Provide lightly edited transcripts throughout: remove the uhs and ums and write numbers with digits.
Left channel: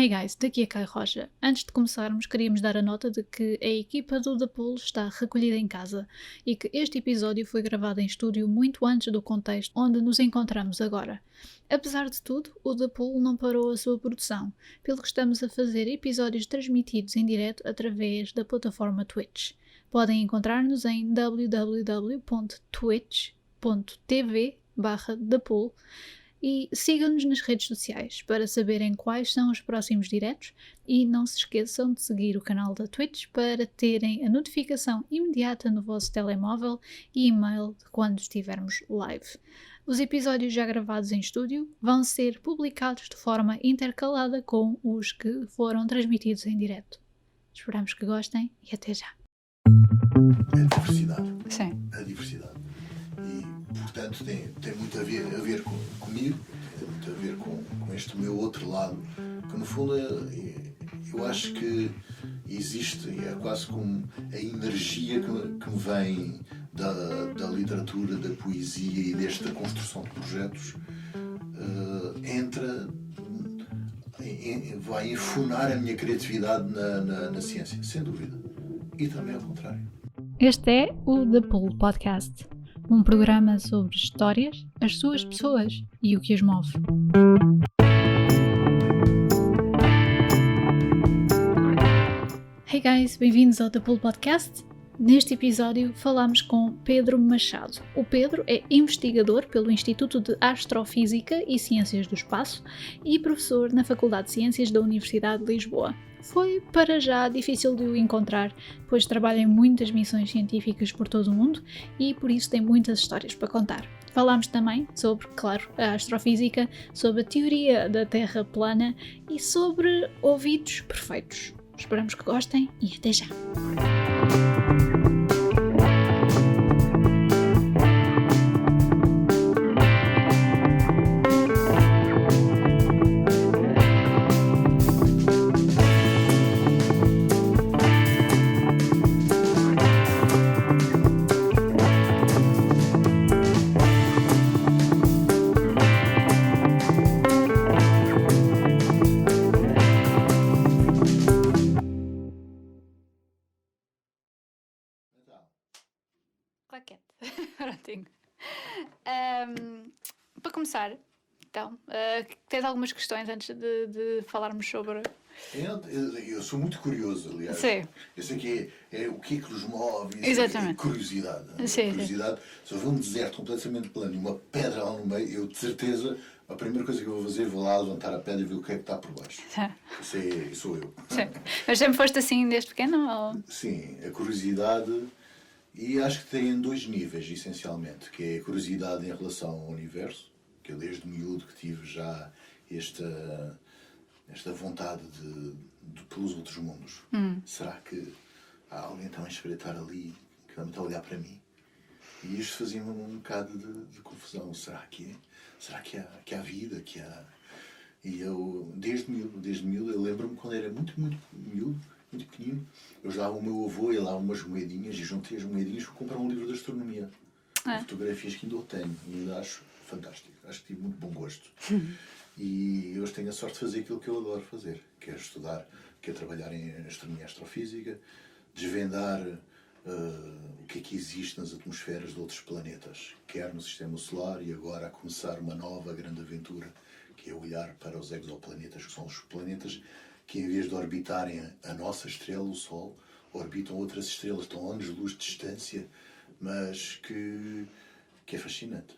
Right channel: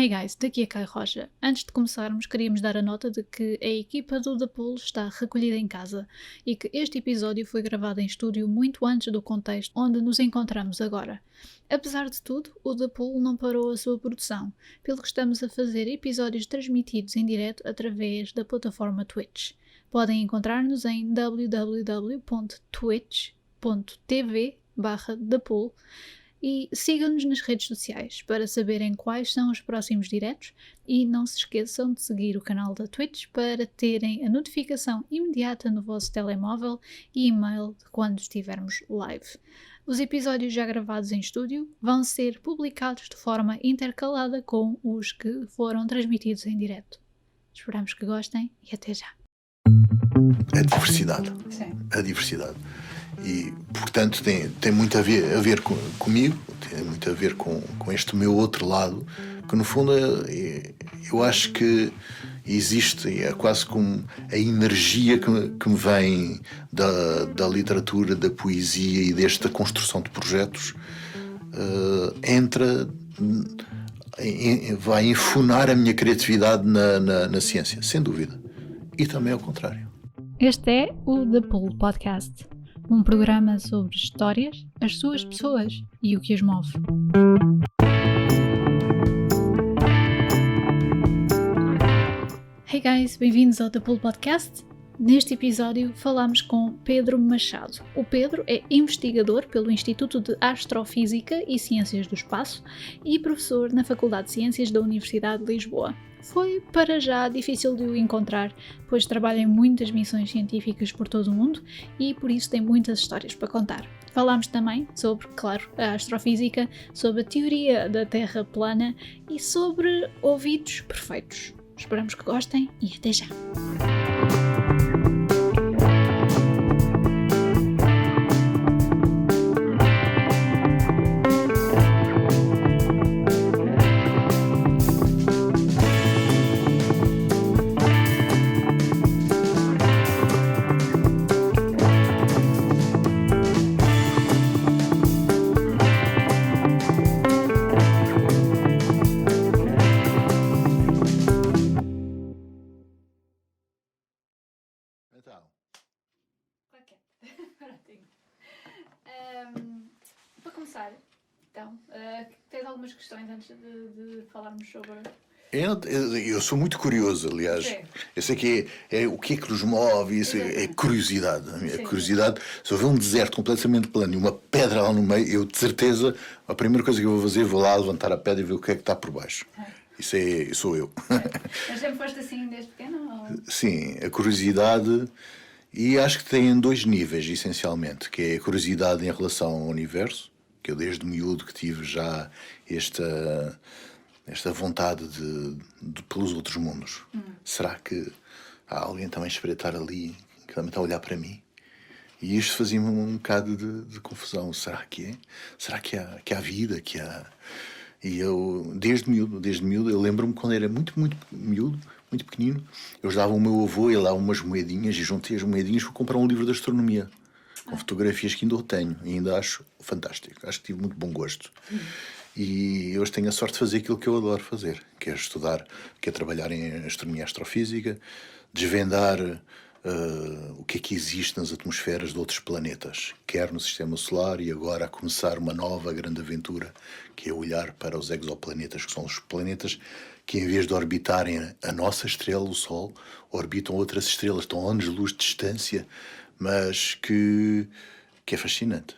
Hey guys, daqui é Caio Rocha. Antes de começarmos, queríamos dar a nota de que a equipa do The Pool está recolhida em casa e que este episódio foi gravado em estúdio muito antes do contexto onde nos encontramos agora. Apesar de tudo, o The Pool não parou a sua produção, pelo que estamos a fazer episódios transmitidos em direto através da plataforma Twitch. Podem encontrar-nos em www.twitch.tv/ThePool e sigam-nos nas redes sociais para saberem quais são os próximos diretos e não se esqueçam de seguir o canal da Twitch para terem a notificação imediata no vosso telemóvel e e-mail de quando estivermos live. Os episódios já gravados em estúdio vão ser publicados de forma intercalada com os que foram transmitidos em direto. Esperamos que gostem e até já. A diversidade. Sim. A diversidade. E, portanto, tem muito a ver comigo, tem muito a ver com este meu outro lado, que no fundo eu acho que existe, é quase como a energia que me vem da literatura, da poesia e desta construção de projetos, vai enfunar a minha criatividade na ciência, sem dúvida. E também ao contrário. Este é o The Pool Podcast. Um programa sobre histórias, as suas pessoas e o que as move. Hey guys, bem-vindos ao The Pool Podcast. Neste episódio falamos com Pedro Machado. O Pedro é investigador pelo Instituto de Astrofísica e Ciências do Espaço e professor na Faculdade de Ciências da Universidade de Lisboa. Foi, para já, difícil de o encontrar, pois trabalha em muitas missões científicas por todo o mundo e, por isso, tem muitas histórias para contar. Falámos também sobre, claro, a astrofísica, sobre a teoria da Terra plana e sobre ouvidos perfeitos. Esperamos que gostem e até já! Claquete. Prontinho. Para começar, então, tens algumas questões antes de falarmos sobre... Eu sou muito curioso, aliás. Sim. Eu sei que é o que é que nos move, isso é curiosidade. Sim, curiosidade. Se houver um deserto completamente plano e uma pedra lá no meio, eu de certeza, a primeira coisa que eu vou fazer, vou lá levantar a pedra e ver o que é que está por baixo. Isso sou eu. Sim. Mas sempre foste assim desde pequeno? Ou... Sim, a curiosidade, e acho que tem dois níveis, essencialmente, que é a curiosidade em relação ao universo, que eu desde miúdo que tive já esta vontade de pelos outros mundos. Será que há alguém também a espreitar ali, que também está a olhar para mim? E isto fazia-me um bocado de confusão. Será que é? Será que há vida? Que há... E eu, desde miúdo, eu lembro-me quando era muito miúdo, muito pequenino, eu dava ao meu avô, ele dava umas moedinhas e juntei as moedinhas para comprar um livro de astronomia. Com fotografias que ainda eu tenho e ainda acho fantástico. Acho que tive muito bom gosto. E hoje tenho a sorte de fazer aquilo que eu adoro fazer, que é estudar, que é trabalhar em astronomia e astrofísica, desvendar o que é que existe nas atmosferas de outros planetas, quer no Sistema Solar e agora a começar uma nova grande aventura, que é olhar para os exoplanetas, que são os planetas que, em vez de orbitarem a nossa estrela, o Sol, orbitam outras estrelas, estão a anos-luz de distância, mas que é fascinante.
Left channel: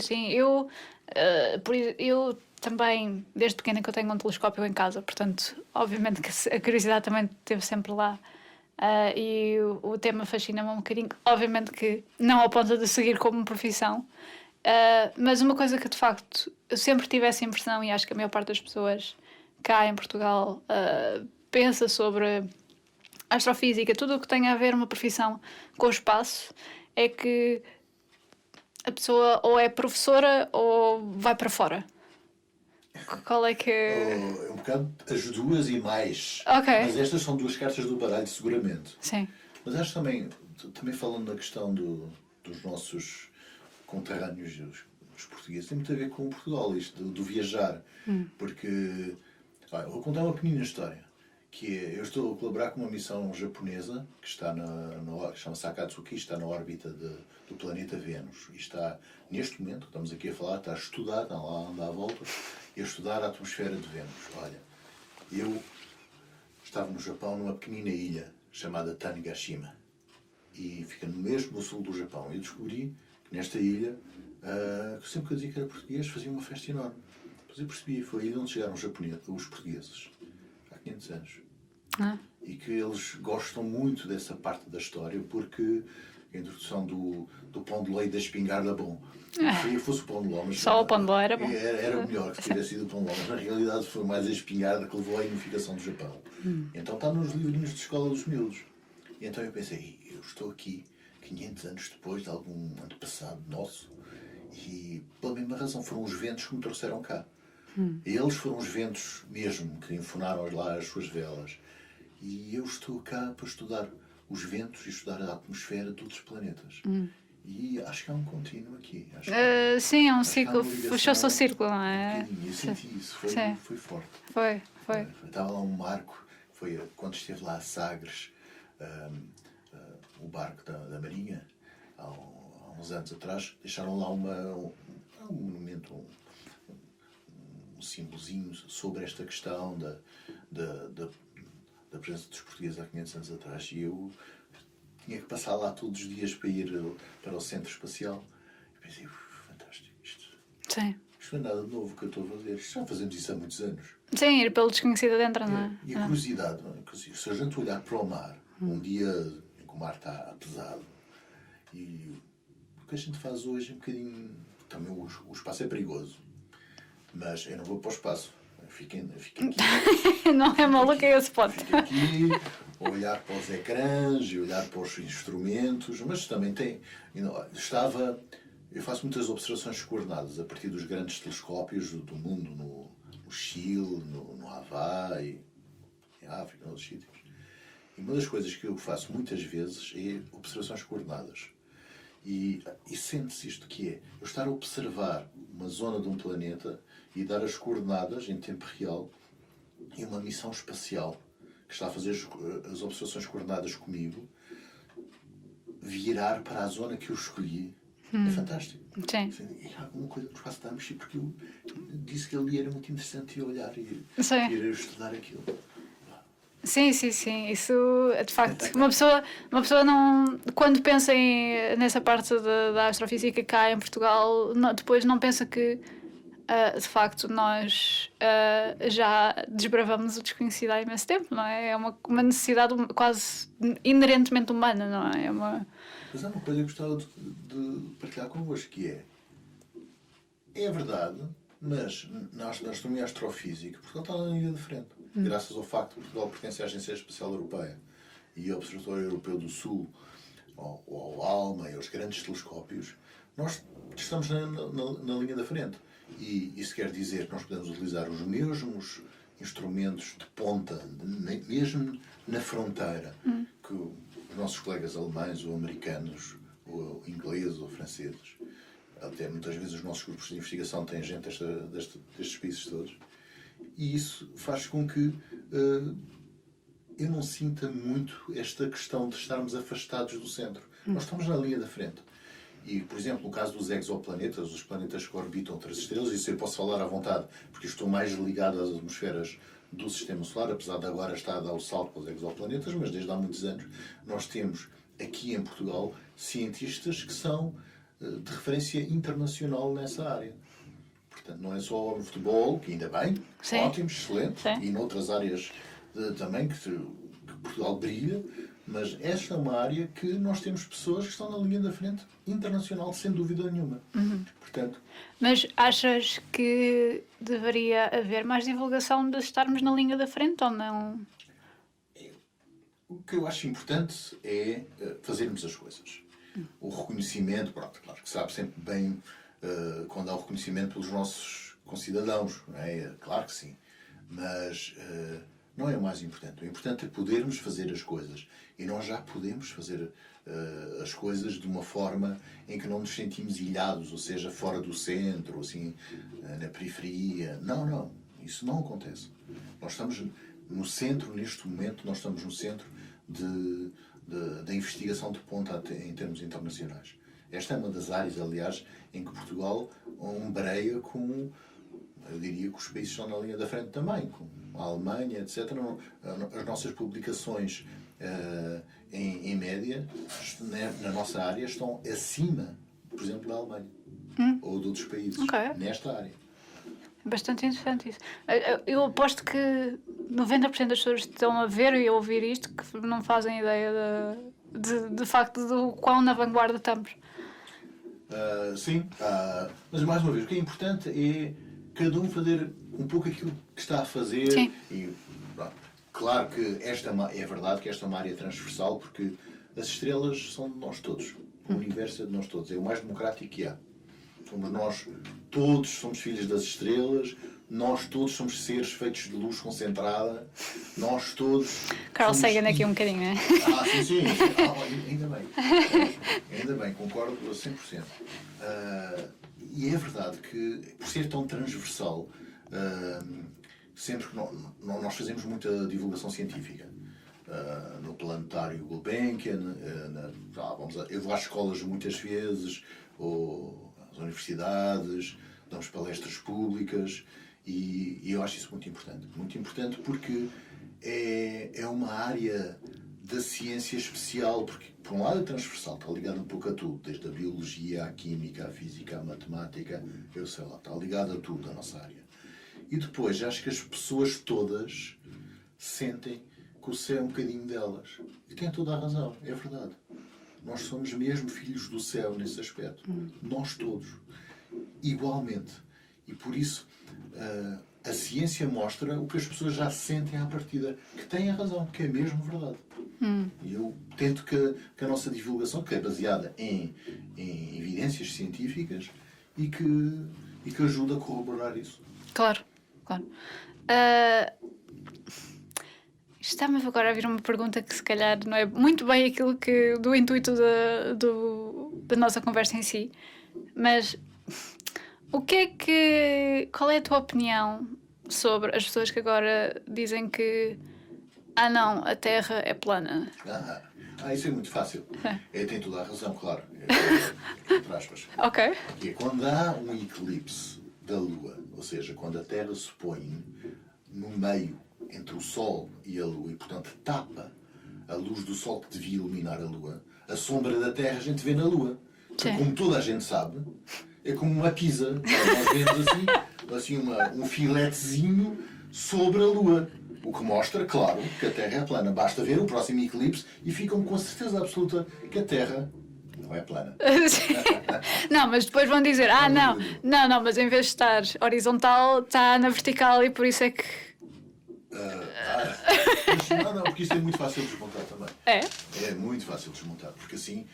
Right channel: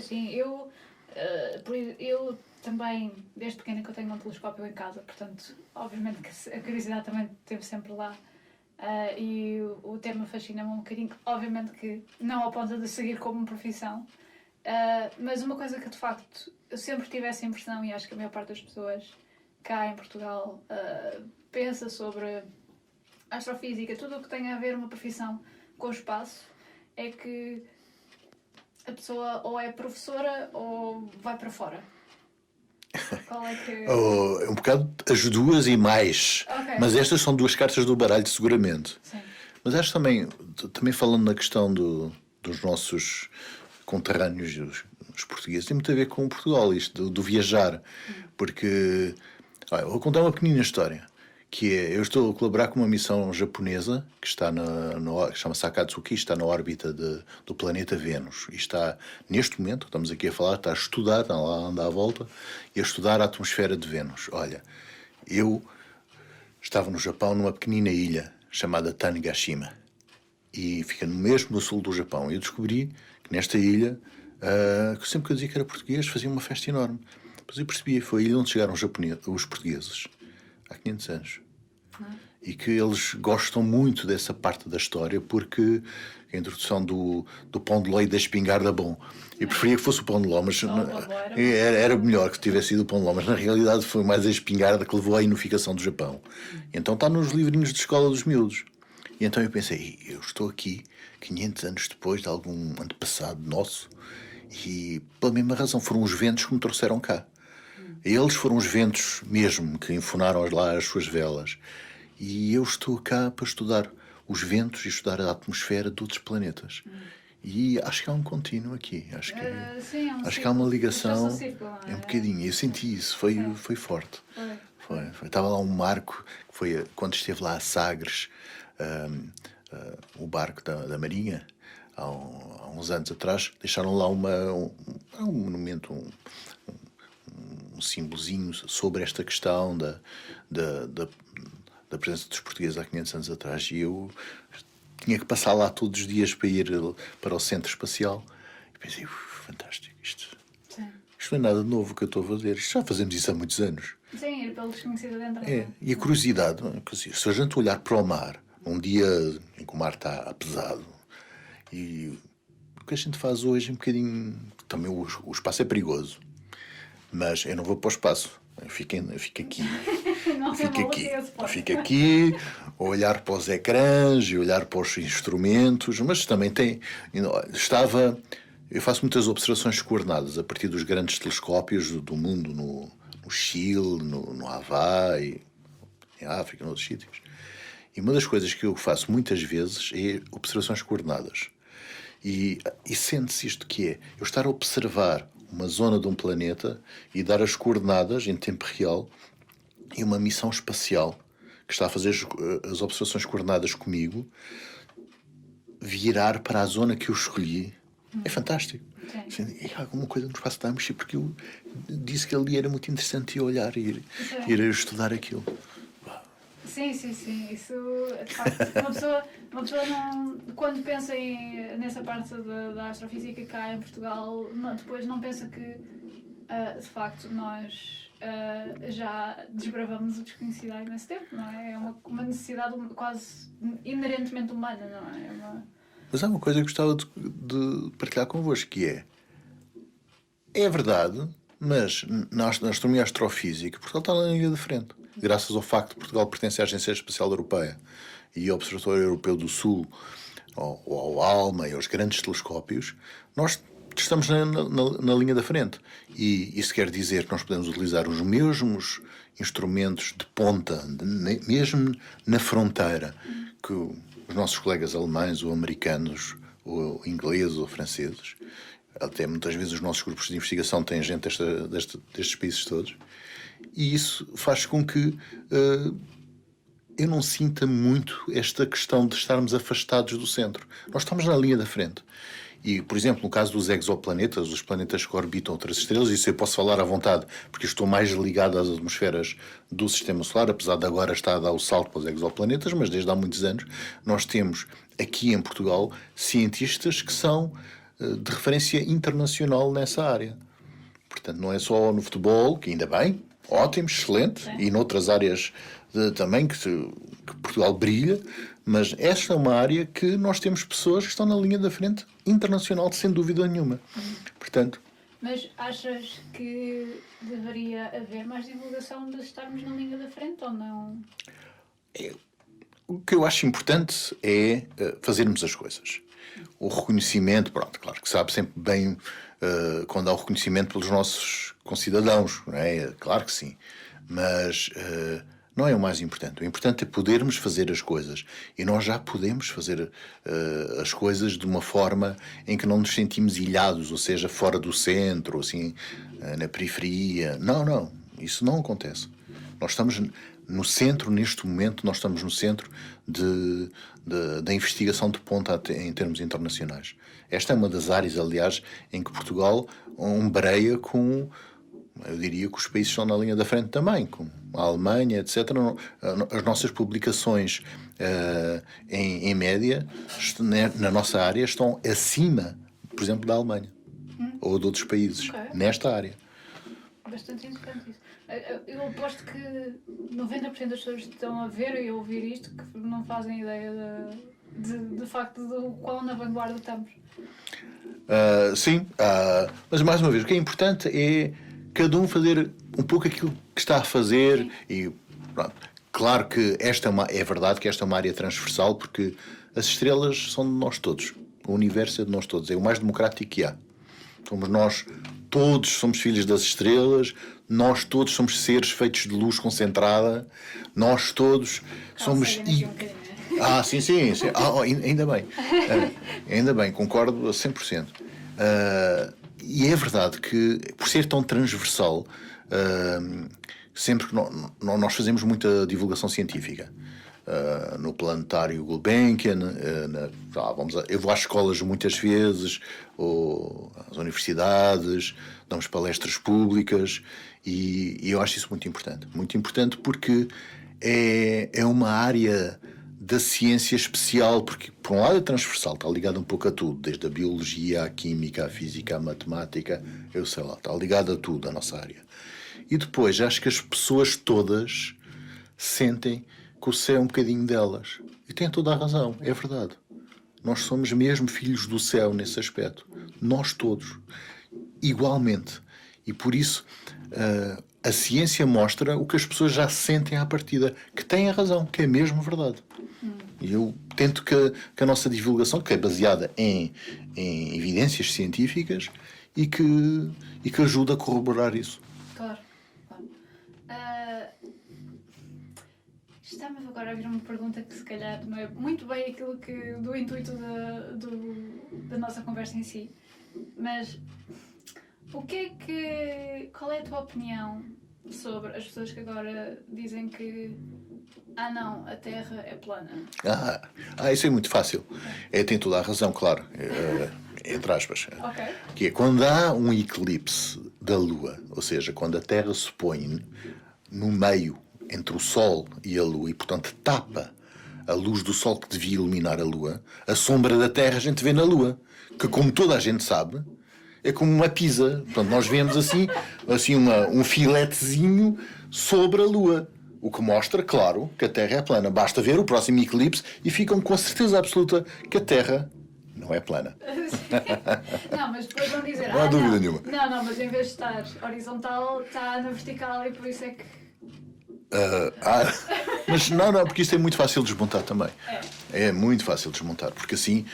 Sim. Eu também, desde pequena, que eu tenho um telescópio em casa, portanto, obviamente que a curiosidade também esteve sempre lá. E o tema fascina-me um bocadinho. Obviamente que não ao ponto de seguir como profissão, mas uma coisa que de facto eu sempre tive essa impressão, e acho que a maior parte das pessoas cá em Portugal pensa sobre a astrofísica, tudo o que tem a ver uma profissão com o espaço, é que a pessoa ou é professora ou vai para fora. Qual é que... Um bocado as duas e mais. Okay. Mas estas são duas cartas do baralho, seguramente. Sim. Mas acho também falando na questão dos nossos conterrâneos, os portugueses, tem muito a ver com Portugal, isto do viajar. Porque Olha, vou contar uma pequenina história, que é, eu estou a colaborar com uma missão japonesa que está que chama-se Akatsuki, está na órbita do planeta Vênus. E está, neste momento, estamos aqui a falar, está a estudar, está lá a andar à volta, e a estudar a atmosfera de Vênus. Olha, eu estava no Japão, numa pequenina ilha chamada Tanegashima, e fica mesmo no sul do Japão. E eu descobri que nesta ilha, que sempre que eu dizia que era português, fazia uma festa enorme. Depois eu percebi, foi a ilha onde chegaram os portugueses, há 500 anos. E que eles gostam muito dessa parte da história, porque a introdução do pão de ló e da espingarda, bom. Eu preferia que fosse o pão de ló, mas Só o pão de ló era bom. Era melhor que tivesse sido o pão de ló, mas na realidade foi mais a espingarda que levou à unificação do Japão. Então está nos livrinhos de escola dos miúdos. E então eu pensei, eu estou aqui 500 anos depois de algum antepassado nosso, e pela mesma razão foram os ventos que me trouxeram cá. Eles foram os ventos mesmo que enfunaram lá as suas velas. E eu estou cá para estudar os ventos e estudar a atmosfera de outros planetas. E acho que há um contínuo aqui. Sim, é um acho círculo. que há uma ligação. Fechou-se o círculo, não é? Um bocadinho. Eu senti isso. Foi forte. Foi. Estava lá um barco, que foi quando esteve lá a Sagres, o barco da Marinha, há uns anos atrás, deixaram lá um monumento, um símbolozinho sobre esta questão da presença dos portugueses há 500 anos atrás, e eu tinha que passar lá todos os dias para ir para o centro espacial, e pensei, fantástico, isto não é nada de novo que eu estou a fazer, já fazemos isso há muitos anos. Sim, ir pelo desconhecido adentro, não é? E a curiosidade, se a gente olhar para o mar, um dia em que o mar está pesado, e o que a gente faz hoje é um bocadinho, também o espaço é perigoso, mas eu não vou para o espaço, eu fico aqui. Não é maluco esse ponto. Fico aqui, a olhar para os ecrãs e olhar para os instrumentos, mas também eu faço muitas observações coordenadas a partir dos grandes telescópios do mundo, no Chile, no Havaí, em África, em outros sítios. E uma das coisas que eu faço muitas vezes é observações coordenadas. E sente-se isto que é, eu estar a observar uma zona de um planeta e dar as coordenadas em tempo real, e uma missão espacial que está a fazer as observações coordenadas comigo virar para a zona que eu escolhi. É fantástico. Sim. E há alguma coisa no espaço está a mexer, porque eu disse que ali era muito interessante olhar e ir estudar aquilo. Sim. Isso, de facto, uma pessoa não, quando pensa nessa parte da astrofísica cá em Portugal, depois não pensa que de facto nós já desbravamos o desconhecido há imenso tempo, não é? É uma necessidade quase inerentemente humana, não é? Mas há uma coisa que eu gostava de partilhar convosco, que é verdade, mas na astronomia e astrofísica Portugal está na linha de frente. Graças ao facto de Portugal pertencer à Agência Espacial Europeia e ao Observatório Europeu do Sul, ao ALMA e aos grandes telescópios, nós estamos na linha da frente. E isso quer dizer que nós podemos utilizar os mesmos instrumentos de ponta, mesmo na fronteira, que os nossos colegas alemães ou americanos ou ingleses ou franceses, até muitas vezes os nossos grupos de investigação têm gente destes países todos, e isso faz com que eu não sinta muito esta questão de estarmos afastados do centro. Nós estamos na linha da frente. E, por exemplo, no caso dos exoplanetas, os planetas que orbitam outras estrelas, isso eu posso falar à vontade, porque estou mais ligado às atmosferas do Sistema Solar, apesar de agora estar a dar o salto para os exoplanetas, mas desde há muitos anos nós temos aqui em Portugal cientistas que são de referência internacional nessa área. Portanto, não é só no futebol, que ainda bem, sim, ótimo, excelente, sim, e noutras áreas também que Portugal brilha, mas esta é uma área que nós temos pessoas que estão na linha da frente internacional, sem dúvida nenhuma. Portanto, mas achas que deveria haver mais divulgação de estarmos na linha da frente ou não? O que eu acho importante é fazermos as coisas. O reconhecimento, pronto, claro que sabe sempre bem quando há o reconhecimento pelos nossos concidadãos, não é? Claro que sim. Mas não é o mais importante. O importante é podermos fazer as coisas. E nós já podemos fazer as coisas de uma forma em que não nos sentimos ilhados, ou seja, fora do centro, assim, na periferia. Não. Isso não acontece. Nós estamos no centro, neste momento, nós estamos no centro da investigação de ponta em termos internacionais. Esta é uma das áreas, aliás, em que Portugal ombreia com, eu diria que os países estão na linha da frente também, com a Alemanha, etc. As nossas publicações, em média, na nossa área, estão acima, por exemplo, da Alemanha ou de outros países, nesta área. É bastante interessante isso. Eu aposto que 90% das pessoas que estão a ver e a ouvir isto que não fazem ideia de facto do quão na vanguarda estamos. Sim, mas mais uma vez, o que é importante é cada um fazer um pouco aquilo que está a fazer. Sim. E pronto. Claro que é verdade que esta é uma área transversal, porque as estrelas são de nós todos. O universo é de nós todos. É o mais democrático que há. Somos nós todos, somos filhos das estrelas. Nós todos somos seres feitos de luz concentrada. Nós todos Carl somos... Sagan aqui um bocadinho, não é? Sim. Ainda bem. Ainda bem, concordo a 100%. E é verdade que, por ser tão transversal, sempre que nós fazemos muita divulgação científica. No planetário Gulbenkian, eu vou às escolas muitas vezes, ou às universidades, damos palestras públicas, e eu acho isso muito importante. Muito importante porque é uma área da ciência especial, porque por um lado é transversal, está ligado um pouco a tudo, desde a biologia, à química, à física, à matemática, eu sei lá, está ligado a tudo, a nossa área. E depois, acho que as pessoas todas sentem que o céu é um bocadinho delas. E têm toda a razão, é verdade. Nós somos mesmo filhos do céu nesse aspecto. Nós todos. Igualmente. E por isso, a ciência mostra o que as pessoas já sentem à partida. Que têm a razão, que é mesmo verdade. E eu tento que a nossa divulgação, que é baseada em evidências científicas, e que ajuda a corroborar isso. Claro. Está-me agora a vir uma pergunta que se calhar não é muito bem aquilo do intuito da nossa conversa em si, mas qual é a tua opinião sobre as pessoas que agora dizem que não, a Terra é plana? Isso é muito fácil. Tem toda a razão, claro. Entre aspas. Ok. Que é quando há um eclipse da Lua, ou seja, quando a Terra se põe no meio entre o Sol e a Lua, e portanto tapa a luz do Sol que devia iluminar a Lua, a sombra da Terra a gente vê na Lua, que como toda a gente sabe, é como uma pizza. Portanto, nós vemos assim um filetezinho sobre a Lua, o que mostra, claro, que a Terra é plana. Basta ver o próximo eclipse e ficam com a certeza absoluta que a Terra não é plana. Não, mas depois vão dizer, não, mas em vez de estar horizontal, está na vertical e por isso é que... Mas não, porque isto é muito fácil de desmontar também. É muito fácil de desmontar, porque assim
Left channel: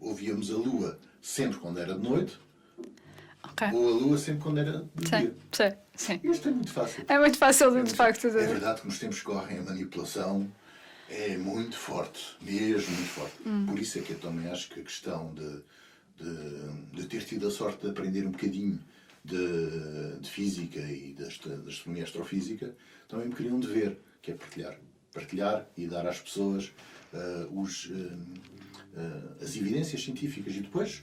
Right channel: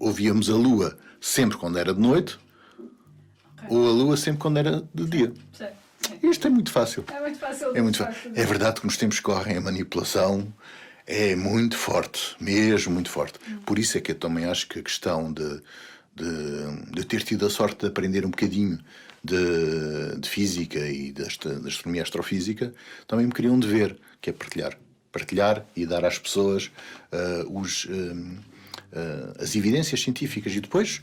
ouvíamos a Lua sempre quando era de noite, ou a Lua sempre quando era de dia. Sim. Isto é muito fácil. É muito fácil, de facto. É verdade que nos tempos que correm a manipulação é muito forte, mesmo muito forte. Por isso é que eu também acho que a questão de ter tido a sorte de aprender um bocadinho de física e de astronomia e astrofísica, também me queria um dever, que é partilhar e dar às pessoas as evidências científicas. E depois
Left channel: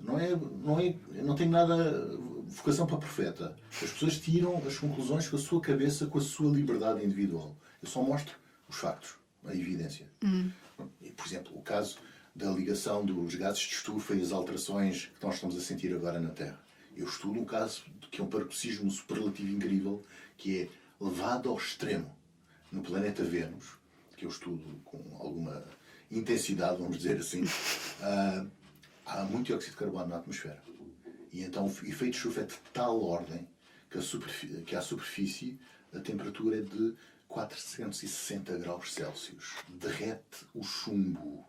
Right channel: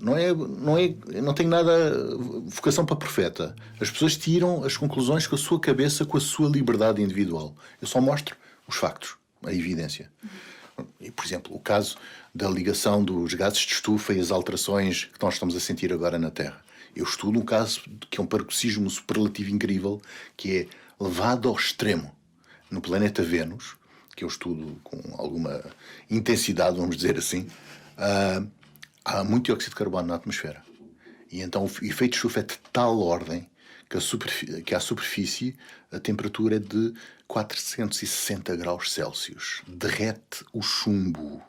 não tenho nada vocação para profeta. As pessoas tiram as conclusões com a sua cabeça, com a sua liberdade individual. Eu só mostro os factos, a evidência. E, por exemplo, o caso da ligação dos gases de estufa e as alterações que nós estamos a sentir agora na Terra. Eu estudo um caso que é um paroxismo superlativo incrível, que é levado ao extremo no planeta Vênus, que eu estudo com alguma intensidade, vamos dizer assim. Há muito dióxido de carbono na atmosfera. E então o efeito de estufa é de tal ordem que à superfície a temperatura é de 460 graus Celsius. Derrete o chumbo.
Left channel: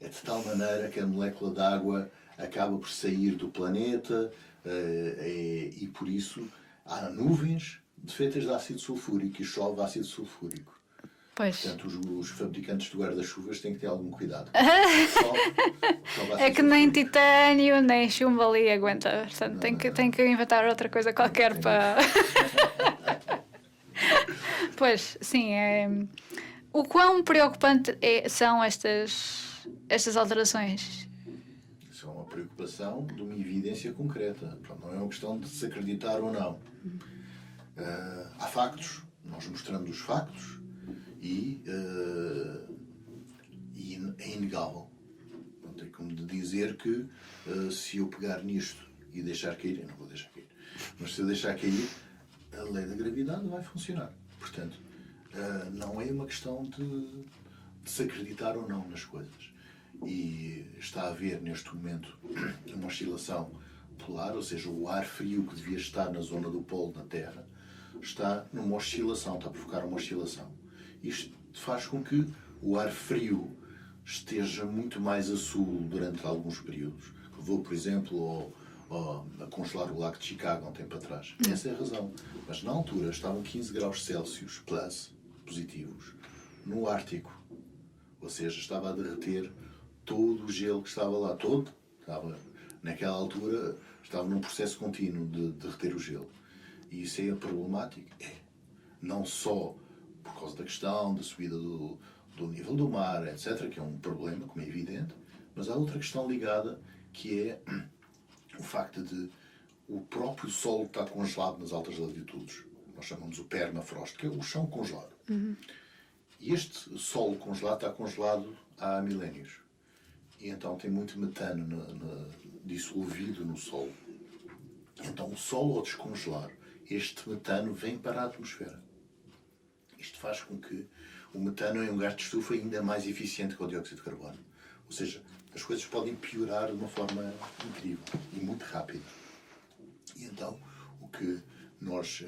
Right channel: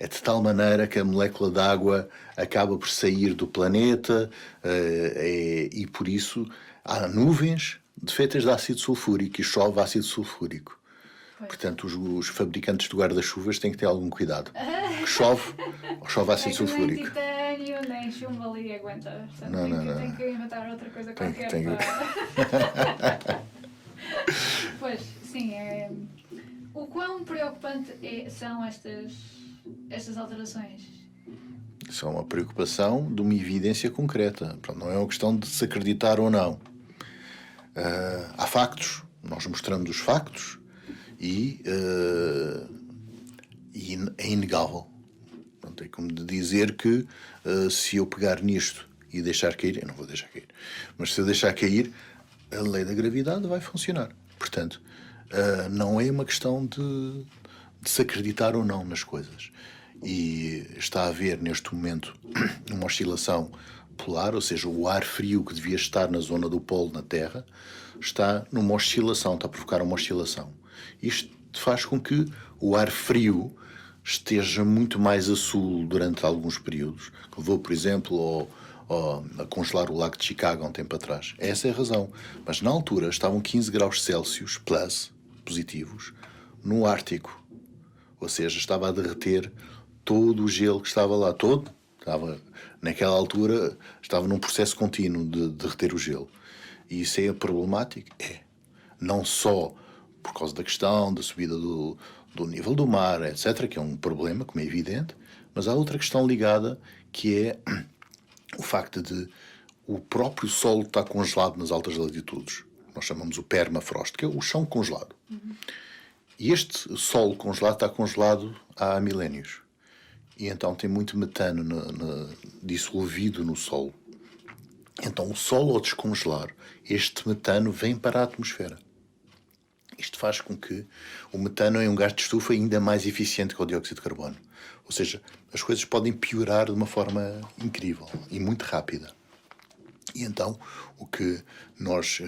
É de tal maneira que a molécula de água acaba por sair do planeta, e por isso há nuvens feitas de ácido sulfúrico e chove ácido sulfúrico. Pois. Portanto, os fabricantes de guarda-chuvas têm que ter algum cuidado. Chove ácido sulfúrico. É que nem titânio, nem chumbo ali aguenta. Portanto, tem que inventar outra coisa qualquer para... Pois, sim. O quão preocupante são estas alterações? Isso é uma preocupação de uma evidência concreta. Pronto, não é uma questão de se acreditar ou não. Há factos, nós mostramos os factos e é inegável. Pronto, é como de dizer que se eu pegar nisto e deixar cair, eu não vou deixar cair, mas se eu deixar cair, a lei da gravidade vai funcionar. Portanto, não é uma questão de se acreditar ou não nas coisas. E está a haver, neste momento, uma oscilação polar, ou seja, o ar frio que devia estar na zona do polo na Terra está numa oscilação, está a provocar uma oscilação. Isto faz com que o ar frio esteja muito mais a sul durante alguns períodos. Levou, por exemplo, a congelar o lago de Chicago há um tempo atrás. Essa é a razão. Mas na altura estavam 15 graus Celsius positivos no Ártico. Ou seja, estava a derreter todo o gelo que estava lá. Naquela altura, estava num processo contínuo de derreter o gelo. E isso é problemático? É. Não só por causa da questão da subida do nível do mar, etc., que é um problema, como é evidente, mas há outra questão ligada, que é o facto de o próprio solo estar congelado nas altas latitudes. Nós chamamos o permafrost, que é o chão congelado. E este solo congelado está congelado há milénios. E então tem muito metano dissolvido no solo. Então o solo, ao descongelar, este metano vem para a atmosfera. Isto faz com que o metano é um gás de estufa ainda mais eficiente que o dióxido de carbono. Ou seja, as coisas podem piorar de uma forma incrível e muito rápida. E então, o que nós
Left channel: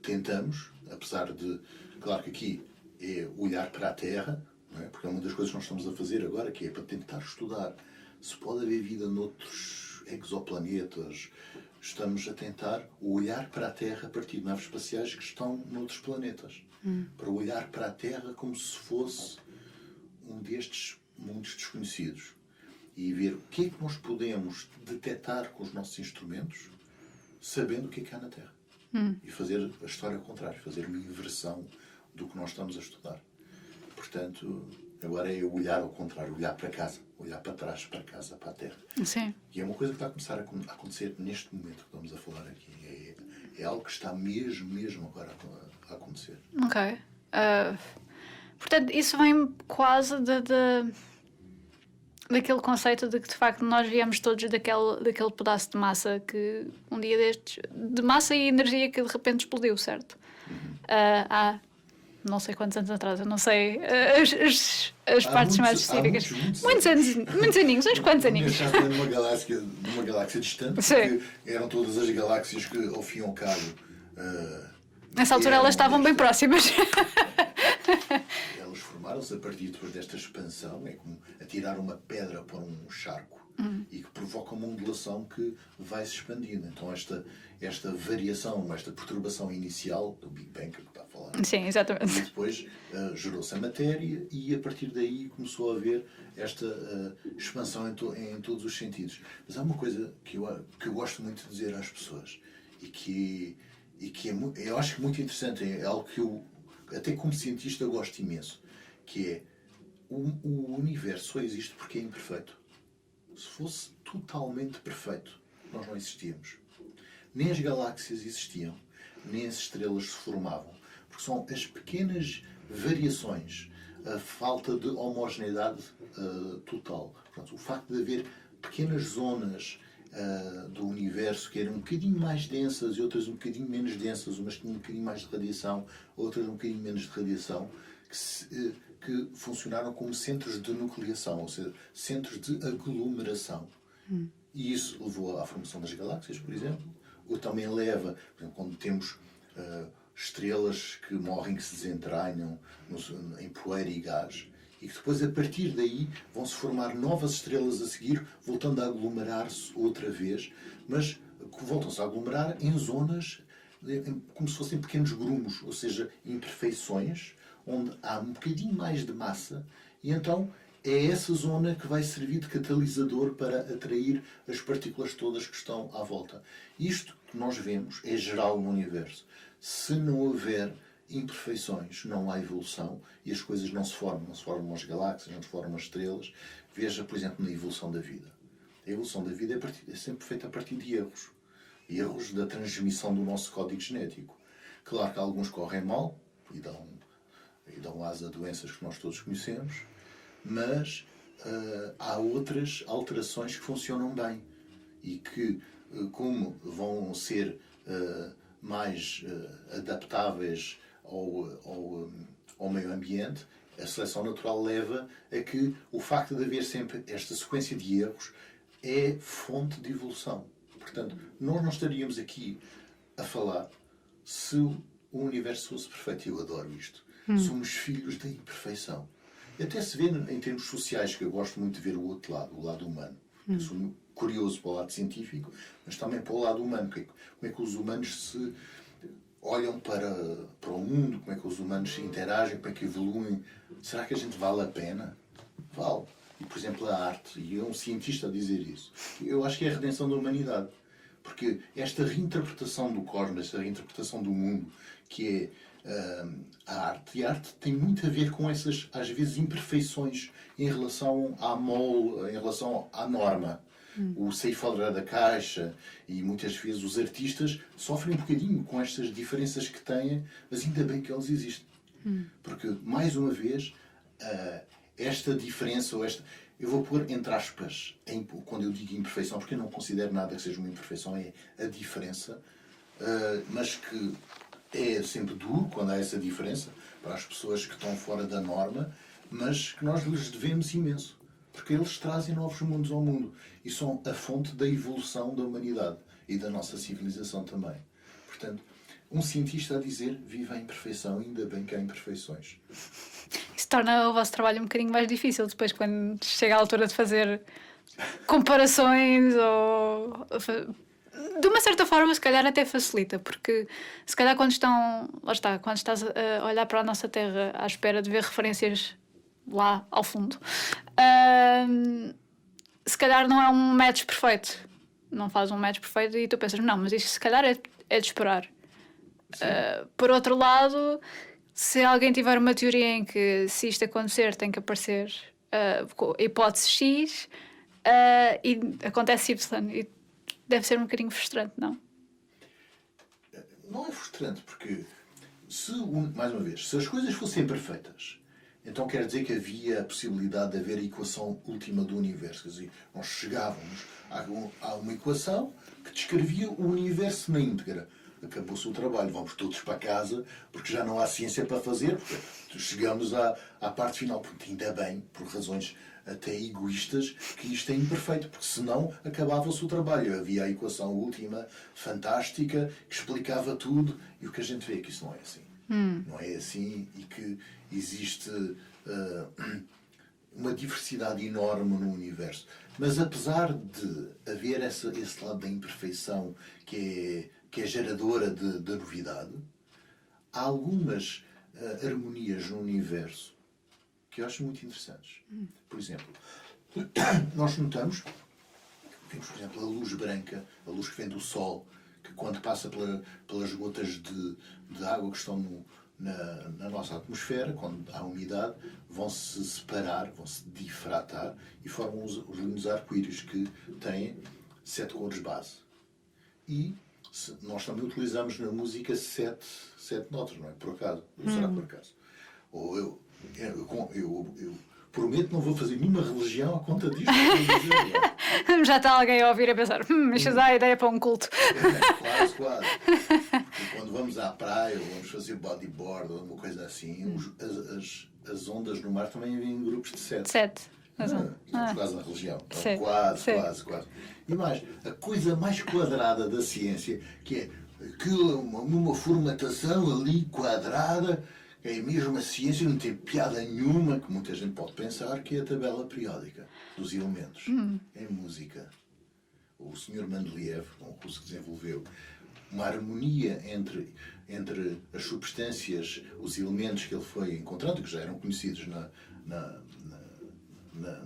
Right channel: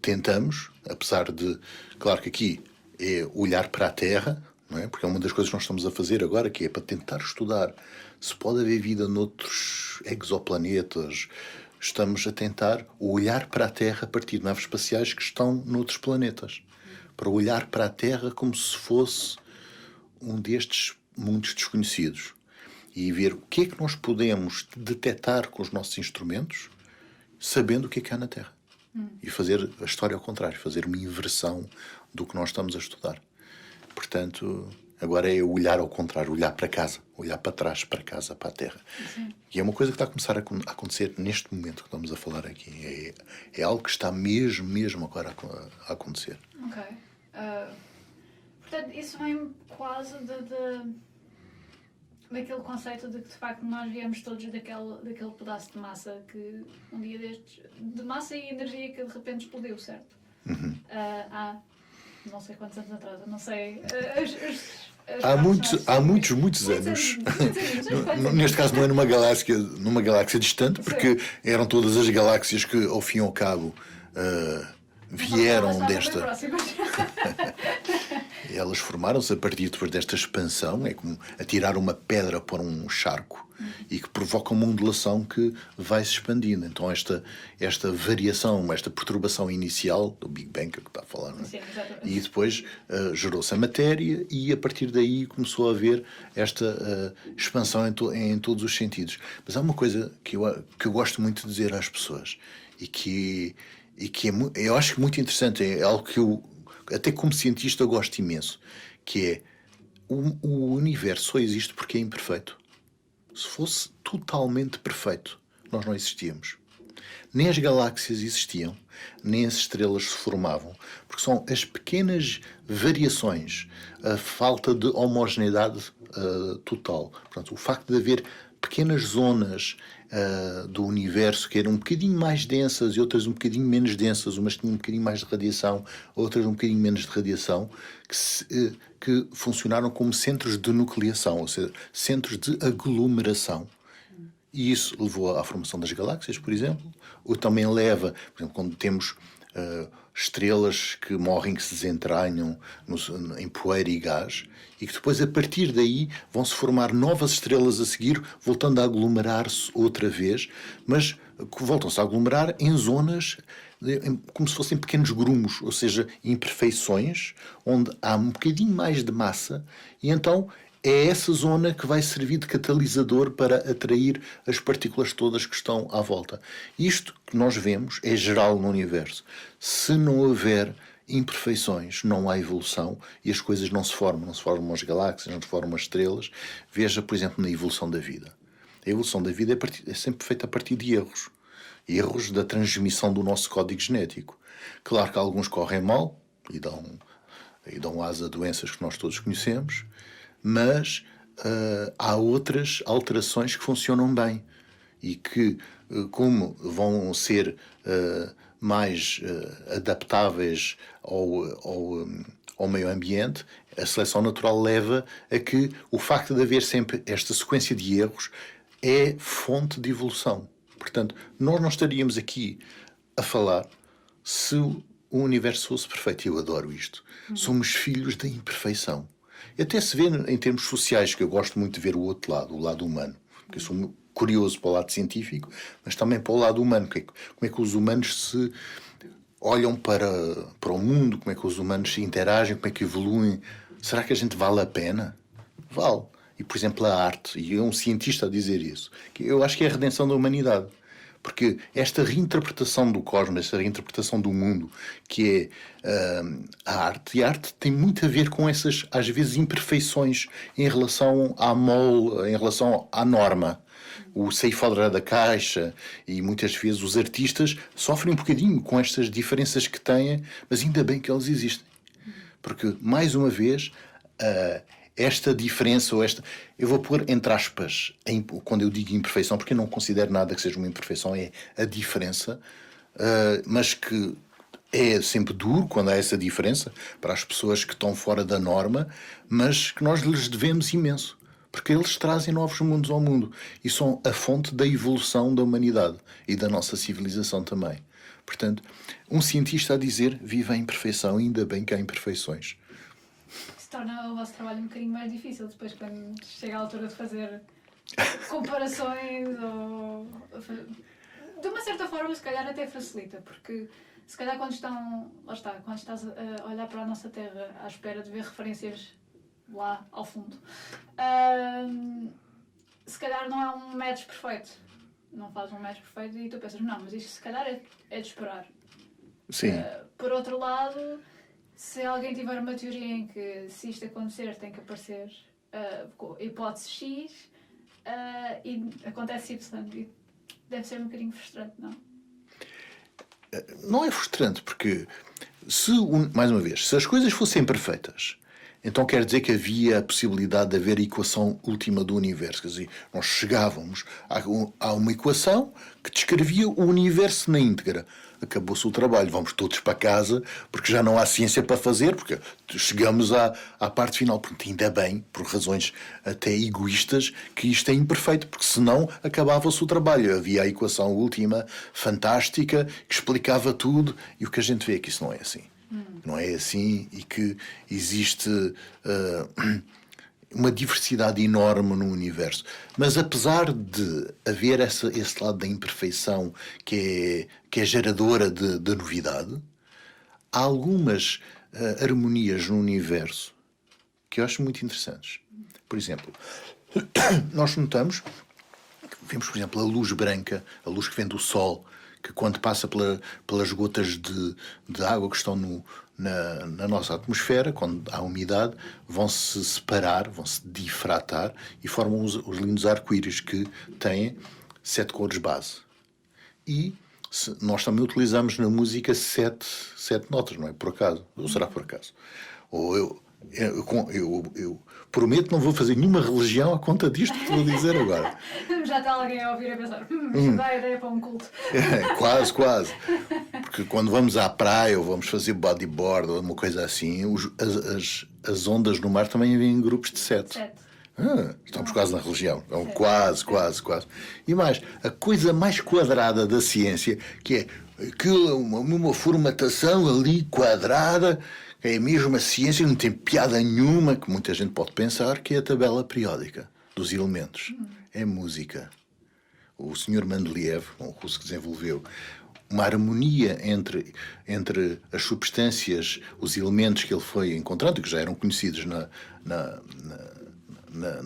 tentamos, apesar de... Claro que aqui é olhar para a Terra, não é? Porque é uma das coisas que nós estamos a fazer agora, que é para tentar estudar se pode haver vida noutros exoplanetas. Estamos a tentar olhar para a Terra a partir de naves espaciais que estão noutros planetas. Para olhar para a Terra como se fosse um destes mundos desconhecidos. E ver o que é que nós podemos detectar com os nossos instrumentos, sabendo o que é há na Terra. E fazer a história ao contrário, fazer uma inversão do que nós estamos a estudar. Portanto, agora é olhar ao contrário, olhar para casa, olhar para trás, para casa, para a Terra. Sim. E é uma coisa que está a começar a acontecer neste momento que estamos a falar aqui. É algo que está mesmo agora a acontecer. Ok. Portanto, isso vem quase daquele conceito de que, de facto, nós viemos todos daquele pedaço de massa que, um dia destes... De massa e energia que, de repente, explodiu, certo? Há não sei quantos anos atrás, eu não sei as partes mais específicas. Há muitos anos. Muitos aninhos, uns quantos aninhos. Neste caso não é numa galáxia distante, porque eram todas as galáxias que, ao fim e ao cabo, nessa altura elas estavam bem próximas. Elas formaram-se a partir depois desta expansão, é como atirar uma pedra para um charco e que provoca uma ondulação que vai se expandindo. Então esta variação, esta perturbação inicial do Big Bang que está a falar. Sim, exatamente. E depois gerou-se a matéria e a partir daí começou a haver esta expansão em todos os sentidos. Mas há uma coisa que eu gosto muito de dizer às pessoas e que eu acho que muito interessante, é algo que eu, até como cientista, gosto imenso, que é o universo só existe porque é imperfeito. Se fosse totalmente perfeito, nós não existíamos. Nem as galáxias existiam, nem as estrelas se formavam, porque são as pequenas variações, a falta de homogeneidade total. Portanto, o facto de haver pequenas zonas do universo que eram um bocadinho mais densas e outras um bocadinho menos densas, umas tinham um bocadinho mais de radiação, outras um bocadinho menos de radiação, que funcionaram como centros de nucleação, ou seja, centros de aglomeração. E isso levou à formação das galáxias, por exemplo, ou também leva, por exemplo, quando temos estrelas que morrem, que se desentranham em poeira e gás, e que depois, a partir daí, vão-se formar novas estrelas a seguir, voltando a aglomerar-se outra vez, mas voltam-se a aglomerar em zonas como se fossem pequenos grumos, ou seja, imperfeições, onde há um bocadinho mais de massa, e então é essa zona que vai servir de catalisador para atrair as partículas todas que estão à volta. Isto que nós vemos é geral no universo. Se não houver imperfeições não há evolução e as coisas não se formam as galáxias, não se formam as estrelas. Veja, por exemplo, na evolução da vida. A evolução da vida é sempre feita a partir de erros. Erros da transmissão do nosso código genético. Claro que alguns correm mal e dão asa a doenças que nós todos conhecemos, mas há outras alterações que funcionam bem e que, como vão ser mais adaptáveis ao meio ambiente, a seleção natural leva a que o facto de haver sempre esta sequência de erros é fonte de evolução. Portanto, nós não estaríamos aqui a falar se o universo fosse perfeito. Eu adoro isto. Somos filhos da imperfeição. E até se vê em termos sociais, que eu gosto muito de ver o outro lado, o lado humano. Eu sou curioso para o lado científico, mas também para o lado humano. Como é que os humanos se olham para o mundo, como é que os humanos se interagem, como é que evoluem. Será que a gente vale a pena? Vale. E, por exemplo, a arte, e é um cientista a dizer isso, eu acho que é a redenção da humanidade. Porque esta reinterpretação do cosmos, esta reinterpretação do mundo, que é a arte tem muito a ver com essas, às vezes, imperfeições em relação à mole, em relação à norma. O sair fora da caixa, e muitas vezes os artistas sofrem um bocadinho com estas diferenças que têm, mas ainda bem que eles existem. Porque, mais uma vez, esta diferença, ou esta... Eu vou pôr entre aspas, quando eu digo imperfeição, porque eu não considero nada que seja uma imperfeição, é a diferença, mas que é sempre duro quando há essa diferença, para as pessoas que estão fora da norma, mas que nós lhes devemos imenso, porque eles trazem novos mundos ao mundo e são a fonte da evolução da humanidade e da nossa civilização também. Portanto, um cientista a dizer, viva a imperfeição, ainda bem que há imperfeições. Isso torna o vosso trabalho um bocadinho mais difícil depois, quando chega a altura de fazer comparações ou... De uma certa forma, se calhar até facilita, porque se calhar quando estás a olhar para a nossa Terra à espera de ver referências lá ao fundo, se calhar não é um match perfeito. Não faz um match perfeito e tu pensas, não, mas isto se calhar é de esperar. Por outro lado, se alguém tiver uma teoria em que se isto acontecer tem que aparecer hipótese X e acontece Y, e deve ser um bocadinho frustrante, não? Não é frustrante, porque mais uma vez, se as coisas fossem perfeitas, então quer dizer que havia a possibilidade de haver a equação última do universo. Quer dizer, nós chegávamos a uma equação que descrevia o universo na íntegra. Acabou-se o trabalho, vamos todos para casa, porque já não há ciência para fazer, porque chegamos à parte final. Porque ainda bem, por razões até egoístas, que isto é imperfeito, porque senão acabava-se o trabalho. Havia a equação última, fantástica, que explicava tudo, e o que a gente vê é que isso não é assim. Não é assim, e que existe uma diversidade enorme no universo. Mas apesar de haver esse lado da imperfeição que é geradora de novidade, há algumas harmonias no universo que eu acho muito interessantes. Por exemplo, nós notamos, vemos, por exemplo, a luz branca, a luz que vem do Sol, que quando passa pelas gotas de água que estão na nossa atmosfera, quando há umidade, vão-se separar, vão-se difratar e formam os lindos arco-íris que têm 7 cores base. E nós também utilizamos na música 7 notas, não é por acaso? Ou será por acaso? Ou eu prometo não vou fazer nenhuma religião à conta disto que vou dizer agora. Já está alguém a ouvir a pensar, isto dá a ideia para um culto. Quase. Porque quando vamos à praia ou vamos fazer bodyboard ou uma coisa assim, as ondas no mar também vêm em grupos de 7. Estamos quase na religião. Então, quase. E mais, a coisa mais quadrada da ciência, que é uma formatação ali quadrada, é a mesma ciência, não tem piada nenhuma, que muita gente pode pensar, que é a tabela periódica dos elementos. É música. O Sr. Mendeleev, um russo que desenvolveu uma harmonia entre as substâncias, os elementos que ele foi encontrando, que já eram conhecidos na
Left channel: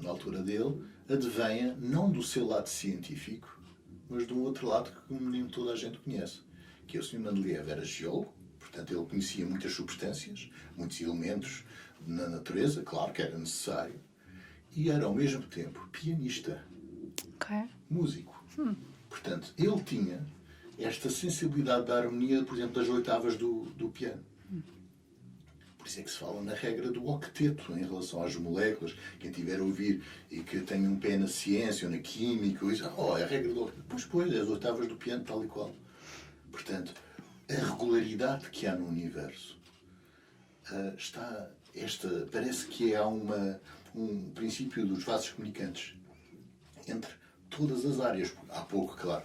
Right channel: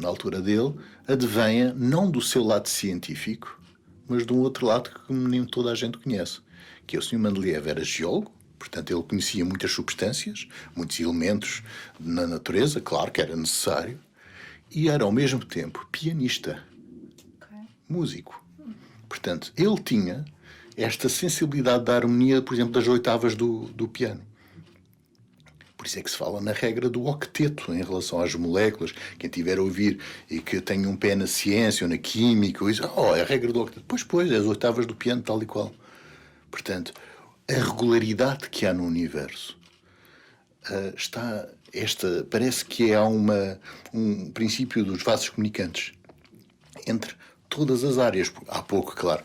altura dele, advenha não do seu lado científico, mas de um outro lado que nem toda a gente conhece, que é o Sr. Mendeleev era geólogo, Portanto, ele conhecia muitas substâncias, muitos elementos na natureza, claro que era necessário, e era ao mesmo tempo pianista, músico. Portanto, ele tinha esta sensibilidade da harmonia, por exemplo, das oitavas do piano. Por isso é que se fala na regra do octeto em relação às moléculas. Quem tiver a ouvir e que tenha um pé na ciência ou na química, diz, é a regra do octeto. Pois, é as oitavas do piano, tal e qual. Portanto, a regularidade que há no universo parece que há um princípio dos vasos comunicantes entre todas as áreas. Há pouco, claro,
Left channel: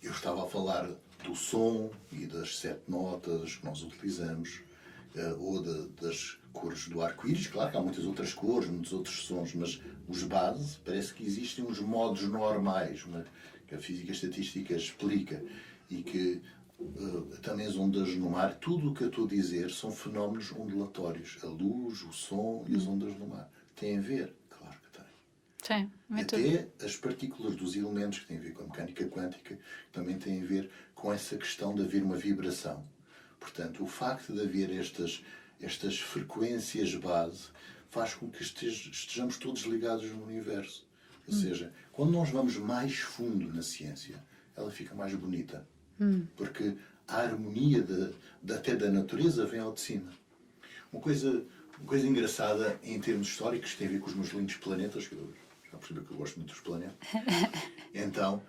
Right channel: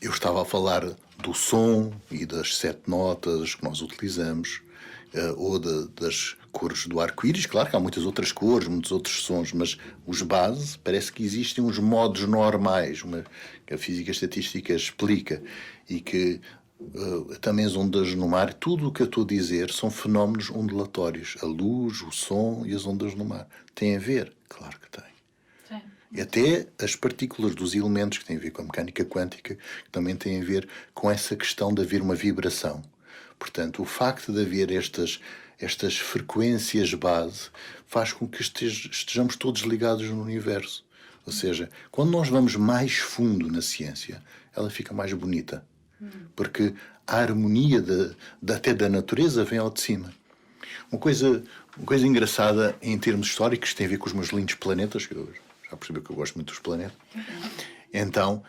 eu estava a falar do som e das 7 notas que nós utilizamos, ou das cores do arco-íris. Claro que há muitas outras cores, muitos outros sons, mas os bases, parece que existem uns modos normais, que a física estatística explica, e que também as ondas no mar, tudo o que eu estou a dizer são fenómenos ondulatórios. A luz, o som e as ondas no mar. Tem a ver? Claro que tem. Sim. E até as partículas dos elementos, que têm a ver com a mecânica quântica, que também têm a ver com essa questão de haver uma vibração. Portanto, o facto de haver estas frequências base faz com que estejamos todos ligados no universo. Ou seja, quando nós vamos mais fundo na ciência, ela fica mais bonita. Porque a harmonia até da natureza vem ao de cima. Uma coisa engraçada em termos históricos tem a ver com os meus lindos planetas, que eu já percebi que eu gosto muito dos planetas. Então,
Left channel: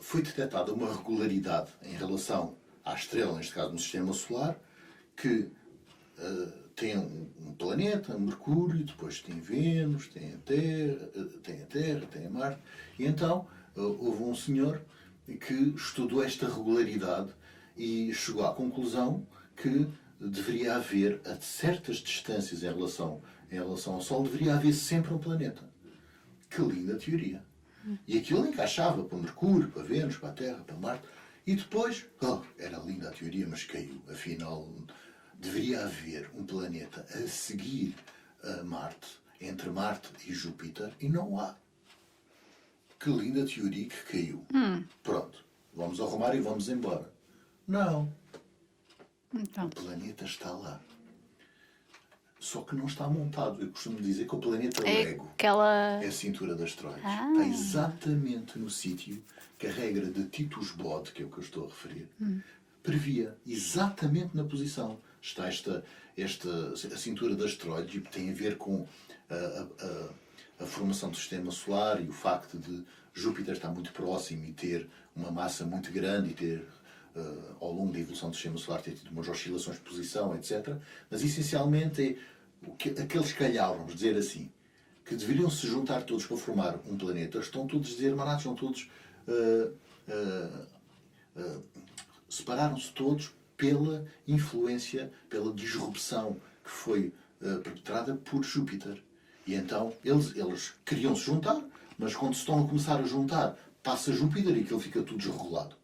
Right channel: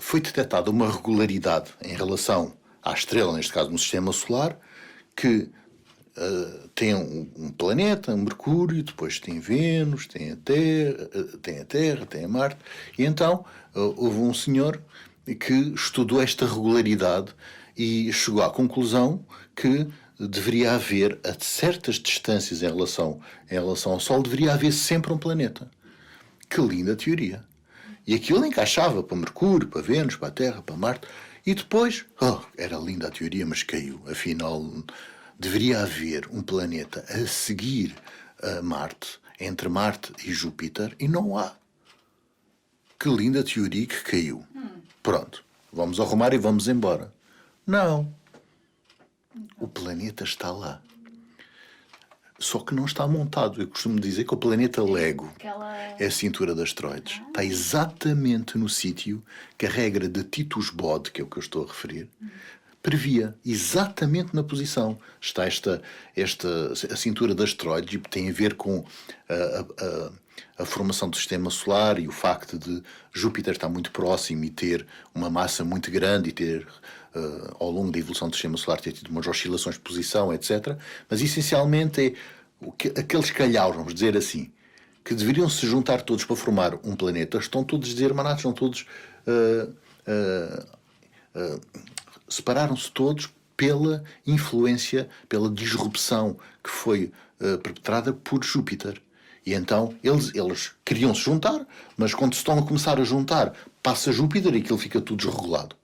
foi detectada uma regularidade em relação à estrela, neste caso no sistema solar, que tem um planeta, um Mercúrio, depois tem Vênus, tem a Terra, tem a Marte. E então houve um senhor que estudou esta regularidade e chegou à conclusão que deveria haver, a certas distâncias em relação ao Sol, deveria haver sempre um planeta. Que linda teoria! E aquilo encaixava para Mercúrio, para Vênus, para a Terra, para Marte. E depois, era linda a teoria, mas caiu. Afinal, deveria haver um planeta a seguir a Marte, entre Marte e Júpiter, e não há. Que linda teoria que caiu. Pronto, vamos arrumar e vamos embora. Não. Então. O planeta está lá. Só que não está montado. Eu costumo dizer que o planeta Lego é a cintura de asteroides. Está exatamente no sítio que a regra de Titus-Bode, que é o que eu estou a referir, previa. Exatamente na posição. Está a cintura de asteroides, e tem a ver com a formação do sistema solar e o facto de Júpiter estar muito próximo e ter uma massa muito grande e ter, ao longo da evolução do sistema solar, ter tido umas oscilações de posição, etc. Mas, essencialmente, aqueles calhaus, vamos dizer assim, que deveriam se juntar todos para formar um planeta, estão todos desirmanados, estão todos... separaram-se todos pela influência, pela disrupção que foi perpetrada por Júpiter. E então eles queriam se juntar, mas quando se estão a começar a juntar, passa Júpiter e aquilo fica tudo desregulado.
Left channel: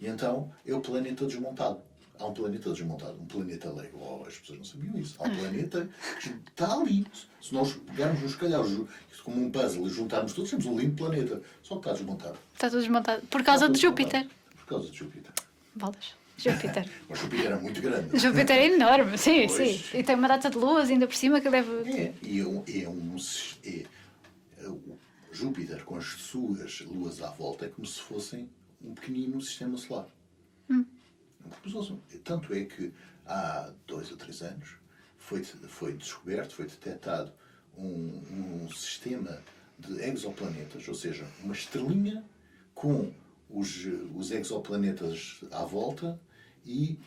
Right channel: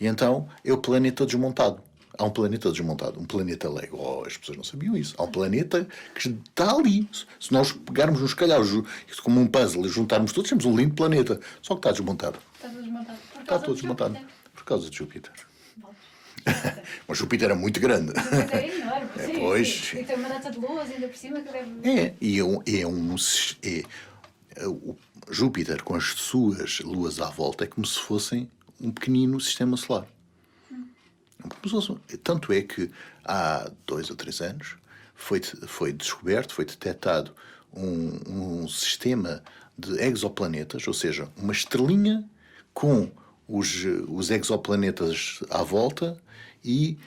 E então é o planeta desmontado. Há um planeta desmontado, um planeta Lego. As pessoas não sabiam isso. Há um planeta que está ali. Se nós pegarmos nos calhaus, como um puzzle, e juntarmos todos, temos um lindo planeta. Só que está desmontado. Está tudo desmontado. Por causa de Júpiter. Por causa de Júpiter. Bolas. Júpiter. Mas Júpiter é muito grande. Júpiter é enorme, sim, Pois. sim. E tem uma data de luas ainda por cima que deve... O Júpiter, com as suas luas à volta, é como se fossem um pequenino sistema solar. Tanto é que há 2 ou 3 anos foi descoberto, foi detectado um sistema de exoplanetas, ou seja, uma estrelinha com os exoplanetas à volta, e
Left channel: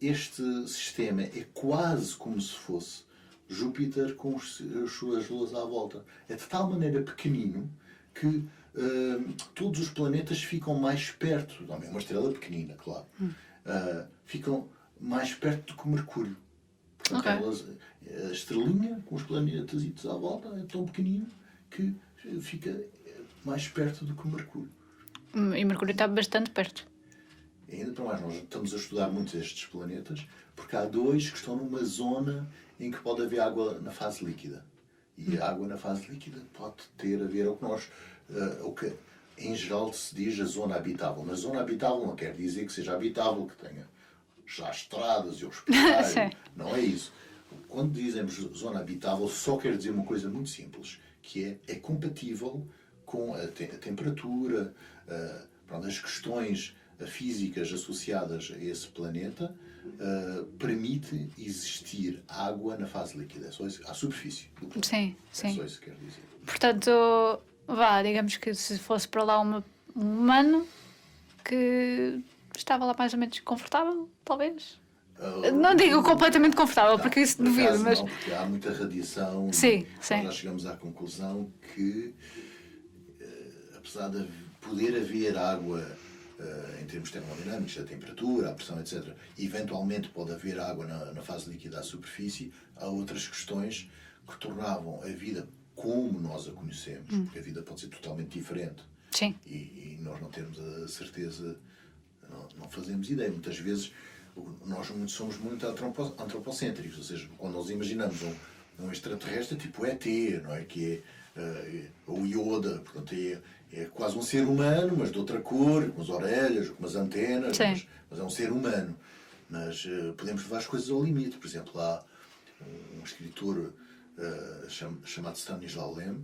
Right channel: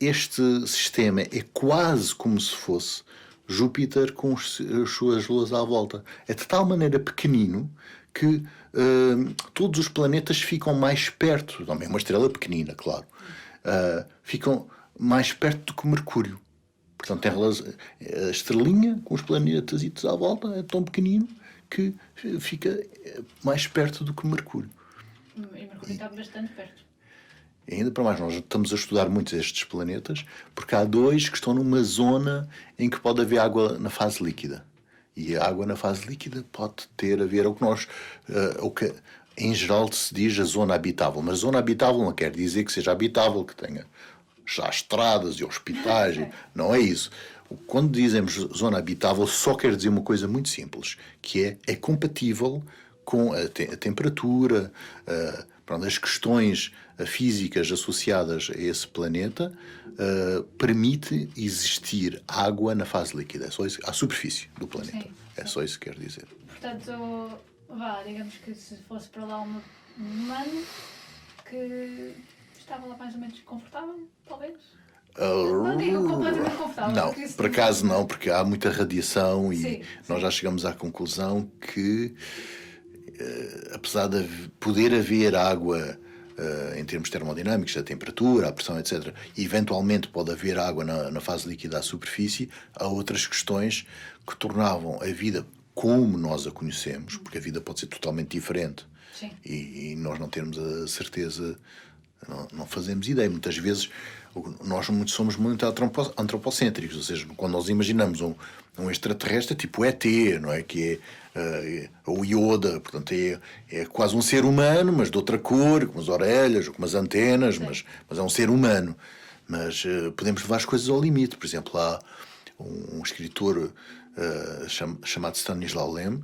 este sistema é quase como se fosse Júpiter com as suas luas à volta. É de tal maneira pequenino que todos os planetas ficam mais perto, também uma estrela pequenina, claro, ficam mais perto do que o Mercúrio. Portanto, a estrelinha com os planetas à volta é tão pequenino que fica mais perto do que o Mercúrio. E Mercúrio está bastante perto. E ainda para mais, nós estamos a estudar muitos destes planetas, porque há 2 que estão numa zona em que pode haver água na fase líquida. E a água na fase líquida pode ter a ver o que em geral se diz a zona habitável. Mas zona habitável não quer dizer que seja habitável, que tenha já há estradas e hospitais. Não é isso. Quando dizemos zona habitável, só quer dizer uma coisa muito simples, que é compatível com a temperatura, as questões físicas associadas a esse planeta, permite existir água na fase líquida, é só isso, à superfície do planeta. Sim. Só isso que quer dizer. Portanto, digamos que se fosse para lá um humano que estava lá mais ou menos confortável, talvez. Não digo completamente confortável, não, porque isso por acaso não, porque há muita radiação e nós já chegamos à conclusão que, apesar de poder haver água em termos termodinâmicos, da temperatura, a pressão, etc., e eventualmente pode haver água na fase líquida à superfície, há outras questões que tornavam a vida como nós a conhecemos, porque a vida pode ser totalmente diferente. Sim. E nós não temos a certeza, não fazemos ideia. Muitas vezes nós somos muito antropocêntricos, ou seja, quando nós imaginamos um extraterrestre tipo ET, não é? Que é o Yoda, portanto é quase um ser humano, mas de outra cor, com as orelhas, com as antenas, mas é um ser humano. Mas podemos levar as coisas ao limite. Por exemplo, há um escritor chamado Stanislaw Lem,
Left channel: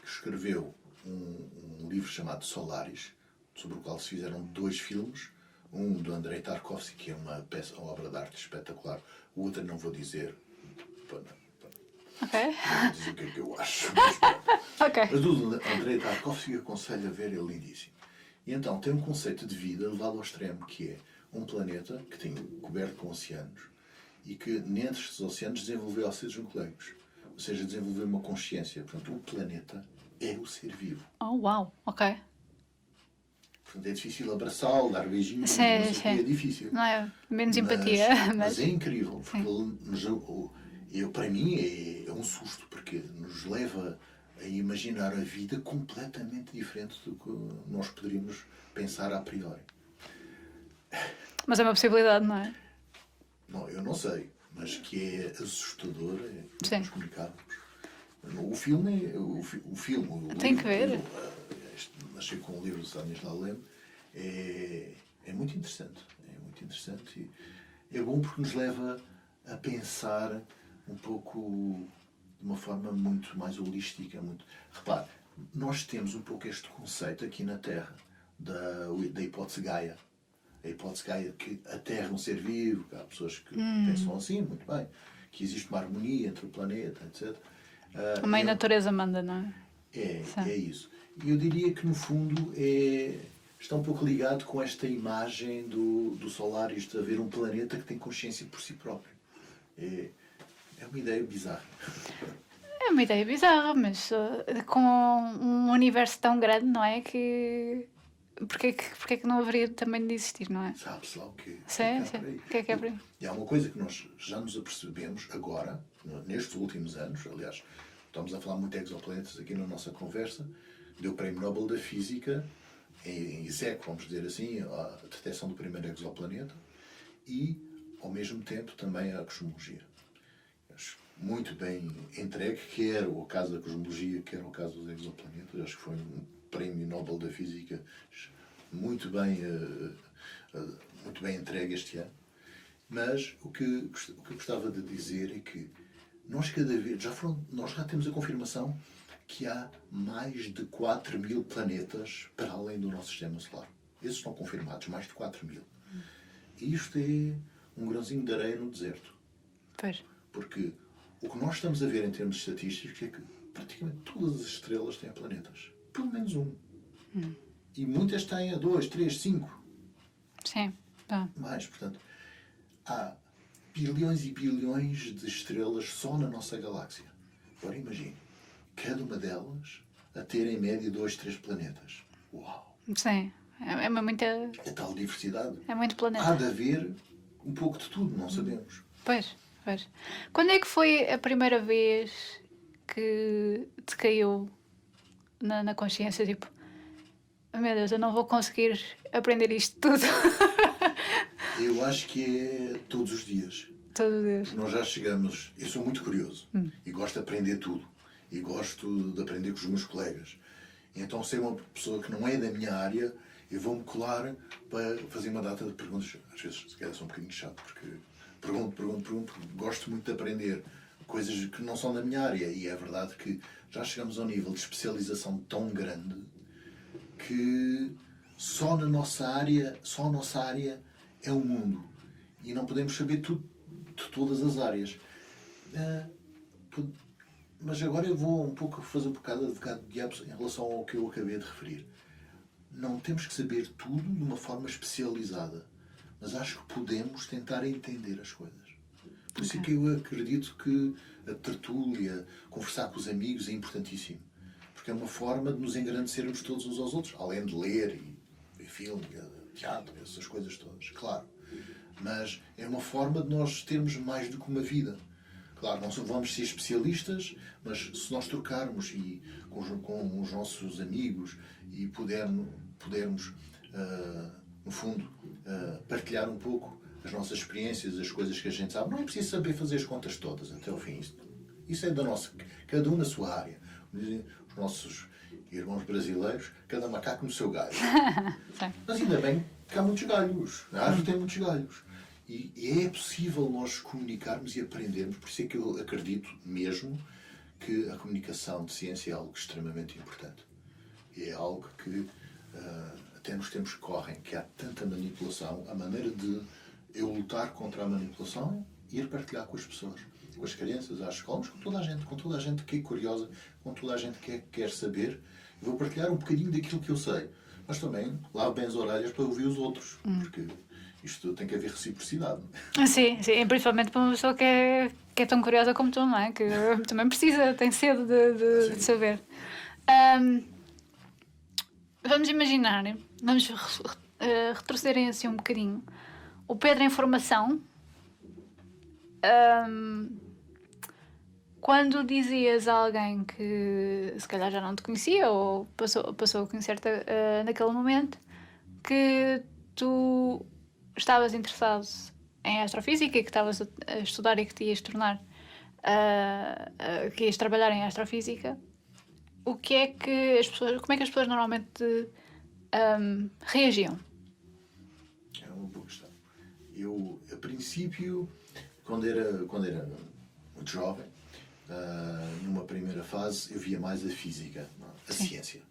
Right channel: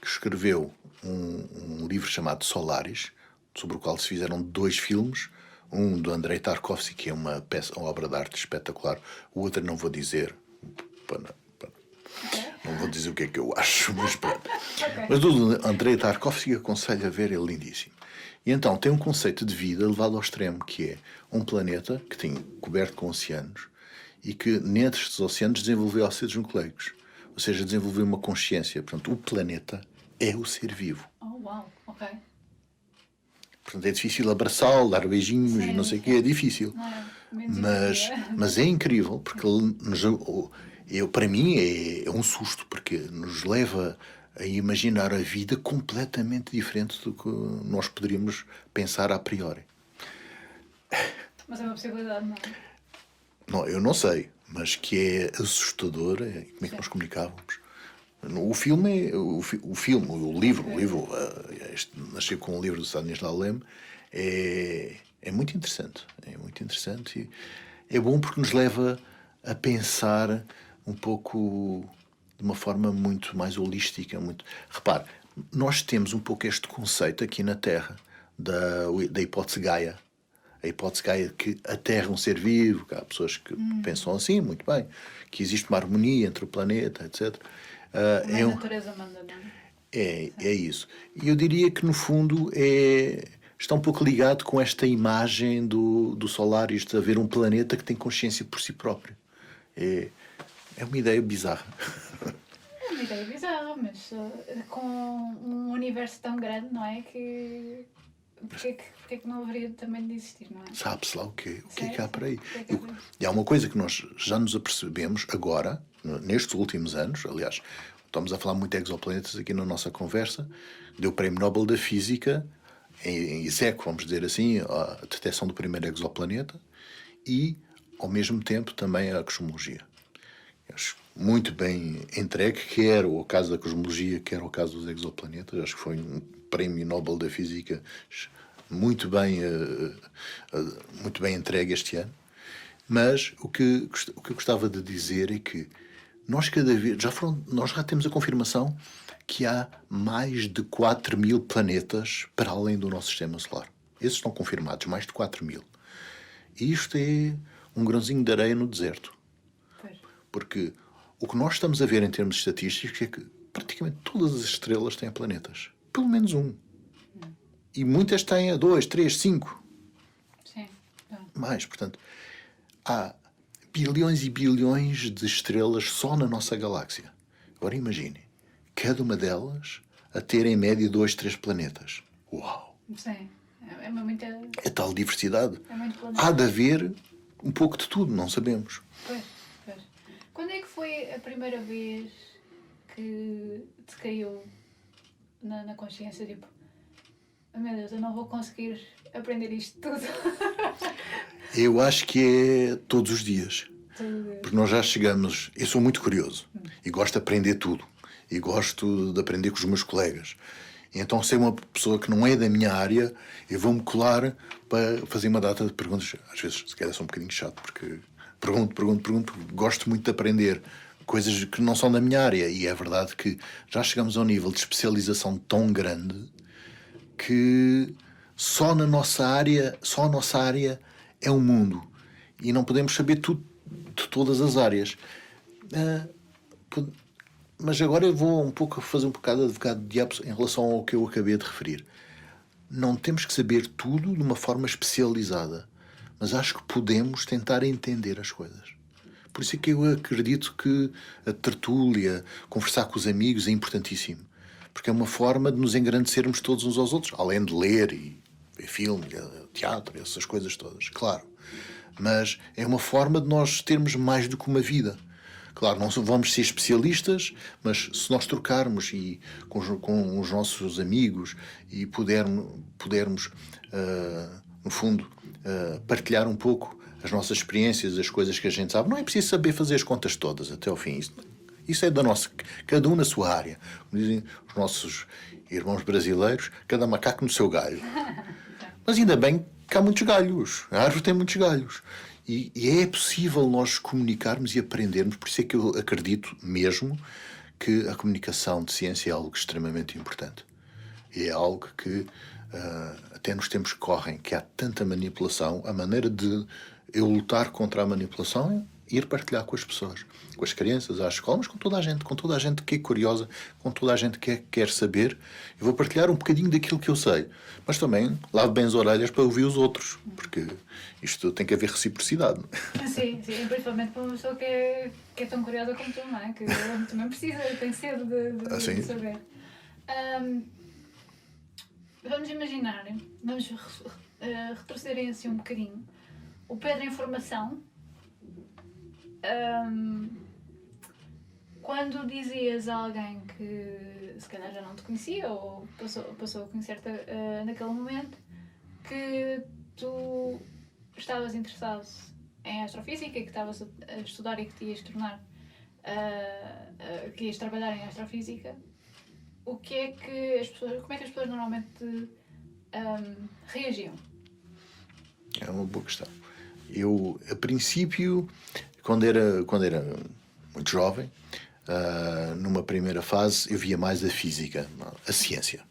que escreveu um livro chamado Solaris, sobre o qual se fizeram 2 filmes, um do Andrei Tarkovsky, que é uma obra de arte espetacular, o outro não vou dizer, não vou dizer o que é que eu acho, mas mas do Andrei Tarkovsky aconselho a ver, é lindíssimo. E então tem um conceito de vida levado ao extremo, que é um planeta que tem coberto com oceanos e que nestes oceanos desenvolveu ácidos nucleicos, ou seja, desenvolveu uma consciência. Portanto, o planeta é o ser vivo. Oh, uau, ok. Portanto, é difícil abraçá-lo, dar beijinhos, não sei o quê, é difícil. Não é? Menos empatia. Mas é incrível, porque para mim é um susto, porque nos leva a imaginar a vida completamente diferente do que nós poderíamos pensar a priori. Mas é uma possibilidade, não é? Não, eu não sei, mas que é assustador, como é que nós comunicávamos. O filme, o livro, nasceu com o livro do Stanislaw Lem, é muito interessante. É muito interessante e é bom porque nos leva a pensar um pouco de uma forma muito mais holística. Repare, nós temos um pouco este conceito aqui na Terra da hipótese Gaia. A hipótese Gaia que a Terra é um ser vivo, que há pessoas que pensam assim, muito bem, que existe uma harmonia entre o planeta, etc. Também a natureza manda, não é? É isso. E eu diria que, no fundo, está um pouco ligado com esta imagem do Solaris, de haver um planeta que tem consciência por si próprio. É uma ideia bizarra. É uma ideia bizarra, mas com um universo tão grande, não é? Que... Porquê que não haveria também de existir, não é? Sabe-se lá o que é que há por aí. E há uma coisa que nós já nos apercebemos agora, nestes últimos anos, aliás, estamos a falar muito de exoplanetas aqui na nossa conversa, deu o Prémio Nobel da Física, em execo, vamos dizer assim, a detecção do primeiro exoplaneta e, ao mesmo tempo, também a cosmologia. Acho muito bem entregue, quer o caso da cosmologia, quer o caso dos exoplanetas. Acho que foi um Prémio Nobel da Física muito bem entregue este ano. Mas o que eu gostava de dizer é que nós já temos a confirmação que há mais de 4.000 planetas para além do nosso sistema solar. Esses estão confirmados, mais de 4.000. E isto é um grãozinho de areia no deserto. Pois. Porque o que nós estamos a ver em termos estatísticos é que praticamente todas as estrelas têm planetas. Pelo menos um. E muitas têm a 2, 3, 5. Sim. Mais, portanto, há bilhões e bilhões de estrelas só na nossa galáxia. Agora imagine, cada uma delas a ter em média 2, 3 planetas. Uau! Sim. É muita... É tal diversidade. É muito planeta. Há de haver um pouco de tudo, não sabemos. Pois. Quando é que foi a primeira vez que te caiu na consciência, tipo, oh, meu Deus, eu não vou conseguir aprender isto tudo? Eu acho que é todos os dias. Todos os dias. Porque nós já chegamos... Eu sou muito curioso e gosto de aprender tudo. E gosto de aprender com os meus colegas. E então, se é uma pessoa que não é da minha área, eu vou-me colar para fazer uma data de perguntas. Às vezes, se calhar, sou um bocadinho chato, porque pergunto, porque gosto muito de aprender coisas que não são da minha área. E é verdade que já chegamos a um nível de especialização tão grande que só a nossa área é um mundo. E não podemos saber tudo de todas as áreas. Mas agora eu vou fazer um bocado de advogado de diabo em relação ao que eu acabei de referir. Não temos que saber tudo de uma forma especializada, mas acho que podemos tentar entender as coisas. Por isso é que eu acredito que a tertúlia, conversar com os amigos é importantíssimo. Porque é uma forma de nos engrandecermos todos uns aos outros, além de ler e ver filme, teatro, essas coisas todas, claro. Mas é uma forma de nós termos mais do que uma vida. Claro, não vamos ser especialistas, mas se nós trocarmos com os nossos amigos e pudermos no fundo, partilhar um pouco as nossas experiências, as coisas que a gente sabe, não é preciso saber fazer as contas todas até ao fim. Isso é da nossa, cada um na sua área. Como dizem os nossos irmãos brasileiros, cada macaco no seu galho. Mas ainda bem que há muitos galhos. A árvore tem muitos galhos. E é possível nós comunicarmos e aprendermos. Por isso é que eu acredito mesmo que a comunicação de ciência é algo extremamente importante. E é algo que até nos tempos que correm, que há tanta manipulação, a maneira de eu lutar contra a manipulação é ir partilhar com as pessoas, com as crianças, às escolas, com toda a gente que é curiosa, com toda a gente que quer saber. Eu vou partilhar um bocadinho daquilo que eu sei, mas também lavo bem as orelhas para ouvir os outros, porque isto tem que haver reciprocidade. Sim, principalmente para uma pessoa que é tão curiosa como tu, não é? Que também precisa, tem sede de saber. Vamos imaginar, vamos retrocederem assim um bocadinho. O Pedro em formação, quando dizias a alguém que se calhar já não te conhecia ou passou a conhecer-te naquele momento, que tu estavas interessado em astrofísica e que estavas a estudar e que te ias tornar, que ias trabalhar em astrofísica, como é que as pessoas normalmente reagiam? É uma boa questão. Eu, a princípio, quando era muito jovem, numa primeira fase, eu via mais a física, a ciência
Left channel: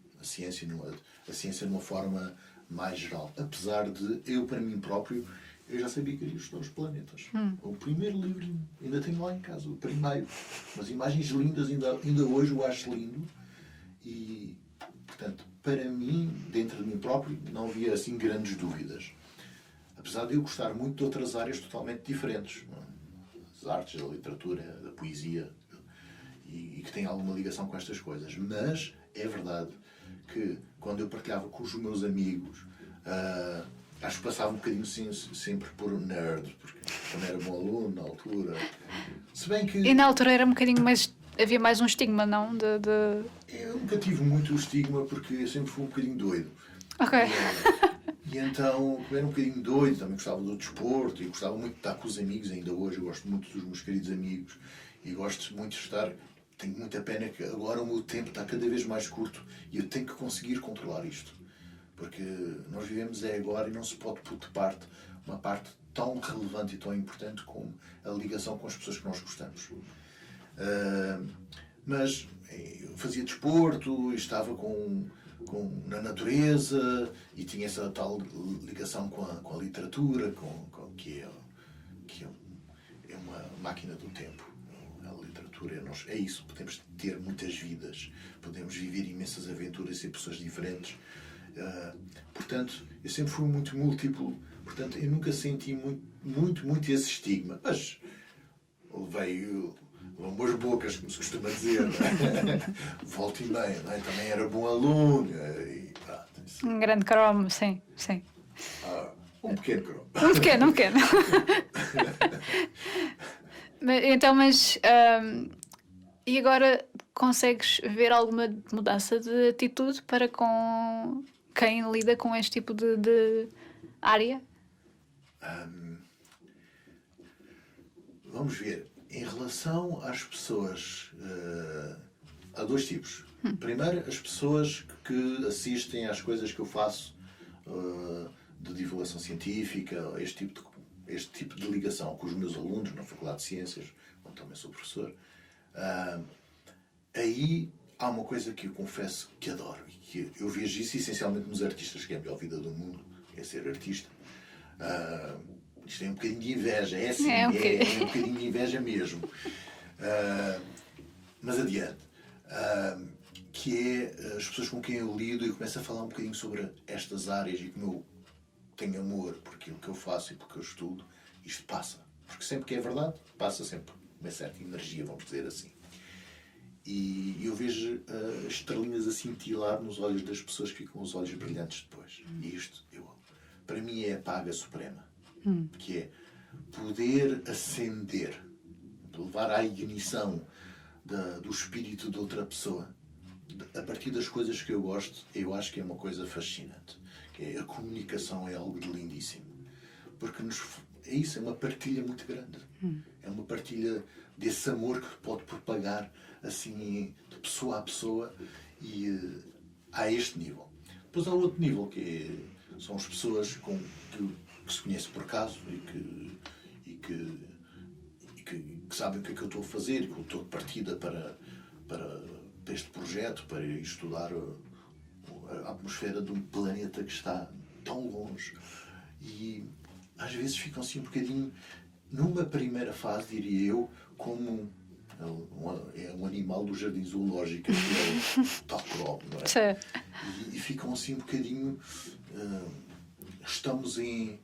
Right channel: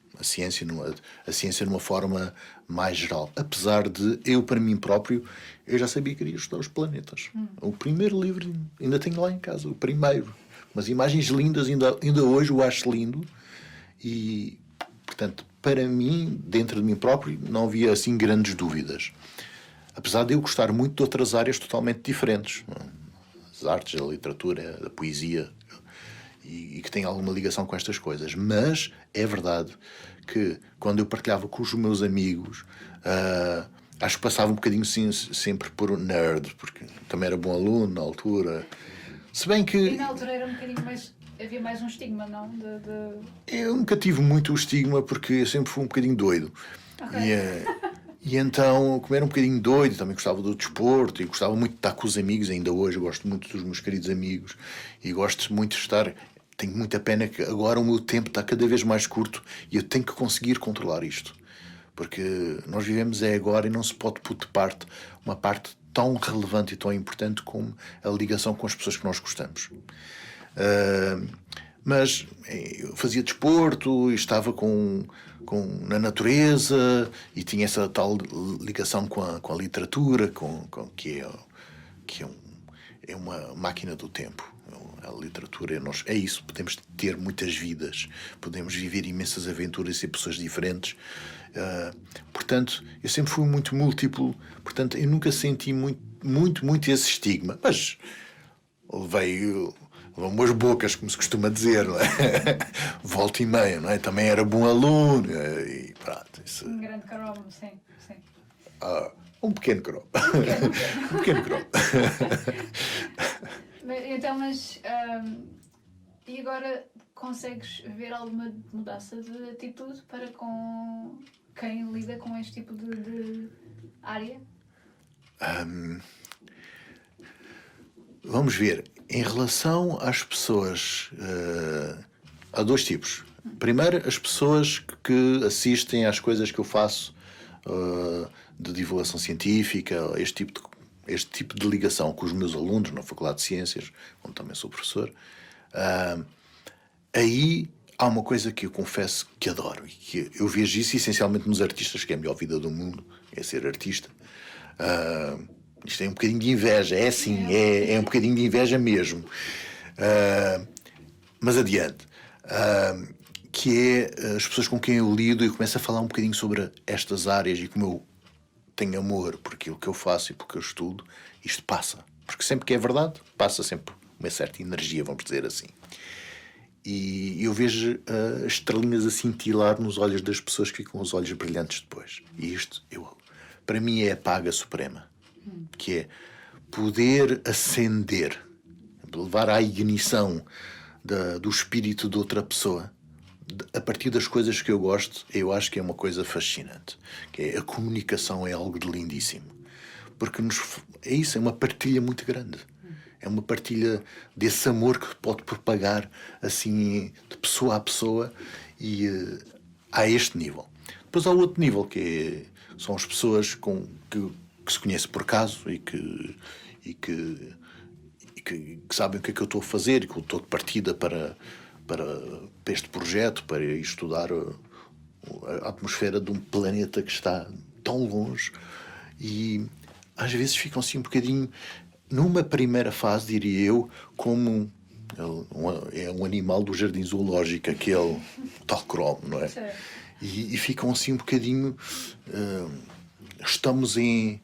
numa forma mais geral. Apesar de eu, para mim próprio, eu já sabia que queria estudar os planetas. O primeiro livro ainda tenho lá em casa, o primeiro. Mas imagens lindas, ainda hoje o acho lindo. E, portanto, para mim, dentro de mim próprio, não havia assim grandes dúvidas. Apesar de eu gostar muito de outras áreas totalmente diferentes. As artes, a literatura, a poesia, e que têm alguma ligação com estas coisas. Mas é verdade que, quando eu partilhava com os meus amigos, acho que passava um bocadinho sempre por nerd, porque também era bom aluno na altura. Se bem que... E na altura era um bocadinho mais... Havia mais um estigma, não? Eu nunca tive muito o estigma, porque eu sempre fui um bocadinho doido. Ok. E então, como era um bocadinho doido, também gostava do desporto e gostava muito de estar com os amigos. Ainda hoje eu gosto muito dos meus queridos amigos e gosto muito de estar... Tenho muita pena que agora o meu tempo está cada vez mais curto e eu tenho que conseguir controlar isto. Porque nós vivemos agora e não se pode pôr de parte uma parte tão relevante e tão importante como a ligação com as pessoas que nós gostamos. Mas eu fazia desporto e estava na natureza e tinha essa tal ligação com a literatura, que é uma máquina do tempo. A literatura é isso, podemos ter muitas vidas, podemos viver imensas aventuras e ser pessoas diferentes. Portanto, eu sempre fui muito múltiplo, portanto, eu nunca senti muito esse estigma, mas levei umas bocas, como se costuma dizer, não é? Volta e meia, não é? Também era bom aluno e pronto. Isso... Um grande cromo, sim. Um pequeno cromo. Um pequeno. cromo. Então, e agora consegues ver alguma mudança de atitude para com quem lida com este tipo de área? Vamos ver. Em relação às pessoas, há dois tipos. Primeiro, as pessoas que assistem às coisas que eu faço de divulgação científica, este tipo de ligação com os meus alunos na Faculdade de Ciências, onde também sou professor, aí há uma coisa que eu confesso que adoro e que eu vejo isso essencialmente nos artistas, que é a melhor vida do mundo, é ser artista. Isto é um bocadinho de inveja, é assim, é um bocadinho de inveja mesmo. Mas adiante. Que é as pessoas com quem eu lido e começo a falar um bocadinho sobre estas áreas e como eu tenho amor por aquilo que eu faço e por que eu estudo, isto passa. Porque sempre que é verdade, passa sempre uma certa energia, vamos dizer assim. E eu vejo as estrelinhas a cintilar nos olhos das pessoas que ficam com os olhos brilhantes depois. E isto, para mim, é a paga suprema. Que é poder acender, levar à ignição do espírito de outra pessoa a partir das coisas que eu gosto. Eu acho que é uma coisa fascinante, que é a comunicação, é algo de lindíssimo, porque é isso, é uma partilha muito grande, é uma partilha desse amor que pode propagar assim de pessoa a pessoa, e há este nível. Depois há outro nível, que são as pessoas que se conhecem por acaso e que sabem o que é que eu estou a fazer e que eu estou de partida para este projeto, para ir estudar a atmosfera de um planeta que está tão longe, e às vezes ficam assim um bocadinho, numa primeira fase, diria eu, como é um animal do jardim zoológico, aquele tal cromo, não é? Sim. E ficam assim um bocadinho... estamos em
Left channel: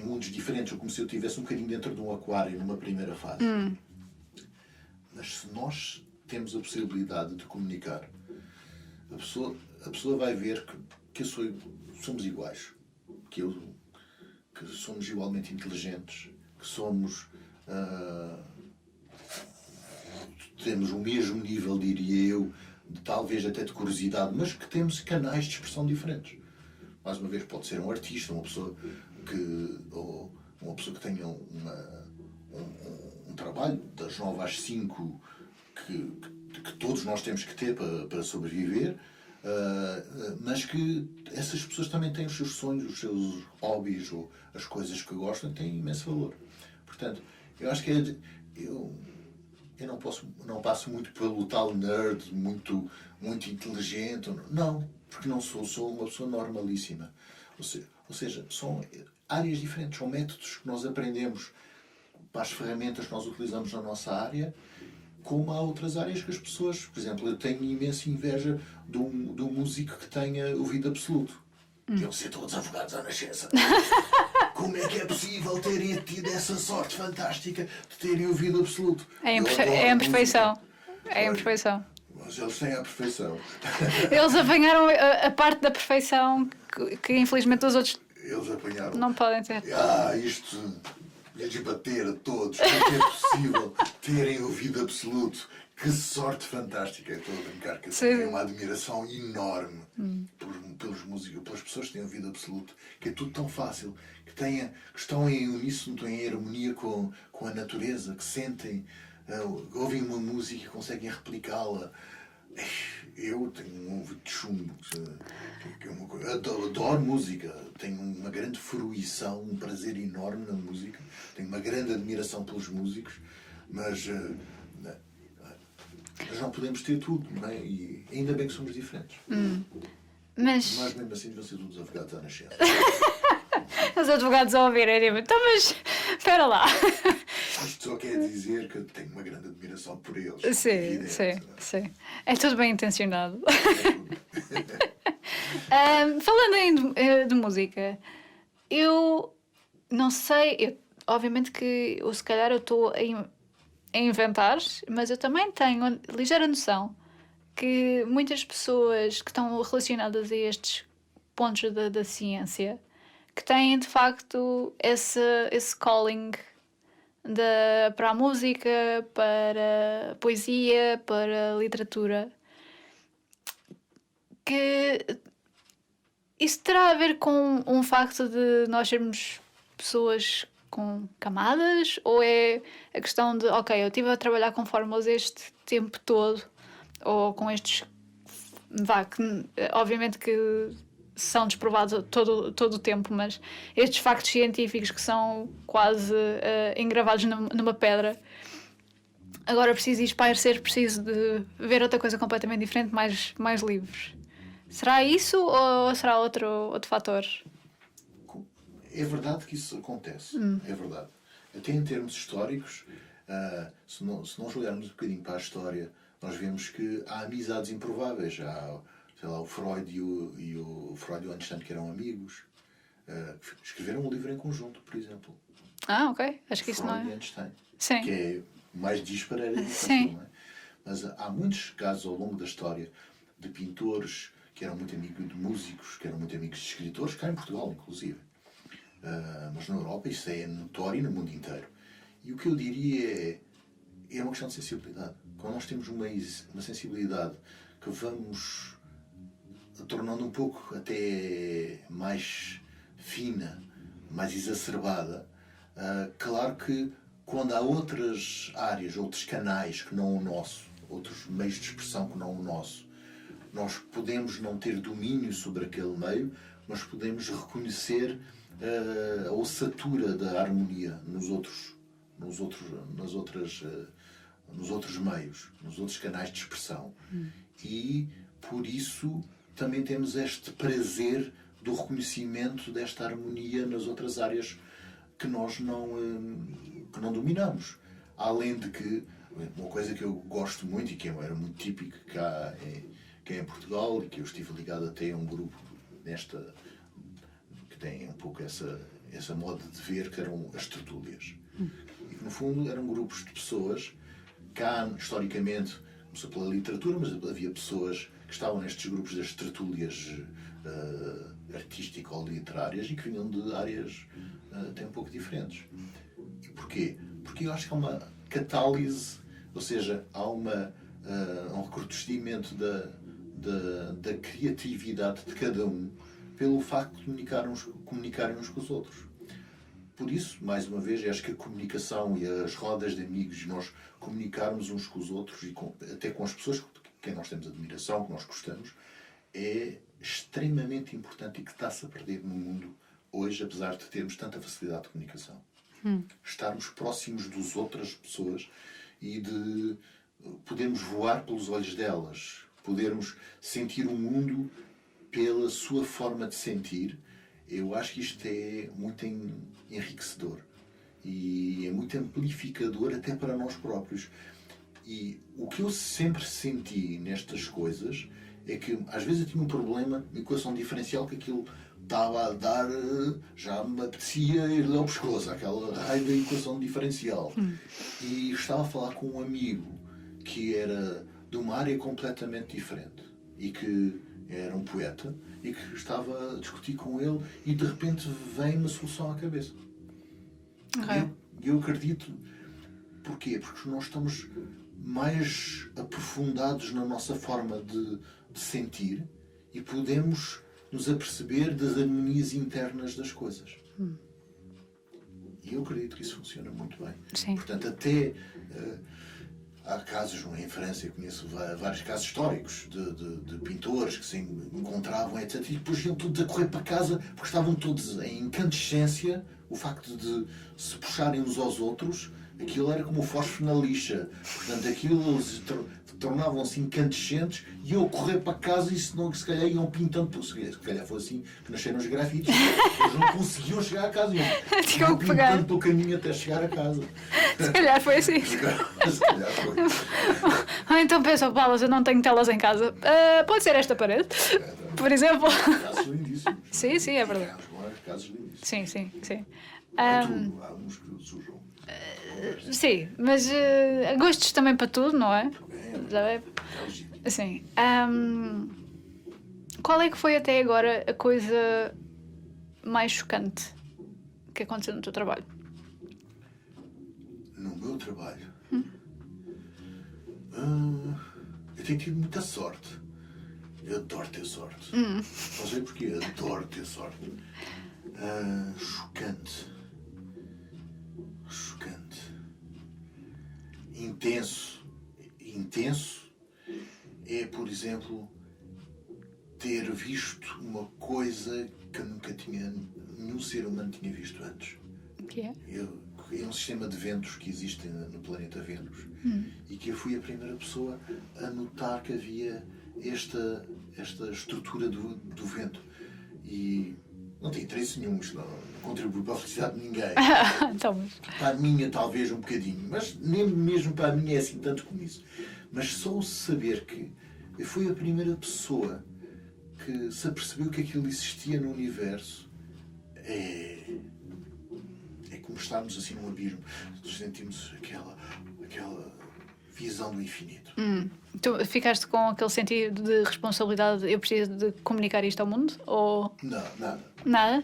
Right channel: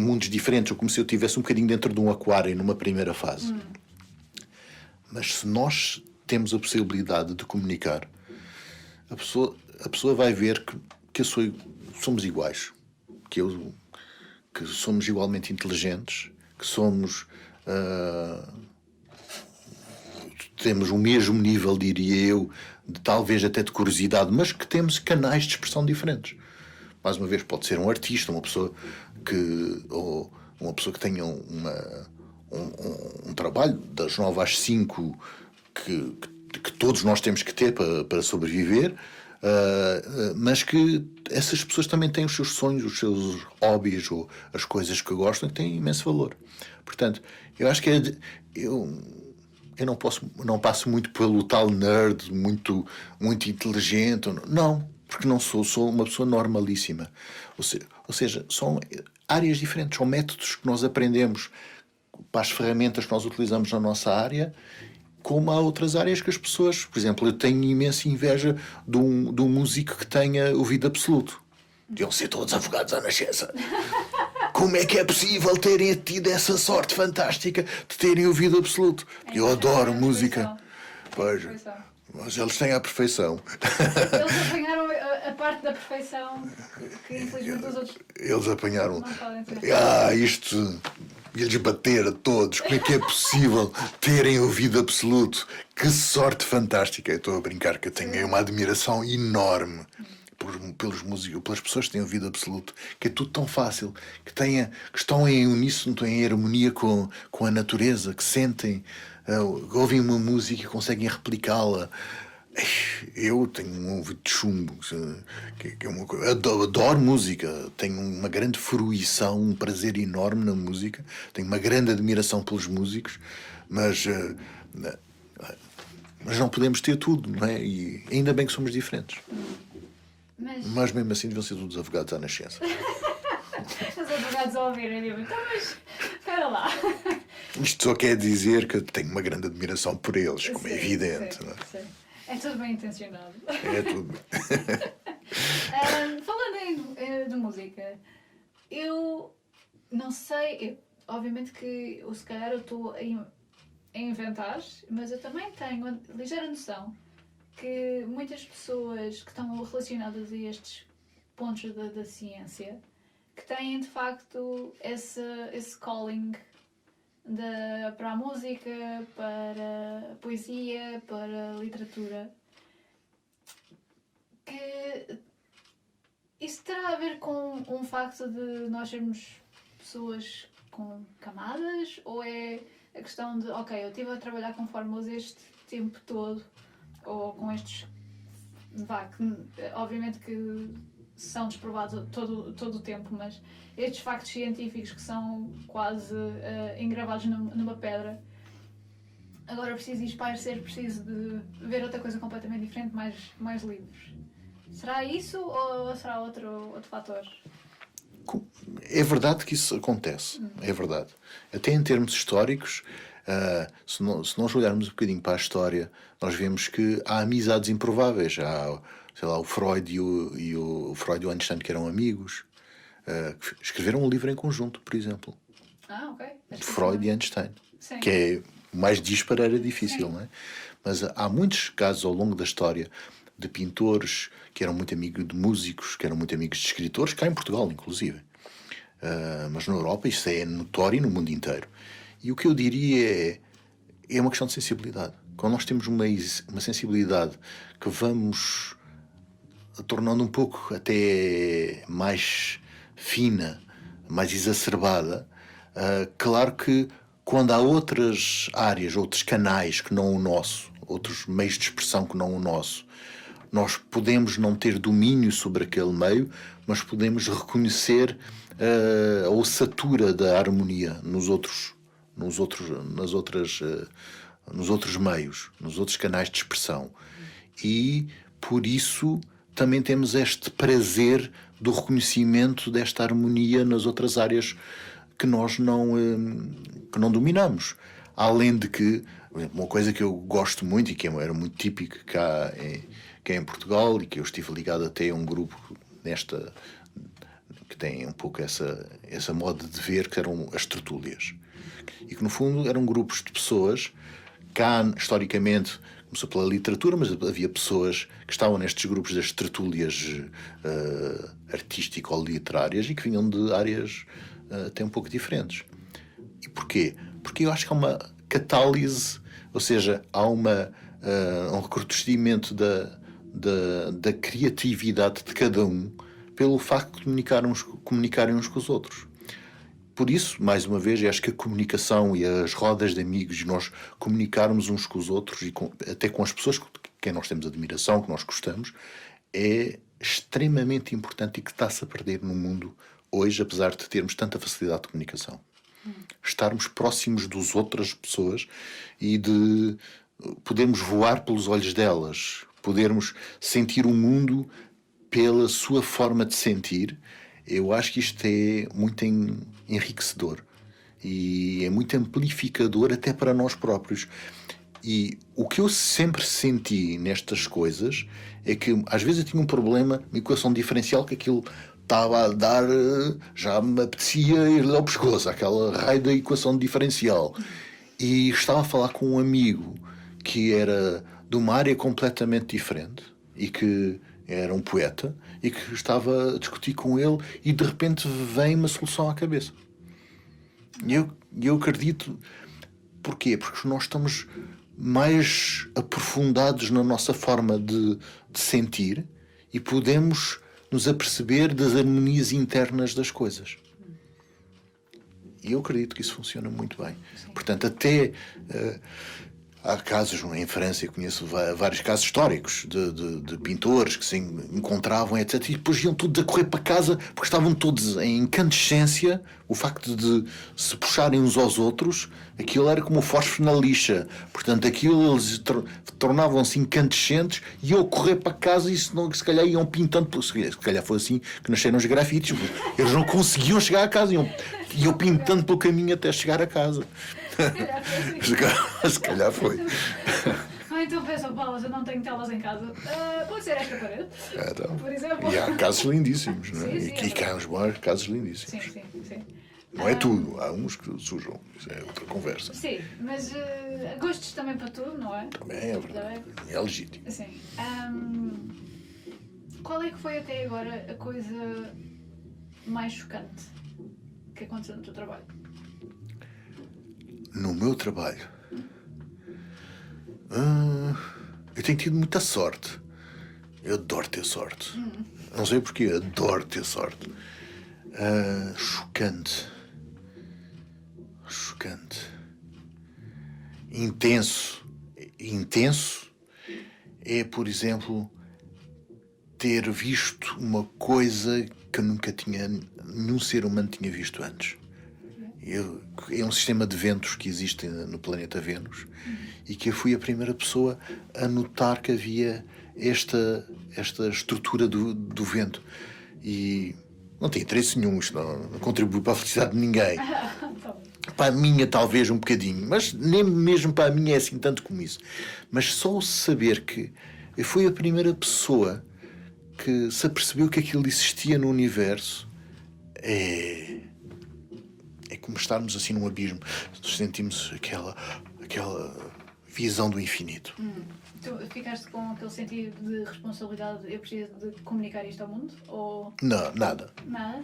mundos diferentes, ou como se eu estivesse um bocadinho dentro de um aquário numa primeira fase. Mas se nós temos a possibilidade de comunicar, a pessoa vai ver que somos iguais, que somos igualmente inteligentes, que temos o mesmo nível, diria eu, talvez até de curiosidade, mas que temos canais de expressão diferentes. Mais uma vez, pode ser um artista, uma pessoa que tenha um trabalho das 9 às 5 que todos nós temos que ter para sobreviver, mas que essas pessoas também têm os seus sonhos, os seus hobbies ou as coisas que gostam, que têm imenso valor. Portanto, eu acho que eu não passo muito pelo tal nerd, muito inteligente. Não, porque não sou uma pessoa normalíssima. Ou seja, são áreas diferentes, são métodos que nós aprendemos para as ferramentas que nós utilizamos na nossa área, como há outras áreas que as pessoas... Por exemplo, eu tenho imensa inveja de um músico que tenha ouvido absoluto. Deviam ser todos advogados à nascença. Como é que é possível terem tido essa sorte fantástica de terem ouvido absoluto? Eu adoro a música. Perfeição. É a perfeição. Mas eles têm a perfeição. Eles apanharam a parte da perfeição que infelizmente os outros Eles apanharam. não podem ter. Isto ia-lhes bater a todos. Como é que é possível terem ouvido absoluto? Que sorte fantástica. Eu estou a brincar, que eu tenho uma admiração enorme pelos músicos, pelas pessoas que têm ouvido absoluto, que é tudo tão fácil, que estão em uníssono, estão em harmonia com a natureza, que sentem, ouvem uma música e conseguem replicá-la. Eu tenho um ouvido de chumbo, adoro música, tenho uma grande fruição, um prazer enorme na música, tenho uma grande admiração pelos músicos, mas não podemos ter tudo, não é? E ainda bem que somos diferentes. Mas mesmo assim deviam ser todos advogados à nascença. Os advogados a ouvirem, tipo, então, mas espera lá. Isto só quer dizer que tenho uma grande admiração por eles, como é evidente. Sim. É tudo bem intencionado. É tudo. Falando aí de música, eu não sei, obviamente que se calhar eu estou a inventar, mas eu também tenho ligeira noção que muitas pessoas que estão relacionadas a estes pontos da ciência, que têm de facto esse calling para a música, para a poesia, para a literatura, que isso terá a ver com um facto de nós sermos pessoas com camadas, ou é a questão de, ok, eu estive a trabalhar com fórmulas este tempo todo, ou com estes, que obviamente que são desprovados todo o tempo, mas estes factos científicos que são quase engravados numa pedra, agora preciso ir espairecer, preciso de ver outra coisa completamente diferente, mais livres. Será isso ou será outro fator? É verdade que isso acontece, é verdade. Até em termos históricos, se nós olharmos um bocadinho para a história, nós vemos que há amizades improváveis. Há, sei lá, o Freud e o Freud e o Einstein, que eram amigos, que escreveram um livro em conjunto, por exemplo. Ok. Acho que Freud e Einstein. Sim. Que é mais disparo, era difícil, Sim. não é? Mas há muitos casos ao longo da história de pintores que eram muito amigos de músicos, que eram muito amigos de escritores, cá em Portugal, inclusive. Mas na Europa isso é notório no mundo inteiro. E o que eu diria é uma questão de sensibilidade. Quando nós temos uma sensibilidade que vamos tornando um pouco até mais fina, mais exacerbada, claro que quando há outras áreas, outros canais que não o nosso, outros meios de expressão que não o nosso, nós podemos não ter domínio sobre aquele meio, mas podemos reconhecer a ossatura da harmonia nos outros meios, nos outros canais de expressão. E, por isso, também temos este prazer do reconhecimento desta harmonia nas outras áreas que nós não dominamos. Além de que, uma coisa que eu gosto muito e que era muito típico cá em Portugal, e que eu estive ligado até a um grupo que tem um pouco essa moda de ver, que eram as tertúlias. E que, no fundo, eram grupos de pessoas, cá, historicamente, começou pela literatura, mas havia pessoas que estavam nestes grupos das tertúlias artístico-literárias e que vinham de áreas até um pouco diferentes. E porquê? Porque eu acho que há uma catálise, ou seja, há um recrudescimento da criatividade de cada um pelo facto de comunicarem uns com os outros. Por isso, mais uma vez, acho que a comunicação e as rodas de amigos, nós comunicarmos uns com os outros e até com as pessoas com quem nós temos admiração, que nós gostamos, é extremamente importante e que está-se a perder no mundo hoje, apesar de termos tanta facilidade de comunicação. Estarmos próximos das outras pessoas e de podermos voar pelos olhos delas, podermos sentir o mundo pela sua forma de sentir. Eu acho que isto é muito enriquecedor e é muito amplificador até para nós próprios. E o que eu sempre senti nestas coisas é que às vezes eu tinha um problema, uma equação diferencial, que aquilo estava a dar, já me apetecia ir ao pescoço, aquela raio da equação diferencial. E estava a falar com um amigo que era de uma área completamente diferente e que era um poeta, e que estava a discutir com ele, e de repente vem uma solução à cabeça. E eu acredito. Porquê? Porque nós estamos mais aprofundados na nossa forma de sentir e podemos nos aperceber das harmonias internas das coisas. E eu acredito que isso funciona muito bem. Sim. Portanto, até há casos, em França, eu conheço vários casos históricos de pintores que se encontravam, etc. E depois iam todos a correr para casa porque estavam todos em incandescência. O facto de se puxarem uns aos outros, aquilo era como o fósforo na lixa. Portanto, aquilo eles tornavam-se incandescentes e iam correr para casa e se calhar iam pintando. Se calhar foi assim que nasceram os grafites. Eles não conseguiam chegar a casa, iam pintando pelo caminho até chegar a casa. Se calhar foi assim. Se calhar foi. Então pensam, Paulo, eu não tenho telas em casa. Pode ser esta parede, Então, por exemplo. e há casos lindíssimos. Sim, não é? sim, é E verdade. há uns bons casos lindíssimos. Sim. Não é tudo, há uns que sujam. Isso é outra conversa. Sim, mas gostos também para tudo, não é? Também é verdade. É legítimo. Sim. Qual é que foi até agora a coisa mais chocante que aconteceu no teu trabalho? No meu trabalho, eu tenho tido muita sorte. Eu adoro ter sorte. Não sei porquê, adoro ter sorte. Chocante. Intenso. é, por exemplo, ter visto uma coisa que nenhum ser humano tinha visto antes. É um sistema de ventos que existe no planeta Vênus e que eu fui a primeira pessoa a notar que havia esta estrutura do vento. E não tem interesse nenhum, isto não contribui para a felicidade de ninguém. Então, Para a minha, talvez, um bocadinho, mas nem mesmo para a minha é assim tanto como isso. Mas só o saber que eu fui a primeira pessoa que se apercebeu que aquilo existia no universo é como estarmos assim num abismo. Sentimos aquela visão do infinito. Tu ficaste com aquele sentido de responsabilidade, eu preciso de comunicar isto ao mundo? Ou Não, nada. nada?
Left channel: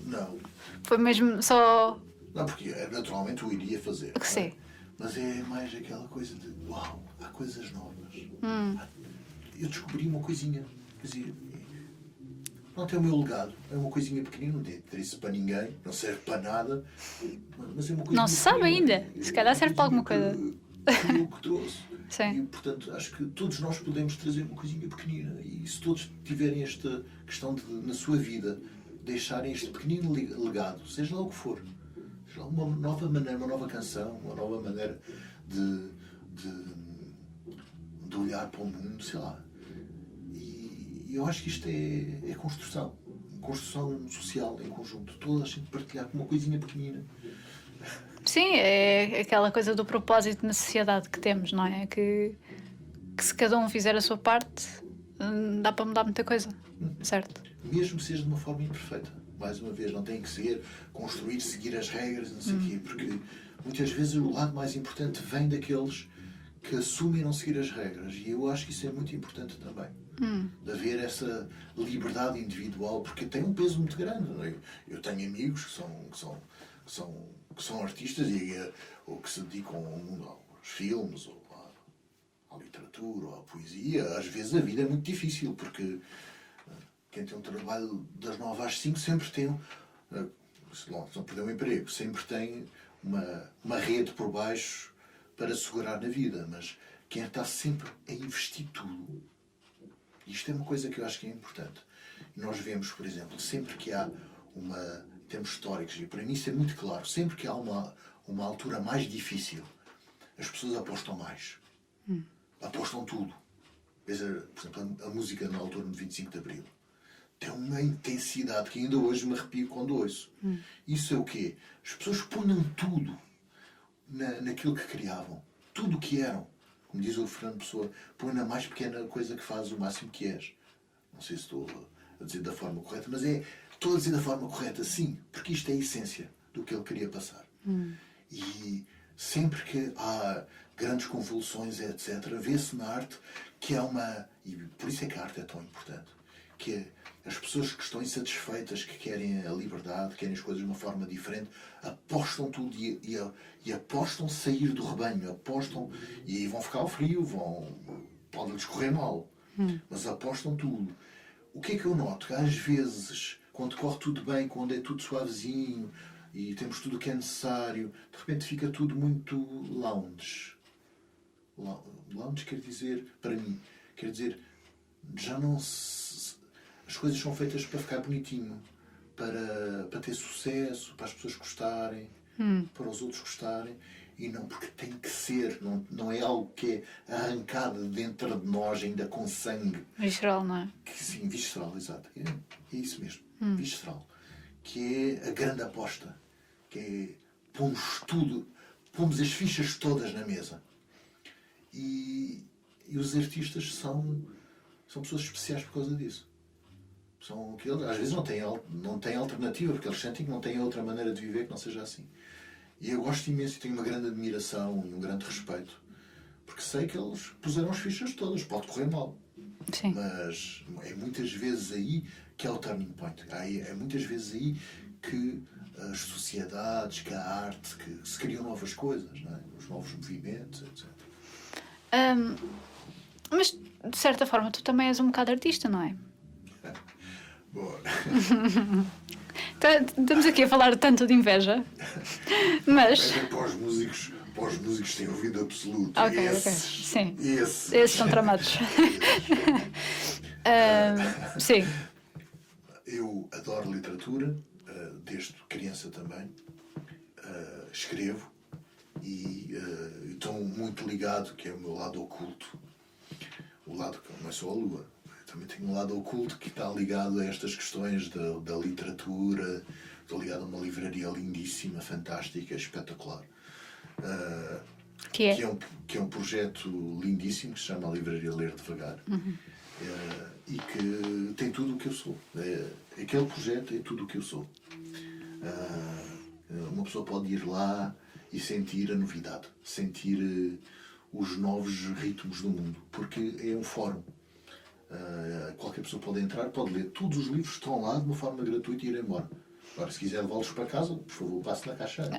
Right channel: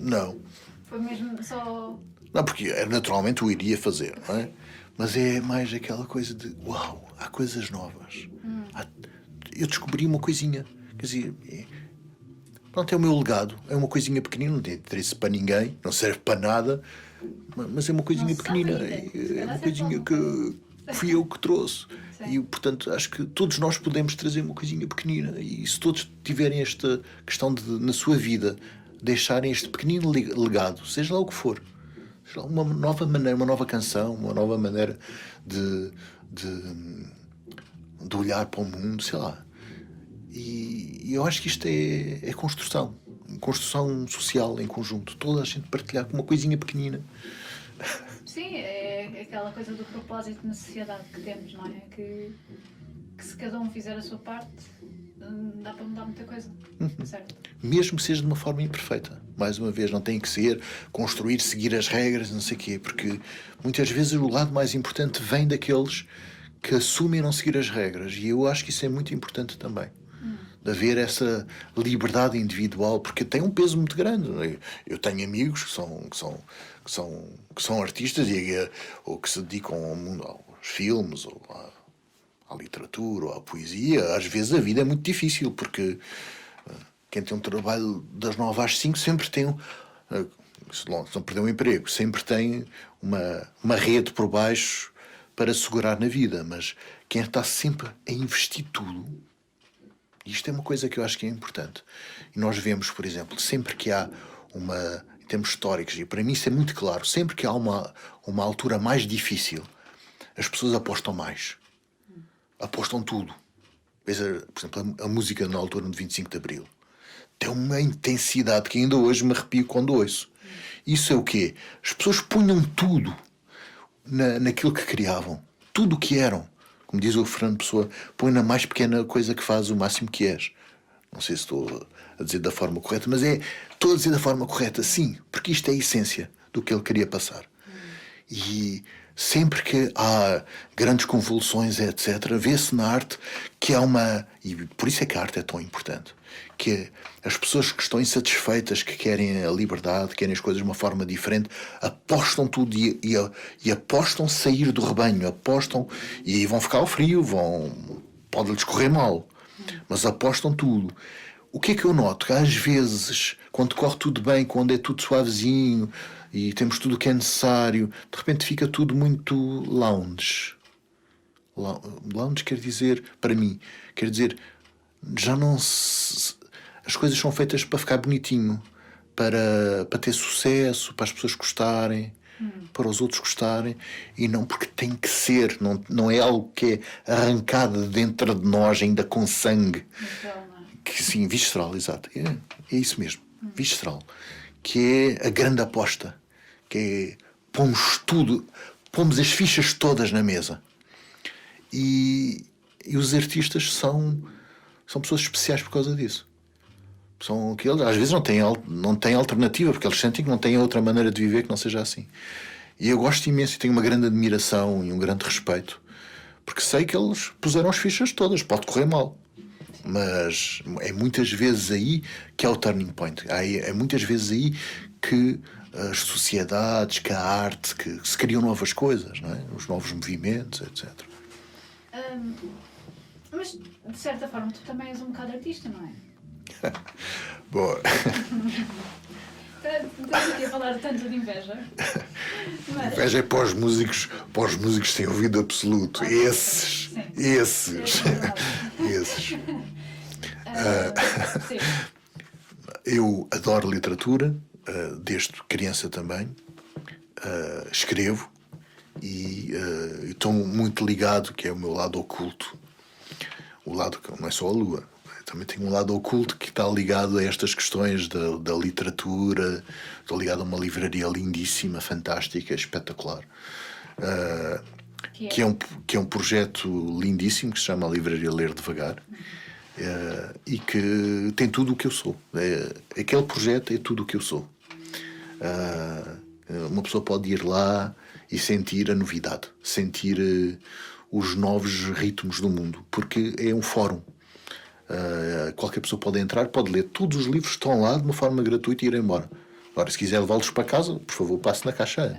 Não. Foi mesmo só... Não, porque naturalmente o iria fazer, não é? Sim. Mas é mais aquela coisa de uau, há coisas novas. Eu descobri uma coisinha. Quer dizer, pronto, é o meu legado. É uma coisinha pequenina, não tem interesse para ninguém, não serve para nada, mas é uma coisinha Não se pequenina. sabe ainda. Se calhar serve para alguma coisa. Fui eu que trouxe. Sim. E, portanto, acho que todos nós podemos trazer uma coisinha pequenina. E se todos tiverem esta questão de, na sua vida, deixarem este pequenino legado, seja lá o que for, seja lá uma nova maneira, uma nova canção, uma nova maneira de olhar para o mundo, sei lá. E eu acho que isto é construção. Construção social em conjunto. Toda a gente partilhar com uma coisinha pequenina. Sim, é aquela coisa do propósito na sociedade que temos, não é? Que se cada um fizer a sua parte, dá para mudar muita coisa, certo? Mesmo que seja de uma forma imperfeita. Mais uma vez, não tem que ser construir, seguir as regras, não sei o quê, porque muitas vezes o lado mais importante vem daqueles que assumem não seguir as regras. E eu acho que isso é muito importante também. De haver essa liberdade individual, porque tem um peso muito grande. Não é? Eu tenho amigos que são artistas ou que se dedicam ao mundo, aos filmes, ou à literatura, ou à poesia. Às vezes a vida é muito difícil, porque quem tem um trabalho das 9 às 5 sempre tem se não perder um emprego, sempre tem uma rede por baixo para segurar na vida. Mas quem está sempre a investir tudo, isto é uma coisa que eu acho que é importante. E nós vemos, por exemplo, sempre que há em termos históricos, e para mim isso é muito claro, sempre que há uma altura mais difícil, as pessoas apostam mais. Apostam tudo. Veja, por exemplo, a música na altura do 25 de Abril. Tem uma intensidade que ainda hoje me arrepio quando ouço. Isso é o quê? As pessoas punham tudo naquilo que criavam. Tudo o que eram. Como diz o Fernando Pessoa, põe na mais pequena coisa que faz o máximo que és. Não sei se estou a dizer da forma correta, mas estou a dizer da forma correta, sim, porque isto é a essência do que ele queria passar. E sempre que há grandes convulsões, etc., vê-se na arte que há e por isso é que a arte é tão importante, que as pessoas que estão insatisfeitas, que querem a liberdade, querem as coisas de uma forma diferente, apostam tudo e apostam sair do rebanho, apostam e aí vão ficar ao frio, pode-lhes correr mal, mas apostam tudo. O que é que eu noto? Que às vezes, quando corre tudo bem, quando é tudo suavezinho e temos tudo o que é necessário, de repente fica tudo muito lounge. Lounge quer dizer, para mim, quer dizer, já não se... As coisas são feitas para ficar bonitinho, para ter sucesso, para as pessoas gostarem, para os outros gostarem, e não porque tem que ser, não é algo que é arrancado dentro de nós, ainda com sangue. Visceral, não é? Sim, visceral, exato. É isso mesmo, visceral. Que é a grande aposta, que é pomos as fichas todas na mesa. E os artistas são pessoas especiais por causa disso. São aqueles, às vezes não têm alternativa, porque eles sentem que não têm outra maneira de viver que não seja assim. E eu gosto imenso e tenho uma grande admiração e um grande respeito, porque sei que eles puseram as fichas todas. Pode correr mal. Sim. Mas é muitas vezes aí que é o turning point. É muitas vezes aí que as sociedades, que a arte, que se criam novas coisas, não é? Os novos movimentos, etc. Mas, de certa forma, tu também és um bocado artista, não é? Boa. Estamos aqui a falar tanto de inveja. Mas... Inveja é para os músicos sem ouvido absoluto. Okay, esses. Sim. Esses são tramados. Esses. Sim. Eu adoro literatura, desde criança também. Escrevo e estou muito ligado, que é o meu lado oculto. O lado que não é só a lua. Também tenho um lado oculto que está ligado a estas questões da literatura. Estou ligado a uma livraria lindíssima, fantástica, espetacular. Que é um projeto lindíssimo que se chama Livraria Ler Devagar. E que tem tudo o que eu sou. Aquele projeto é tudo o que eu sou. Uma pessoa pode ir lá e sentir a novidade, sentir os novos ritmos do mundo, porque é um fórum. Qualquer pessoa pode entrar, pode ler todos os livros que estão lá de uma forma gratuita e ir embora. Agora, se quiser levá-los para casa, por favor, passe na caixa.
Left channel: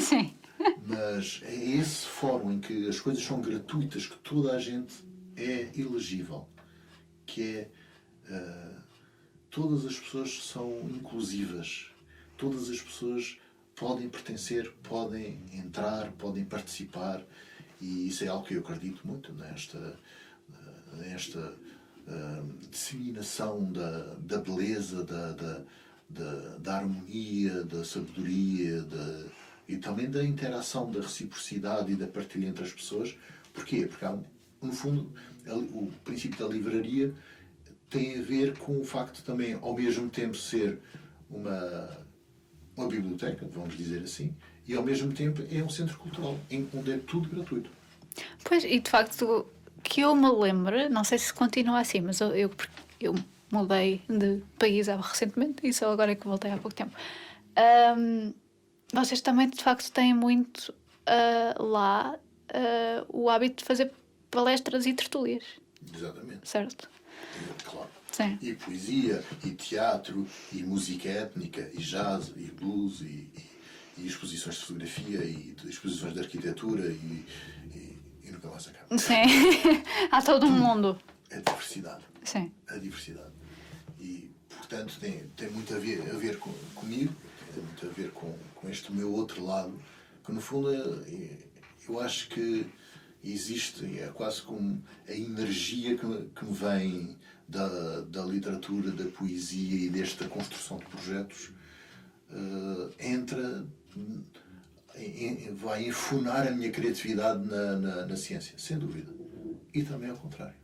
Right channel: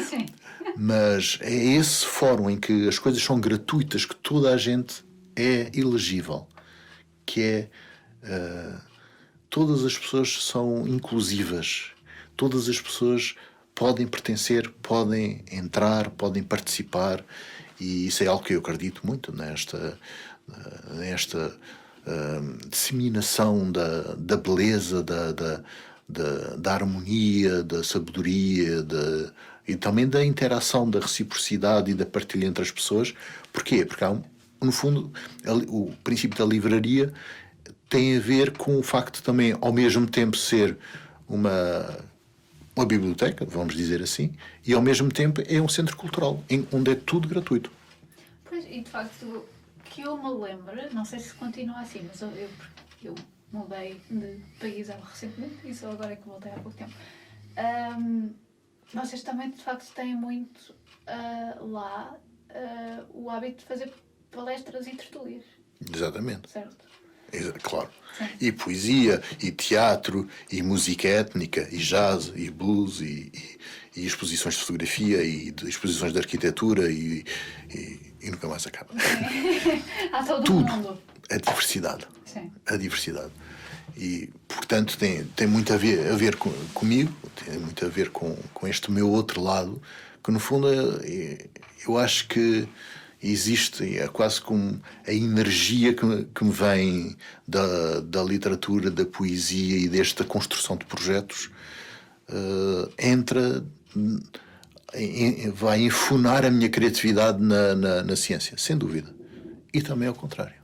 Sim. Mas é esse fórum em que as coisas são gratuitas, que toda a gente é elegível, que é todas as pessoas são inclusivas, todas as pessoas podem pertencer, podem entrar, podem participar, e isso é algo que eu acredito muito nesta disseminação da beleza, da harmonia, da sabedoria, e também da interação, da reciprocidade e da partilha entre as pessoas. Porquê? Porque no fundo o princípio da livraria tem a ver com o facto de também ao mesmo tempo ser uma biblioteca, vamos dizer assim, e ao mesmo tempo é um centro cultural onde é tudo gratuito. Pois, e de facto, que eu me lembro, não sei se continua assim, mas eu mudei de país recentemente, e só agora é que voltei há pouco tempo. Vocês também, de facto, têm muito lá o hábito de fazer palestras e tertúlias. Exatamente. Certo? Claro. Sim. E poesia, e teatro, e música étnica, e jazz, e blues, e exposições de fotografia, e exposições de arquitetura, e nunca mais acaba. Sim. Há todo um mundo. A diversidade. Sim. A diversidade. E, portanto, tem muito a ver comigo, tem muito a ver com este meu outro lado, que, no fundo, eu acho que existe, é quase como a energia que me vem da literatura, da poesia e desta construção de projetos, vai enfunar a minha criatividade na ciência, sem dúvida. E também ao contrário.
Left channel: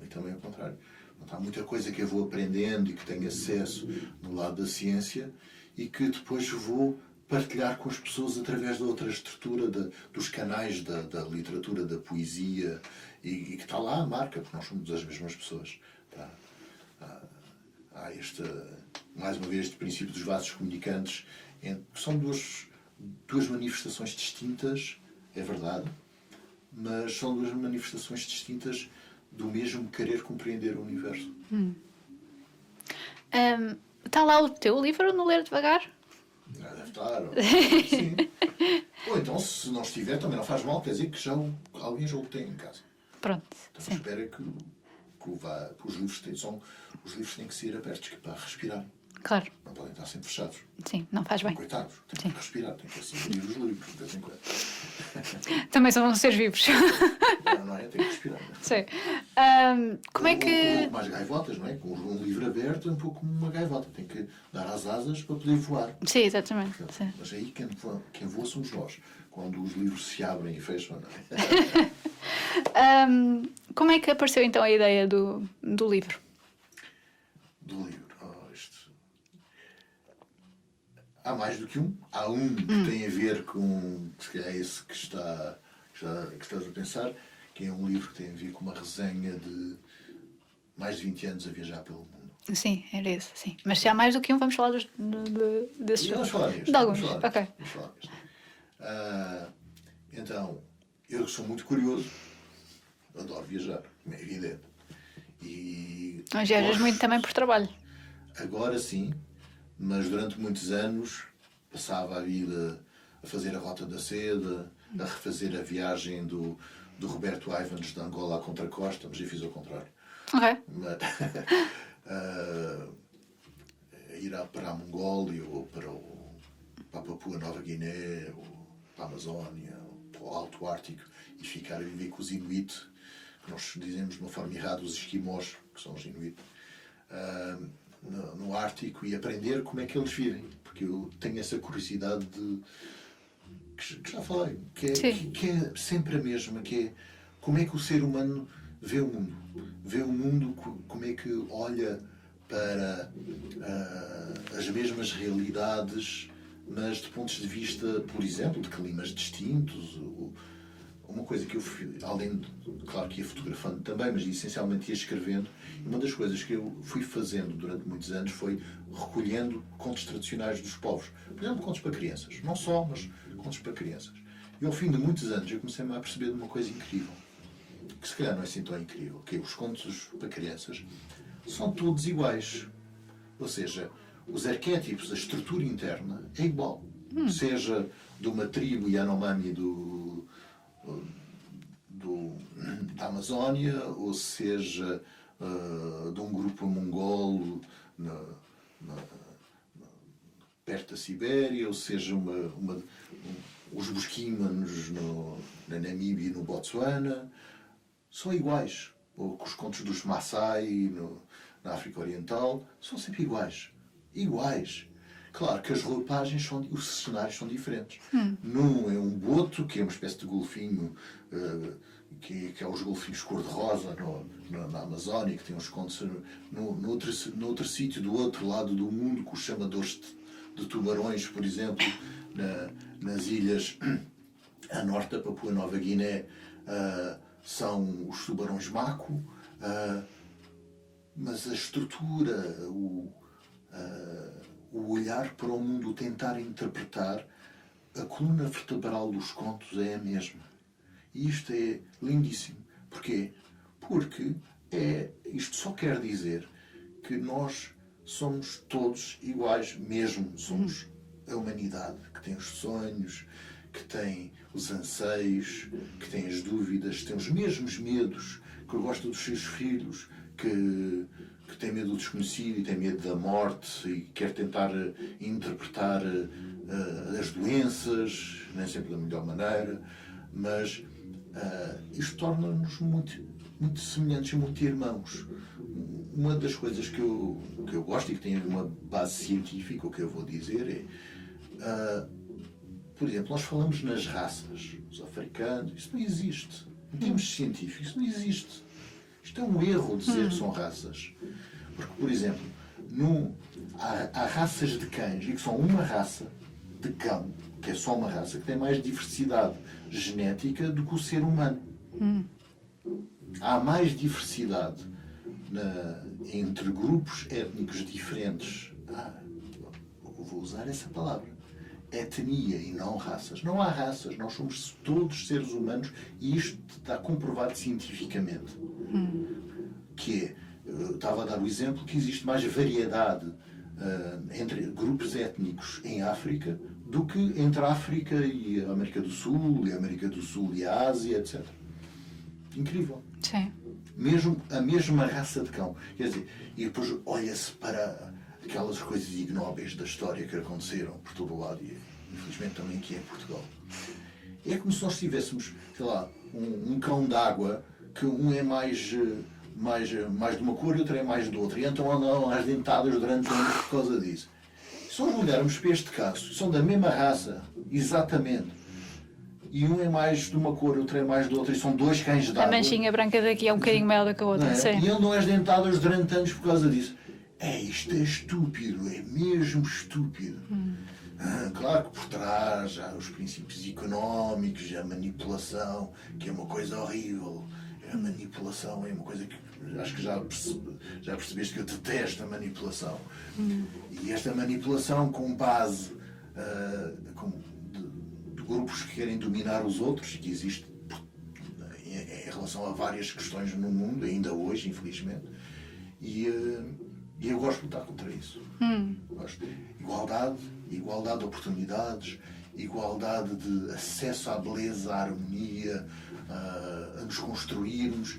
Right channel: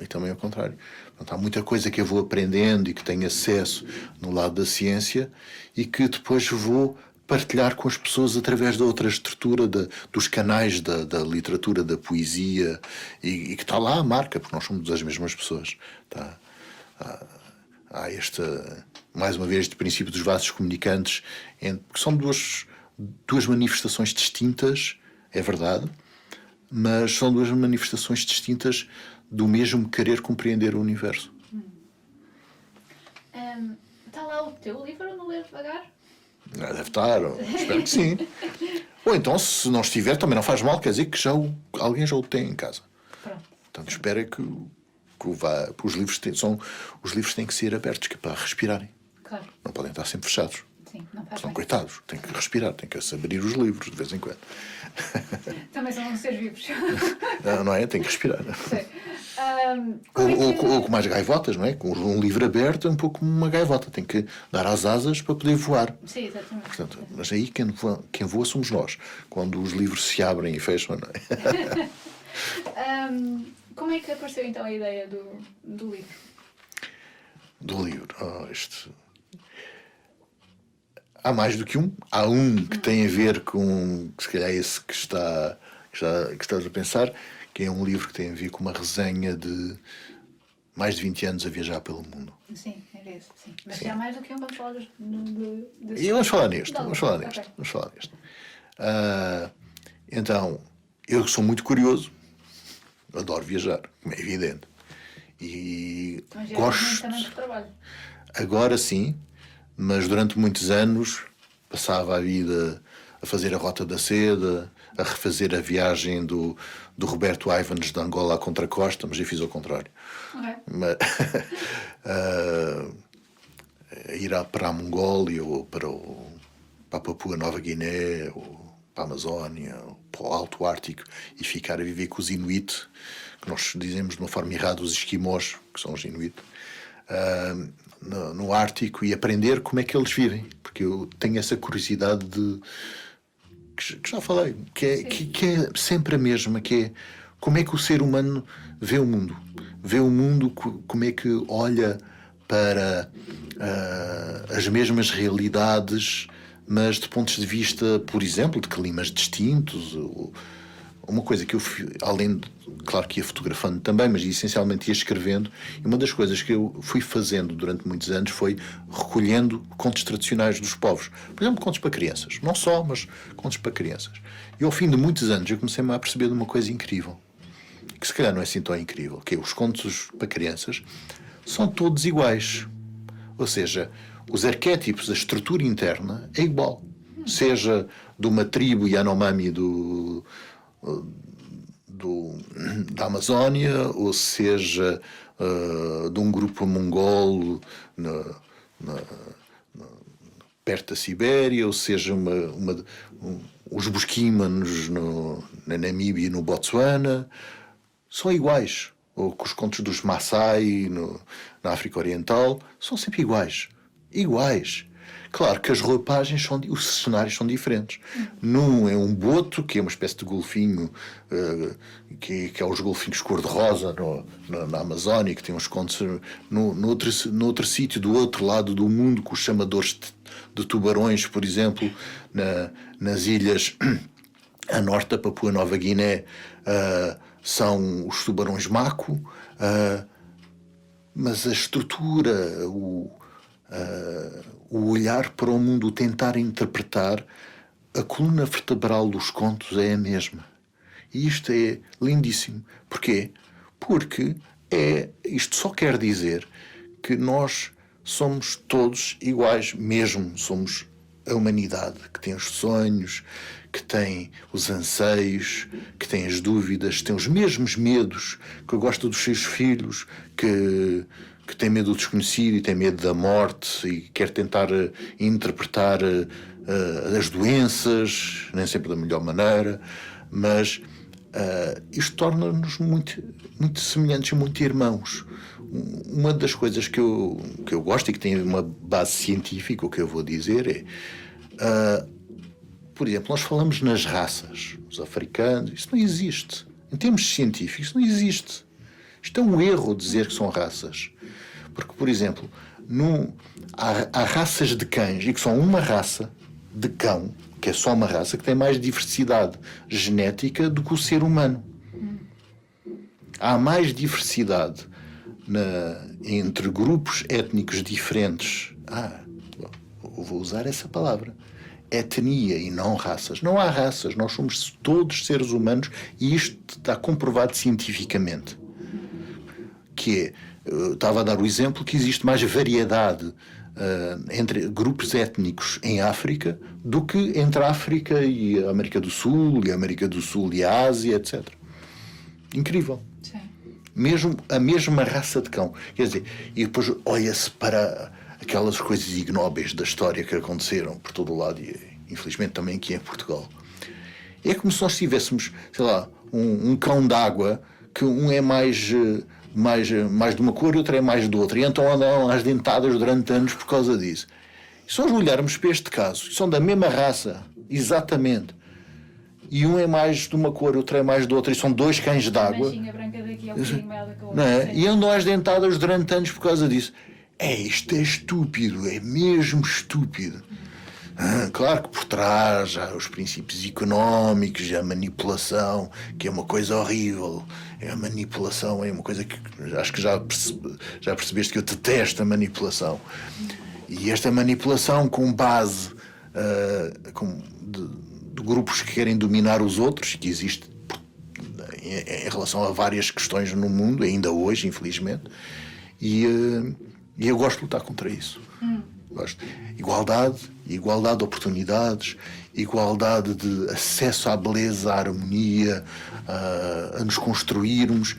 E também ao contrário. Portanto, há muita coisa que eu vou aprendendo e que tenho acesso no lado da ciência e que depois vou partilhar com as pessoas através da outra estrutura dos canais da literatura, da poesia, e que está lá a marca, porque nós somos as mesmas pessoas. Há mais uma vez, este princípio dos vasos comunicantes, que são duas manifestações distintas, é verdade, mas são duas manifestações distintas do mesmo querer compreender o universo. Está lá o teu livro no Ler Devagar? Deve estar, espero que sim. Ou então, se não estiver, também não faz mal, quer dizer que alguém já o tem em casa. Pronto. Então espera que os livros têm que ser abertos, que é para respirarem. Claro. Não podem estar sempre fechados. Sim, não faz São bem. coitados, têm que respirar, têm que abrir os livros de vez em quando. Também são seres vivos. Não é? Tem que respirar. Sim. Como é que... ou com mais gaivotas, não é? Com um livro aberto é um pouco como uma gaivota. Tem que dar as asas para poder voar. Sim, exatamente. Portanto, sim. Mas aí quem voa somos nós. Quando os livros se abrem e fecham, não é? Como é que apareceu então a ideia do livro? Do livro? Há mais do que um. Há um que tem a ver com, se calhar, esse que estás a pensar, que é um livro que tem a ver com uma resenha de mais de 20 anos a viajar pelo mundo. Sim, era esse, sim. Mas se há mais do que um, vamos falar desses. E vamos falar neste. Okay. Vamos falar neste. Então, eu sou muito curioso, adoro viajar, como é evidente. E Mas viajas muito também por trabalho. Agora sim, mas durante muitos anos passava a vida a fazer a Rota da Seda, a refazer a viagem do Roberto Ivans de Angola à Contracosta, mas eu fiz ao contrário. Ok. Mas, ir para a Mongólia ou para a Papua Nova Guiné ou para a Amazónia ou para o Alto Ártico e ficar a viver com os Inuit, que nós dizemos de uma forma errada os esquimós, que são os Inuit, no Ártico, e aprender como é que eles vivem, porque eu tenho essa curiosidade que já falei, que é sempre a mesma, que é como é que o ser humano vê o mundo, como é que olha para as mesmas realidades, mas de pontos de vista, por exemplo, de climas distintos. Uma coisa que eu, além de, claro que ia fotografando também, mas essencialmente ia escrevendo, e uma das coisas que eu fui fazendo durante muitos anos foi recolhendo contos tradicionais dos povos. Por exemplo, contos para crianças. Não só, mas contos para crianças. E ao fim de muitos anos eu comecei-me a perceber de uma coisa incrível, que se calhar não é assim tão incrível, que é os contos para crianças são todos iguais. Ou seja, os arquétipos, a estrutura interna é igual. Seja de uma tribo Yanomami da Amazónia, ou seja de um grupo mongol perto da Sibéria, ou seja os Busquimanos na Namíbia e no Botsuana, são iguais. Ou com os contos dos Maasai na África Oriental, são sempre iguais. Iguais. Claro que as roupagens os cenários são diferentes. Num é um boto, que é uma espécie de golfinho, que é os golfinhos cor-de-rosa na Amazónia, que tem uns contos. No outro sítio, do outro lado do mundo, com os chamadores de tubarões, por exemplo, nas ilhas a norte da Papua Nova Guiné, são os tubarões mako, mas a estrutura, o olhar para o mundo, o tentar interpretar, a coluna vertebral dos contos é a mesma. E isto é lindíssimo. Porquê? Porque isto só quer dizer que nós somos todos iguais, mesmo somos a humanidade, que tem os sonhos, que tem os anseios, que tem as dúvidas, que tem os mesmos medos, que gosta dos seus filhos, que tem medo do desconhecido e tem medo da morte e quer tentar interpretar as doenças, nem sempre da melhor maneira, mas isto torna-nos muito, muito semelhantes e muito irmãos. Uma das coisas que eu gosto e que tem uma base científica, o que eu vou dizer é, por exemplo, nós falamos nas raças, os africanos, isso não existe. Em termos científicos, isso não existe. Isto é um erro dizer que são raças. Porque, por exemplo, há raças de cães, e que são uma raça de cão, que é só uma raça, que tem mais diversidade genética do que o ser humano. Há mais diversidade entre grupos étnicos diferentes. Vou usar essa palavra. Etnia e não raças. Não há raças, nós somos todos seres humanos e isto está comprovado cientificamente. Que eu estava a dar o exemplo que existe mais variedade entre grupos étnicos em África do que entre a África e a América do Sul, e a América do Sul e a Ásia, etc. Incrível. Sim. Mesmo a mesma raça de cão. Quer dizer, e depois olha-se para aquelas coisas ignóbeis da história que aconteceram por todo o lado e infelizmente também aqui em Portugal. É como se nós tivéssemos, sei lá, um cão d'água que um é mais de uma cor e outro é mais de outra, e então andam às dentadas durante anos por causa disso. E se nós olharmos para este caso, são da mesma raça, exatamente, e um é mais de uma cor e outro é mais de outra, e são dois cães d'água. A manchinha branca daqui é um bocadinho maior do que a outra. E andam às dentadas durante anos por causa disso. Isto é estúpido, é mesmo estúpido. Claro que por trás há os princípios económicos, a manipulação, que é uma coisa horrível. A manipulação é uma coisa que acho que já percebeste que eu detesto a manipulação. E esta manipulação com base de grupos que querem dominar os outros, que existe em relação a várias questões no mundo, ainda hoje, infelizmente, e eu gosto de lutar contra isso. Gosto. Igualdade de oportunidades, igualdade de acesso à beleza, à harmonia, a nos construirmos.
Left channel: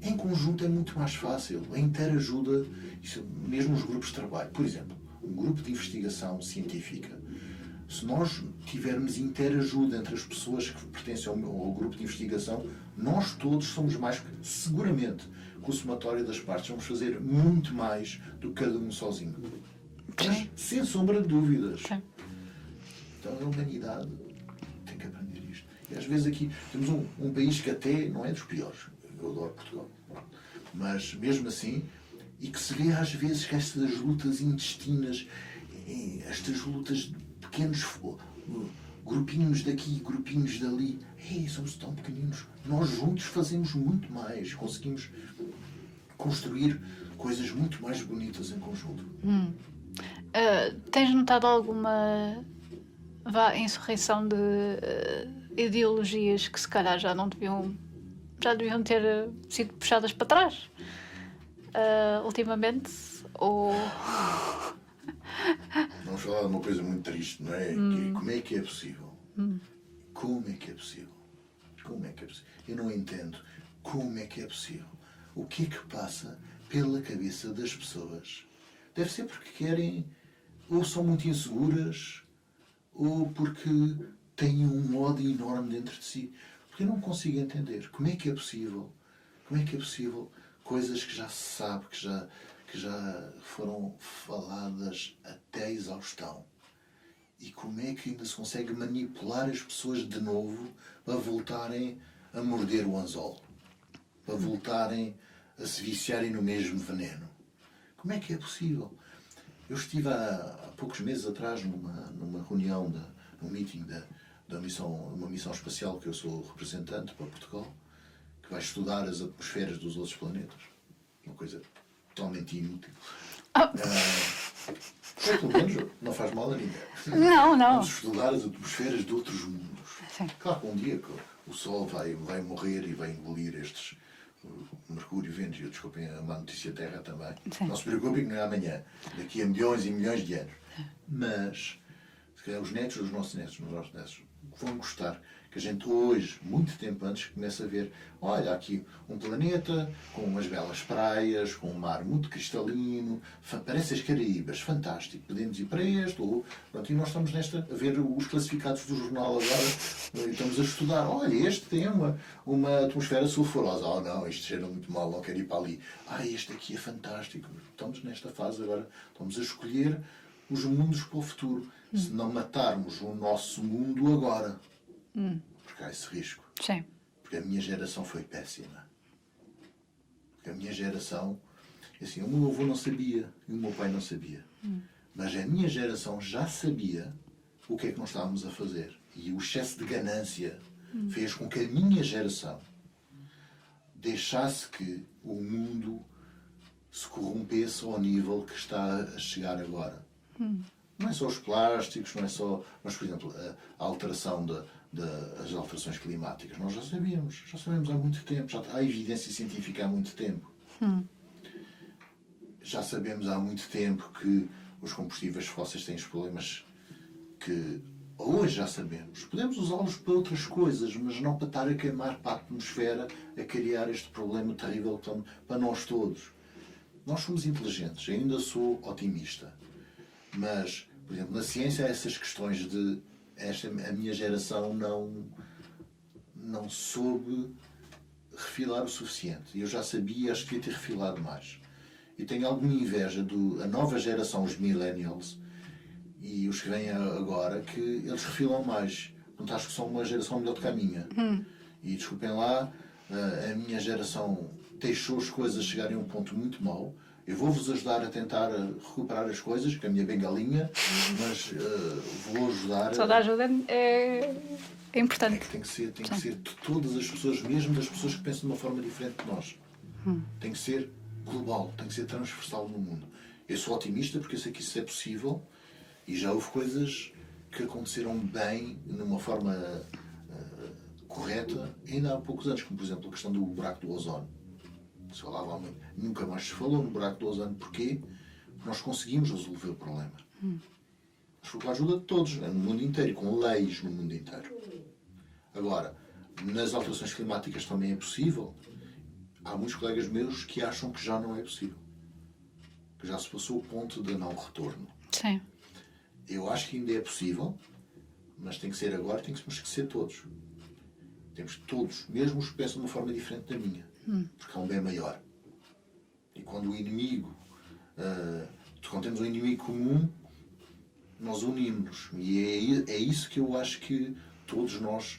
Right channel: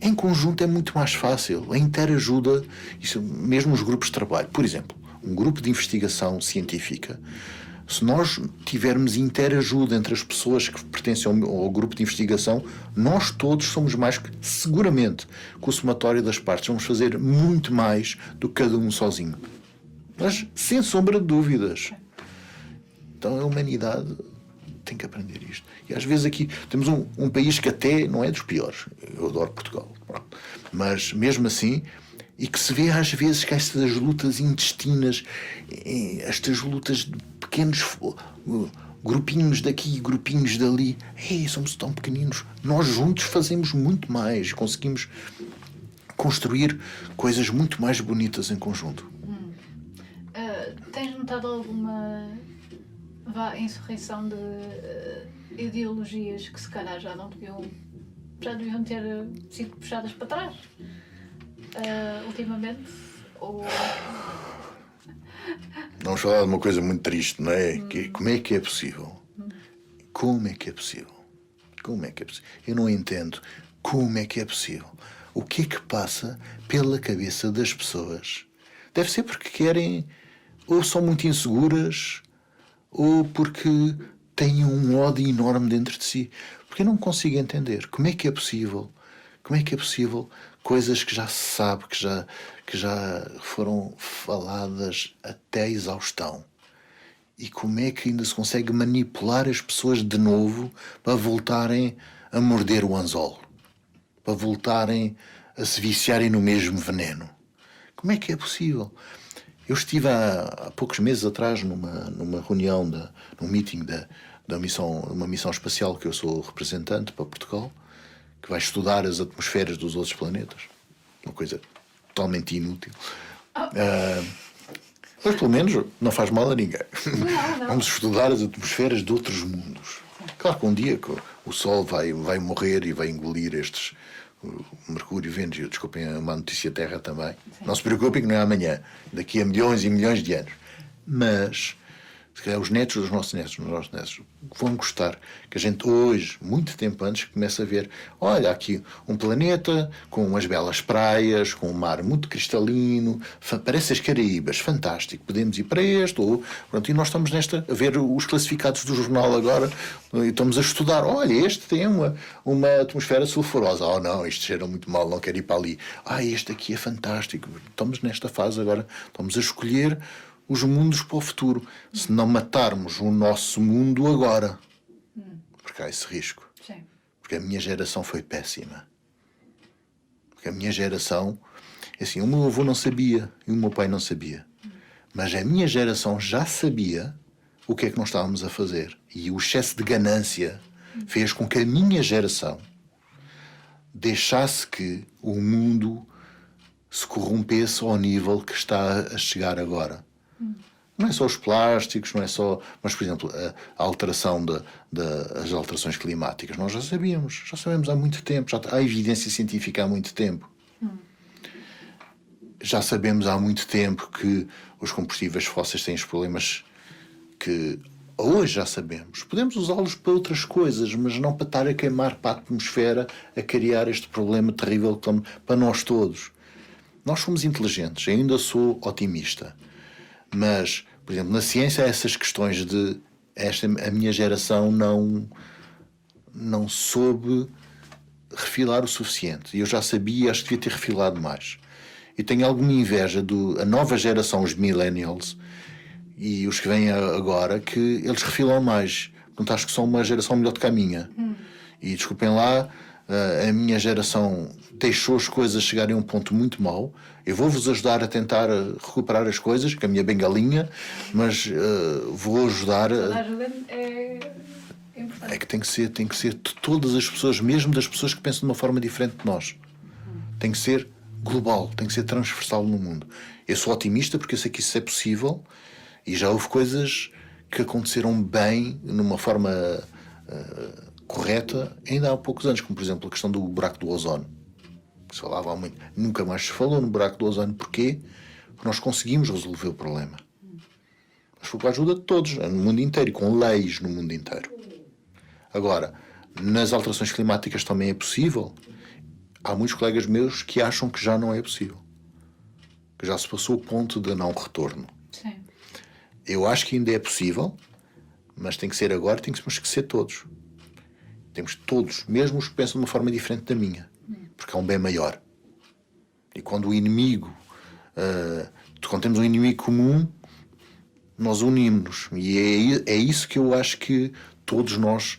Em conjunto é muito mais fácil. A interajuda, isso, mesmo os grupos de trabalho. Por exemplo, um grupo de investigação científica, se nós tivermos interajuda entre as pessoas que pertencem ao grupo de investigação, nós todos somos mais que, seguramente, com o somatório das partes, vamos fazer muito mais do que cada um sozinho. Mas, sem sombra de dúvidas. Sim. Então, a humanidade tem que aprender isto. E, às vezes, aqui temos um país que até não é dos piores. Eu adoro Portugal. Mas, mesmo assim, e que se vê, às vezes, que estas lutas intestinas, estas lutas de pequenos grupinhos daqui e grupinhos dali, somos tão pequeninos. Nós juntos fazemos muito mais. Conseguimos construir coisas muito mais bonitas em conjunto. Tens notado alguma insurreição de ideologias que se calhar já deviam ter sido puxadas para trás ultimamente? Ou... Vamos falar de uma coisa muito triste, não é? Como é que é possível? Como é que é possível? Como é que é possível? Eu não entendo como é que é possível. O que é que passa pela cabeça das pessoas? Deve ser porque querem, ou são muito inseguras, ou porque têm um ódio enorme dentro de si. Porque eu não consigo entender como é que é possível. Como é que é possível coisas que já se sabe, que já foram faladas até a exaustão. E como é que ainda se consegue manipular as pessoas de novo para voltarem a morder o anzol? Para voltarem a se viciarem no mesmo veneno? Como é que é possível? Eu estive há poucos meses atrás numa reunião, num meeting uma missão espacial que eu sou representante para Portugal, que vai estudar as atmosferas dos outros planetas. Uma coisa totalmente inútil. Mas pelo menos não faz mal a ninguém. Não. Vamos estudar as atmosferas de outros mundos. Sim. Claro que um dia o Sol vai morrer e vai engolir estes Mercúrio, Vênus, e desculpem a má notícia Terra também. Sim. Não se preocupem que não é amanhã. Daqui a milhões e milhões de anos. Mas se calhar os netos dos nossos netos vão gostar que a gente hoje, muito tempo antes, comece a ver, olha, aqui um planeta com umas belas praias, com um mar muito cristalino, parece as Caraíbas, fantástico, podemos ir para este, e nós estamos a ver os classificados do jornal agora, e estamos a estudar, olha, este tem uma atmosfera sulfurosa, não, isto cheira muito mal, não quero ir para ali, este aqui é fantástico, estamos nesta fase agora, estamos a escolher os mundos para o futuro. Se não matarmos o nosso mundo agora. Porque há esse risco. Sim. Porque a minha geração foi péssima. Porque a minha geração... Assim, o meu avô não sabia e o meu pai não sabia. Mas a minha geração já sabia o que é que nós estávamos a fazer. E o excesso de ganância fez com que a minha geração deixasse que o mundo se corrompesse ao nível que está a chegar agora. Não é só os plásticos, não é só... Mas, por exemplo, a alteração as alterações climáticas, nós já sabemos há muito tempo, já há evidência científica há muito tempo. Já sabemos há muito tempo que os combustíveis fósseis têm os problemas que hoje já sabemos. Podemos usá-los para outras coisas, mas não para estar a queimar para a atmosfera, a criar este problema terrível para nós todos. Nós somos inteligentes, eu ainda sou otimista. Mas, por exemplo, na ciência há essas questões a minha geração não soube refilar o suficiente. E eu já sabia, acho que devia ter refilado mais. E tenho alguma inveja a nova geração, os millennials, e os que vêm agora, que eles refilam mais. Portanto, acho que são uma geração melhor do que a minha. E desculpem lá, a minha geração deixou as coisas chegarem a um ponto muito mau. Eu vou-vos ajudar a tentar recuperar as coisas, com a minha bengalinha, mas vou ajudar... Toda a ajuda é importante. É que tem que ser de todas as pessoas, mesmo das pessoas que pensam de uma forma diferente de nós. Tem que ser global, tem que ser transversal no mundo. Eu sou otimista porque eu sei que isso é possível e já houve coisas que aconteceram bem, numa forma correta, ainda há poucos anos, como por exemplo a questão do buraco do ozono. Se falava muito, nunca mais se falou no buraco do ozono. Porquê? Porque nós conseguimos resolver o problema. Mas foi com a ajuda de todos, no mundo inteiro, com leis no mundo inteiro. Agora, nas alterações climáticas também é possível. Há muitos colegas meus que acham que já não é possível. Que já se passou o ponto de não retorno. Sim. Eu acho que ainda é possível, mas tem que ser agora, temos que ser todos. Temos todos, mesmo os que pensam de uma forma diferente da minha, porque é um bem maior. E quando o inimigo, quando temos um inimigo comum, nós unimos-nos. E é isso que eu acho que todos nós.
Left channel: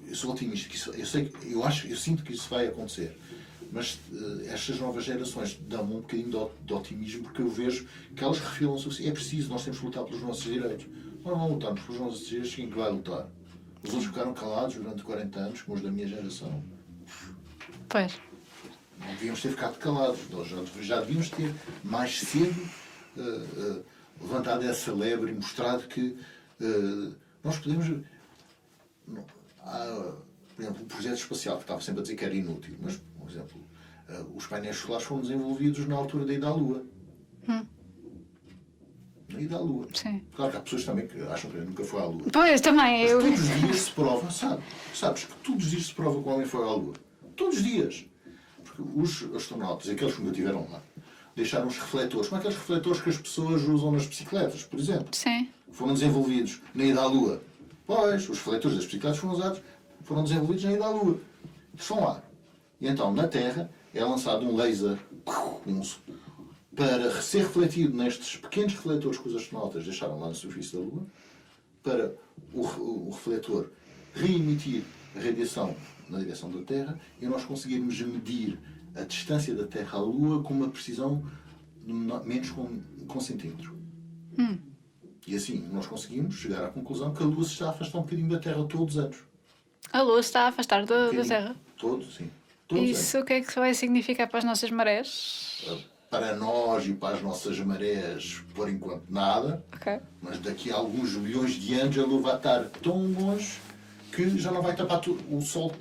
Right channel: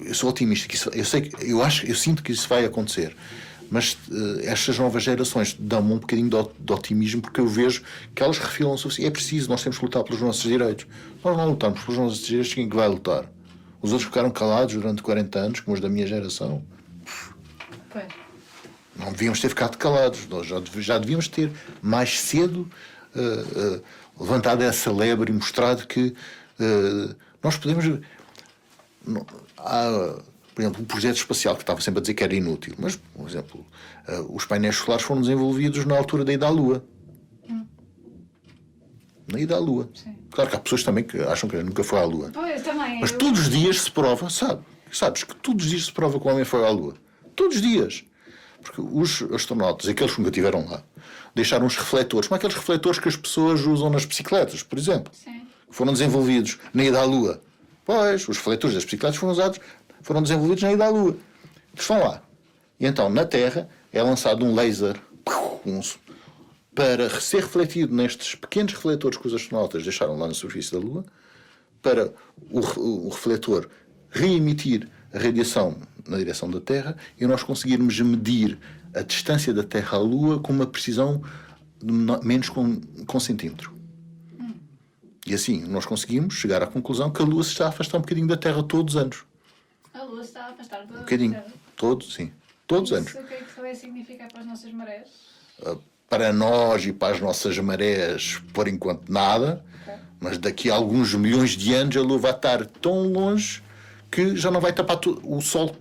Eu sou otimista, eu sinto que isso vai acontecer. Mas estas novas gerações dão-me um bocadinho de otimismo, porque eu vejo que elas refilam o suficiente. É preciso, nós temos que lutar pelos nossos direitos. Nós não lutamos pelos nossos direitos, quem é que vai lutar? Os outros ficaram calados durante 40 anos, como os da minha geração. Pois. Não devíamos ter ficado calados. Nós já devíamos ter mais cedo levantado essa lebre e mostrado que nós podemos. Há, por exemplo, o projeto espacial, que estava sempre a dizer que era inútil, mas, por exemplo, os painéis solares foram desenvolvidos na altura da ida à Lua. Na ida à Lua. Sim. Claro que há pessoas também que acham que nunca foi à Lua. Pois, também. Mas todos os dias se prova, sabes que todos os dias se prova que o homem foi à Lua. Todos os dias. Porque os astronautas, aqueles que nunca estiveram lá, deixaram os refletores, como aqueles refletores que as pessoas usam nas bicicletas, por exemplo. Sim. Foram desenvolvidos na ida à Lua. Pois, os refletores das bicicletas foram desenvolvidos na ida à Lua. Estão lá. E então, na Terra, é lançado um laser para ser refletido nestes pequenos refletores que os astronautas deixaram lá na superfície da Lua, para o refletor reemitir a radiação na direção da Terra e nós conseguirmos medir a distância da Terra à Lua com uma precisão de menos com centímetro. E assim nós conseguimos chegar à conclusão que a Lua se está a afastar um bocadinho da Terra todos os anos. A Lua se está a afastar da Terra. Todos os anos. Isso o que é que vai significar para as nossas marés? Para nós e para as nossas marés, por enquanto, nada. Okay. Mas daqui a alguns milhões de anos a Lua vai estar tão longe que já não vai tapar o Sol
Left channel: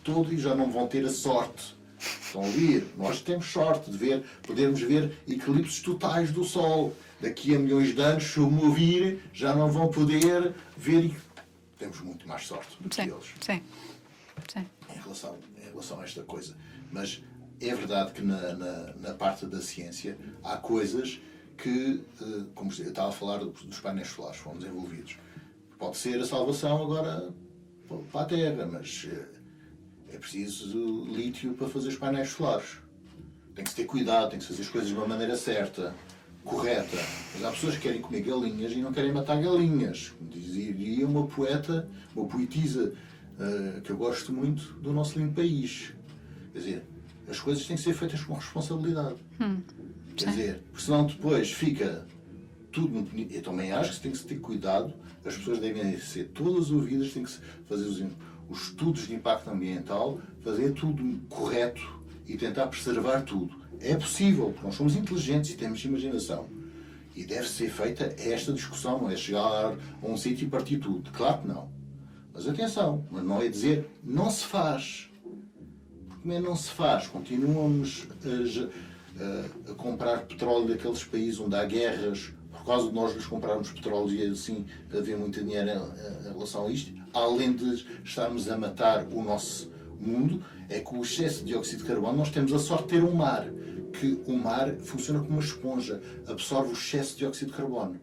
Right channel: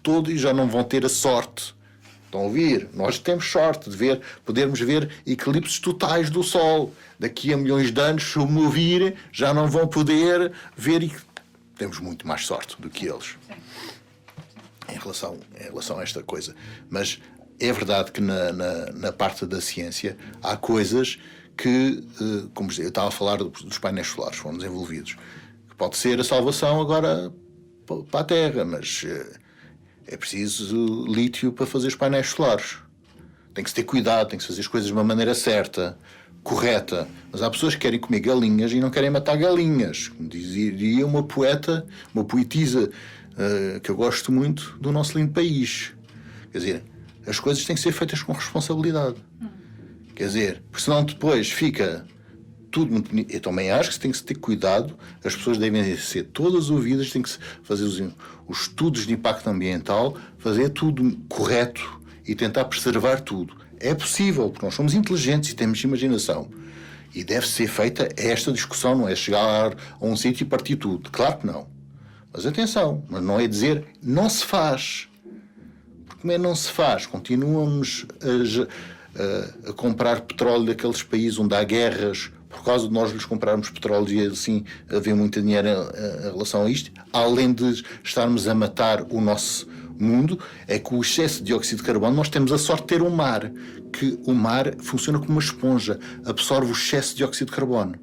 todo e já não vão ter a sorte. Estão a ouvir? Nós temos sorte de podermos ver eclipses totais do Sol. Daqui a milhões de anos, se o me ouvirem, já não vão poder ver. Temos muito mais sorte do que eles. Sim. Em relação a esta coisa. Mas é verdade que na parte da ciência há coisas que, como eu estava a falar dos painéis solares, foram desenvolvidos. Que pode ser a salvação agora para a Terra, mas é preciso lítio para fazer os painéis solares. Tem que se ter cuidado, tem que se fazer as coisas de uma maneira certa, correta. Mas há pessoas que querem comer galinhas e não querem matar galinhas. Dizia uma poetisa que eu gosto muito do nosso lindo país. Quer dizer, as coisas têm que ser feitas com responsabilidade. Quer dizer, porque senão depois fica tudo muito bonito. Eu também acho que se tem que ter cuidado, as pessoas devem ser todas ouvidas, tem que se fazer os estudos de impacto ambiental, fazer tudo correto e tentar preservar tudo. É possível, porque nós somos inteligentes e temos imaginação. E deve ser feita esta discussão, não é chegar a um sítio e partir tudo. Claro que não. Mas atenção, mas não é dizer não se faz. Porque como é não se faz? Continuamos a comprar petróleo daqueles países onde há guerras, por causa de nós lhes comprarmos petróleo e assim haver muito dinheiro em relação a isto, além de estarmos a matar o nosso mundo, é que o excesso de dióxido de carbono, nós temos a sorte de ter um mar, que o mar funciona como uma esponja, absorve o excesso de dióxido de carbono.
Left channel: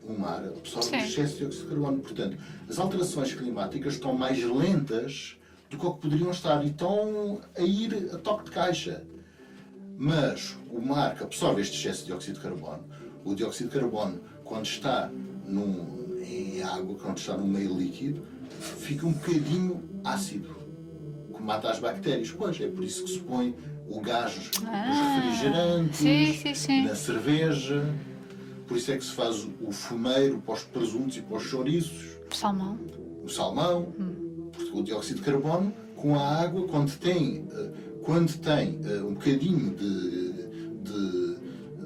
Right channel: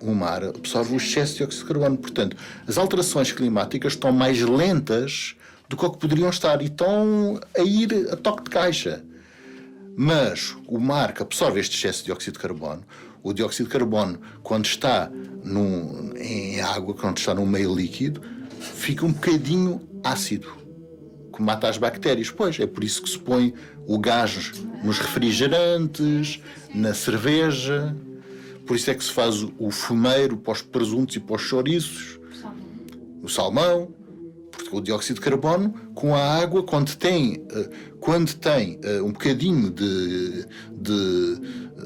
O mar absorve o excesso de dióxido de carbono. Portanto, as alterações climáticas estão mais lentas do que poderiam estar e estão a ir a toque de caixa. Mas o mar que absorve este excesso de dióxido de carbono, o dióxido de carbono, quando está em água, quando está num meio líquido, fica um bocadinho ácido, que mata as bactérias. Pois, é por isso que se põe o gás nos refrigerantes, sim. na cerveja. Por isso é que se faz o fumeiro para os presuntos e para os chouriços. O salmão. Porque o dióxido de carbono, com a água, quando tem um bocadinho de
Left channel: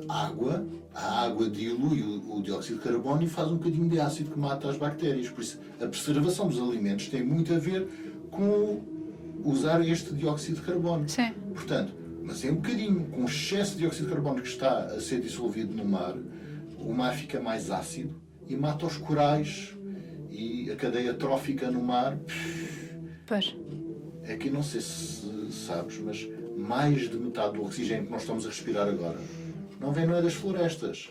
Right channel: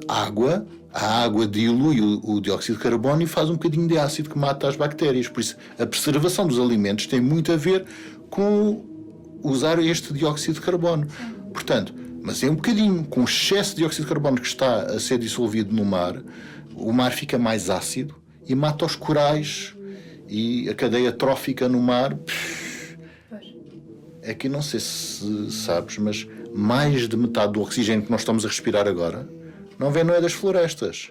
água, a água dilui o dióxido de carbono e faz um bocadinho de ácido que mata as bactérias. Por isso, a preservação dos alimentos tem muito a ver com usar este dióxido de carbono. Sim. Portanto, mas é um bocadinho, com o excesso de dióxido de carbono que está a ser dissolvido no mar, o mar fica mais ácido e mata os corais e a cadeia trófica no mar. Pois. É que não sei se sabes, mas mais de metade do oxigênio que nós estamos a respirar agora não é das florestas,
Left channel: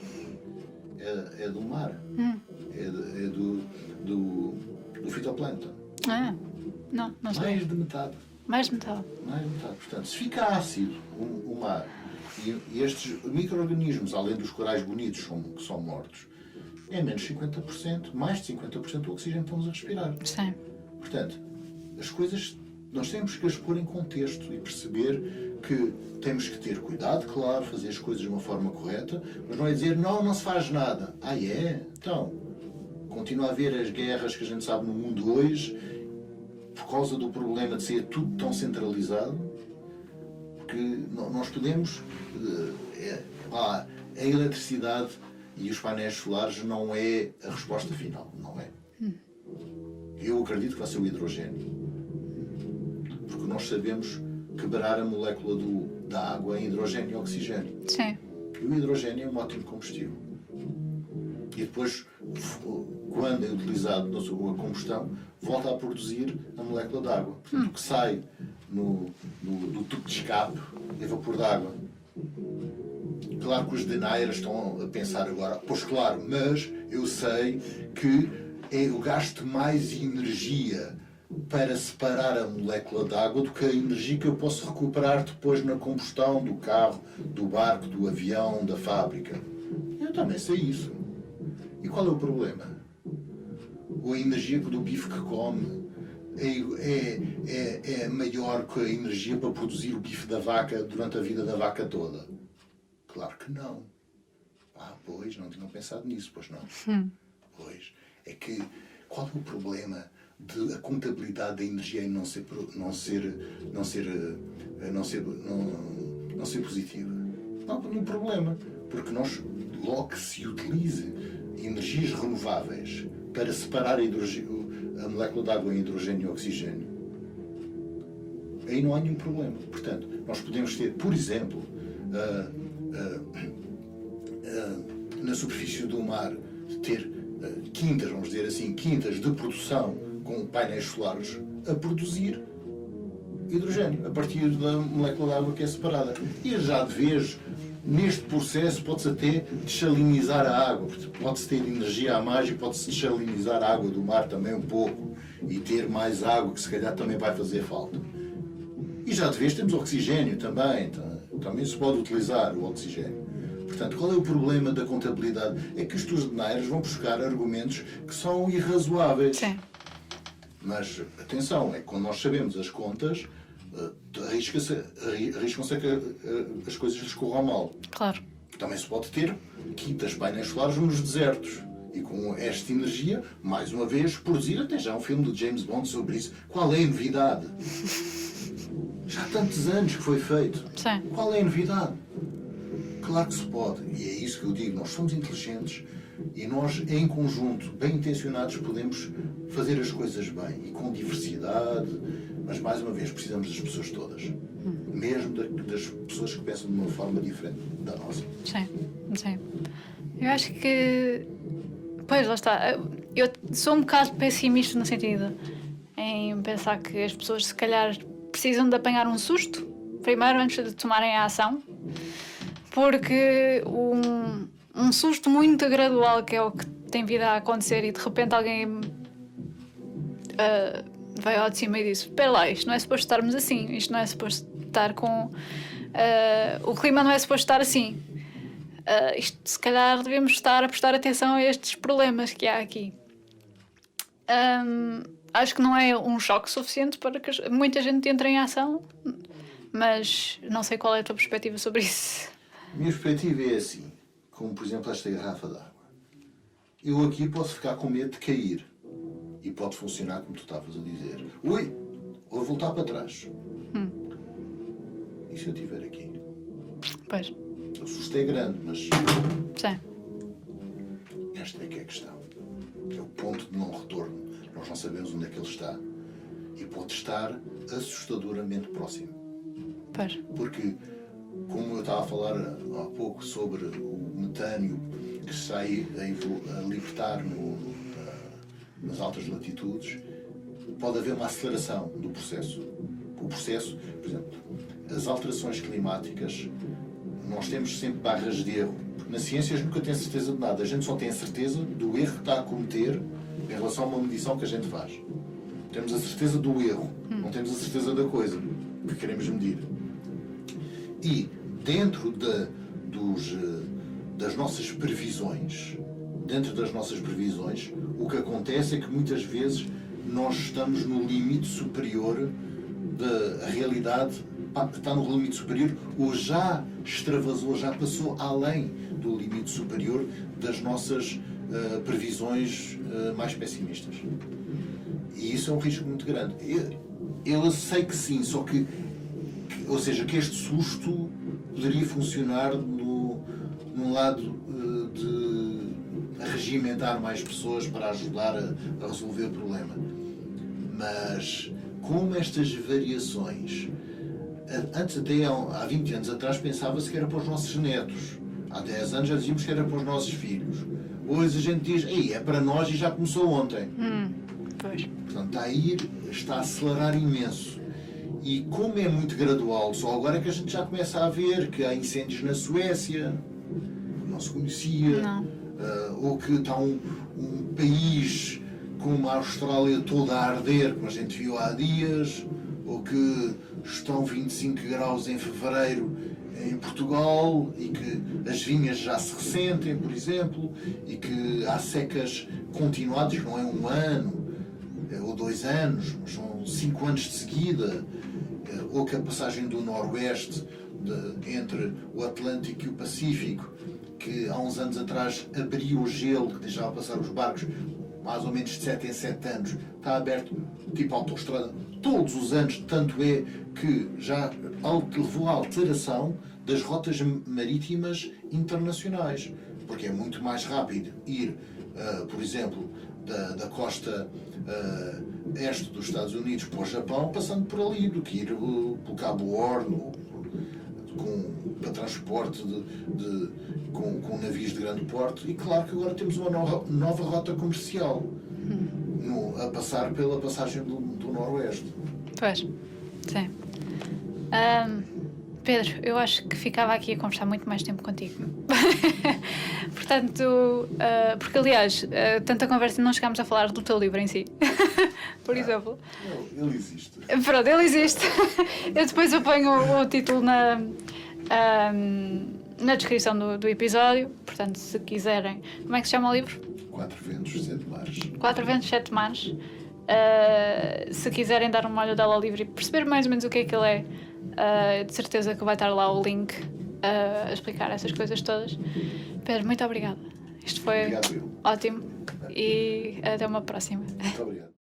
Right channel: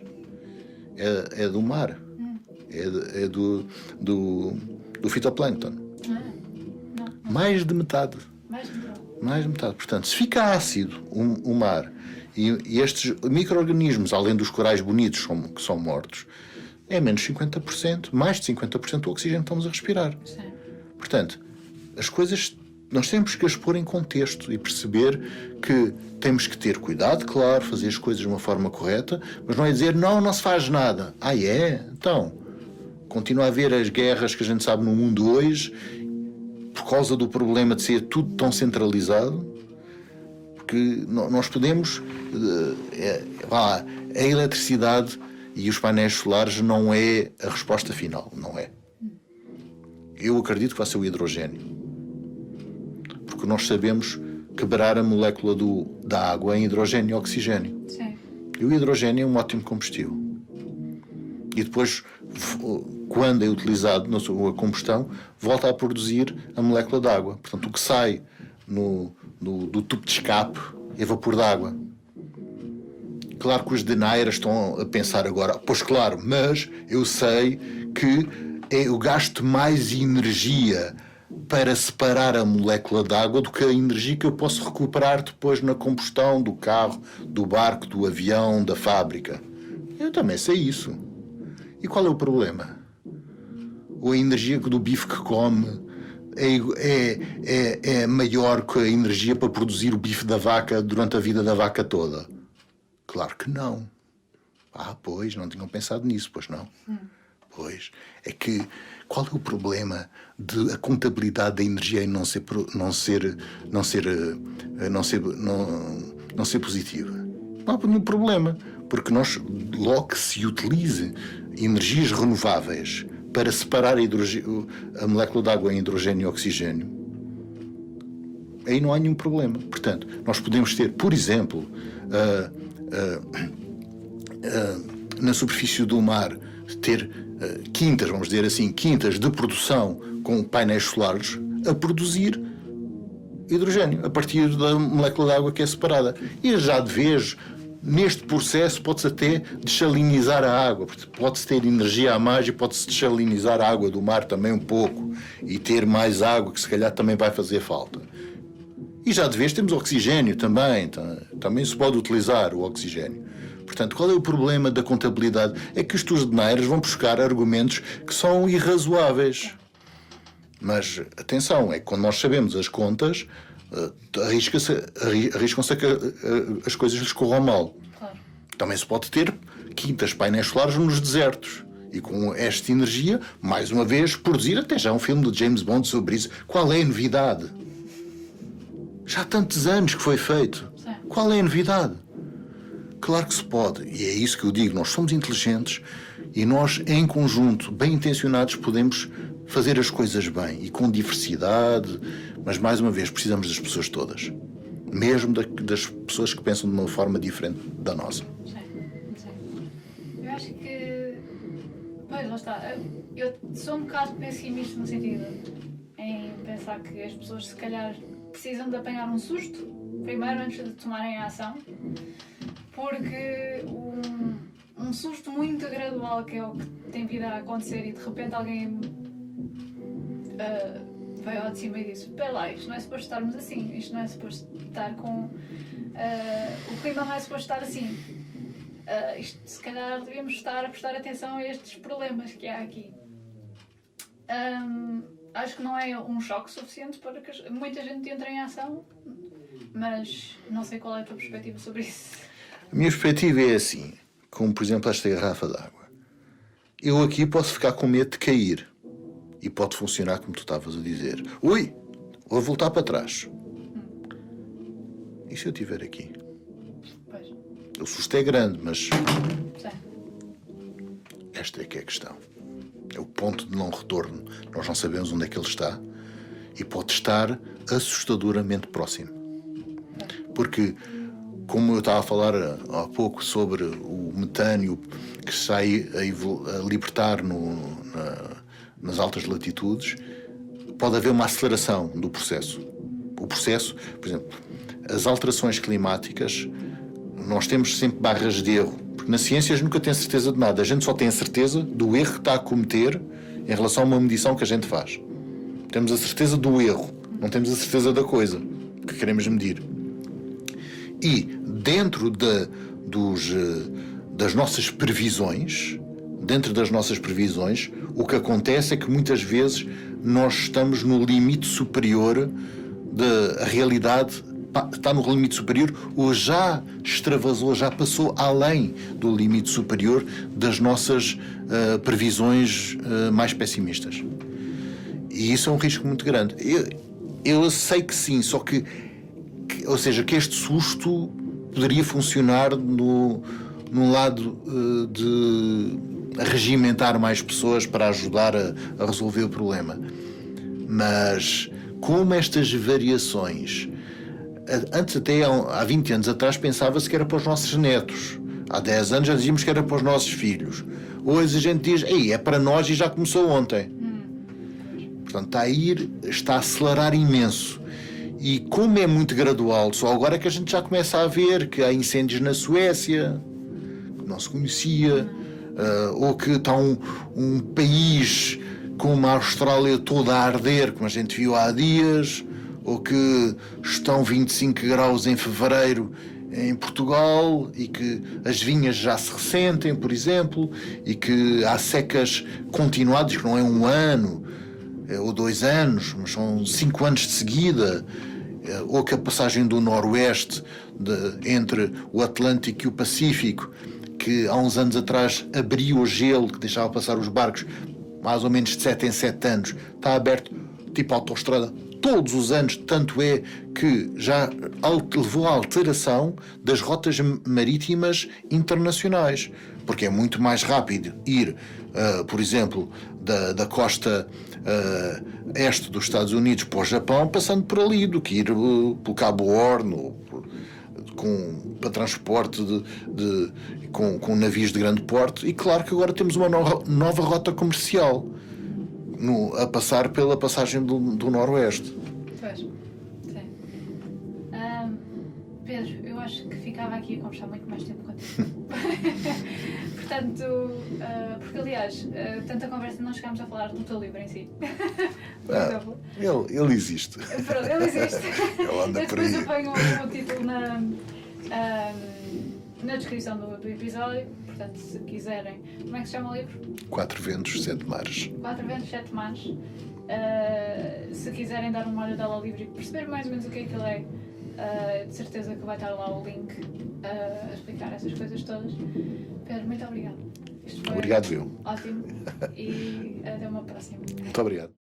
é do mar, é do fitoplâncton. Não Mais de metade. Mais de metade. Mais de metade. Portanto, se fica ácido o mar e estes micro-organismos, além dos corais bonitos que são mortos, é menos 50%, mais de 50% do oxigênio que estamos a respirar. Sim. Portanto, as coisas nós temos que as pôr em contexto e perceber que temos que ter cuidado, claro, fazer as coisas de uma forma correta, mas não é dizer não se faz nada. Então, continua a haver as guerras que a gente sabe no mundo hoje por causa do problema de ser tudo tão centralizado, porque nós podemos... a eletricidade e os painéis solares não é a resposta final, não é. Eu acredito que vai ser o hidrogênio. Porque nós sabemos quebrar a molécula da água em hidrogênio e oxigênio. Sim. E o hidrogênio é um ótimo combustível. E depois, quando é utilizado na sua combustão, volta a produzir a molécula de água. Portanto, o que sai do tubo de escape é vapor de água. Claro que os deniers estão a pensar agora, pois claro, mas eu sei que eu gasto mais energia para separar a molécula de água do que a energia que eu posso recuperar depois na combustão do carro, do barco, do avião, da fábrica. Eu também sei isso. E qual é o problema? Ou a energia do bife que come é maior que a energia para produzir o bife da vaca durante a vida da vaca toda? Claro que não. Pois, não tinham pensado nisso, pois não? Pois, é que qual é o problema de a contabilidade da energia em não ser positiva? Não há nenhum problema, porque logo que se utilize energias renováveis para separar a molécula de água em hidrogênio e oxigênio, aí não há nenhum problema. Portanto, nós podemos ter, por exemplo, na superfície do mar, ter quintas, vamos dizer assim, quintas de produção com painéis solares a produzir hidrogênio a partir da molécula de água que é separada. E já de vez, neste processo, pode-se até dessalinizar a água. Pode-se ter energia a mais e pode-se dessalinizar a água do mar também um pouco e ter mais água que se calhar também vai fazer falta. E já de vez temos oxigênio também. Também se pode utilizar o oxigênio. Portanto, qual é o problema da contabilidade? É que os deniers vão buscar argumentos que são irrazoáveis. Sim. Mas, atenção, é que quando nós sabemos as contas, arriscam-se a que as coisas lhes corram mal. Claro. Também se pode ter quintas, painéis solares nos desertos. E com esta energia, mais uma vez, produzir até já um filme do James Bond sobre isso. Qual é a novidade? Já há tantos anos que foi feito. Sim. Qual é a novidade? Claro que se pode, e é isso que eu digo, nós somos inteligentes e nós, em conjunto, bem intencionados, podemos fazer as coisas bem e com diversidade, mas, mais uma vez, precisamos das pessoas todas. Mesmo das pessoas que pensam de uma forma diferente da nossa. Sim. Eu acho que... Pois, lá está. Eu sou um bocado pessimista no sentido em pensar que as pessoas, se calhar, precisam de apanhar um susto, primeiro, antes de tomarem a ação. Porque um susto muito gradual, que é o que tem vindo a acontecer, e de repente alguém veio ao de cima e disse: espera lá, isto não é suposto estarmos assim, isto não é suposto estar com... o clima não é suposto estar assim. Isto, se calhar devemos estar a prestar atenção a estes problemas que há aqui. Acho que não é um choque suficiente para que muita gente entre em ação, mas não sei qual é a tua perspectiva sobre isso. A minha perspectiva é assim, como por exemplo esta garrafa d'água. Eu aqui posso ficar com medo de cair e pode funcionar como tu estavas a dizer. Ui, vou voltar para trás. E se eu estiver aqui? Pois. O susto é grande, mas Sim. esta é que é a questão. É o ponto de não retorno. Nós não sabemos onde é que ele está e pode estar assustadoramente próximo. Pois. Porque, como eu estava a falar há pouco sobre o metânio que sai a libertar nas altas latitudes, pode haver uma aceleração do processo. O processo, por exemplo, as alterações climáticas, nós temos sempre barras de erro, porque na ciência a gente nunca tem certeza de nada, a gente só tem a certeza do erro que está a cometer em relação a uma medição que a gente faz. Temos a certeza do erro, não temos a certeza da coisa que queremos medir. E dentro das nossas previsões, o que acontece é que muitas vezes nós estamos no limite superior da realidade, está no limite superior ou já extravasou, já passou além do limite superior das nossas previsões mais pessimistas. E isso é um risco muito grande. Eu sei que sim, só que este susto poderia funcionar no lado de regimentar mais pessoas para ajudar a resolver o problema. Mas como estas variações, antes até há 20 anos atrás pensava-se que era para os nossos netos, há 10 anos já dizíamos que era para os nossos filhos, hoje a gente diz, é para nós e já começou ontem. Pois. Portanto, está a acelerar imenso. E como é muito gradual, só agora é que a gente já começa a ver que há incêndios na Suécia, que não se conhecia, ou que está um país como a Austrália toda a arder, como a gente viu há dias, ou que estão 25 graus em fevereiro em Portugal e que as vinhas já se ressentem, por exemplo, e que há secas continuadas, que não é um ano ou 2 anos, mas são 5 anos de seguida, ou que a passagem do Noroeste entre o Atlântico e o Pacífico, que há uns anos atrás abriu o gelo, que deixava passar os barcos mais ou menos de 7 em 7 anos, está aberto tipo autoestrada todos os anos, tanto é que já levou à alteração das rotas marítimas internacionais, porque é muito mais rápido ir, por exemplo, da costa este dos Estados Unidos para o Japão, passando por ali, do que ir pelo Cabo Horn, para transporte com navios de grande porte. E claro que agora temos uma nova rota comercial a passar pela passagem do Noroeste. Pois, sim. Pedro, eu acho que ficava aqui a conversar muito mais tempo contigo. Portanto, porque aliás, tanta conversa não chegámos a falar do teu livro em si. Por exemplo. Ele existe. Pronto, ele existe. Eu depois eu ponho o título na descrição do episódio. Portanto, se quiserem. Como é que se chama o livro? 4 Ventos, 7 Mares. 4 Ventos, 7 Mares. Se quiserem dar uma olhada ao livro e perceber mais ou menos o que é que ele é, de certeza que vai estar lá o link a explicar essas coisas todas. Pedro, muito obrigada. Isto foi ótimo e até uma próxima. Muito obrigado.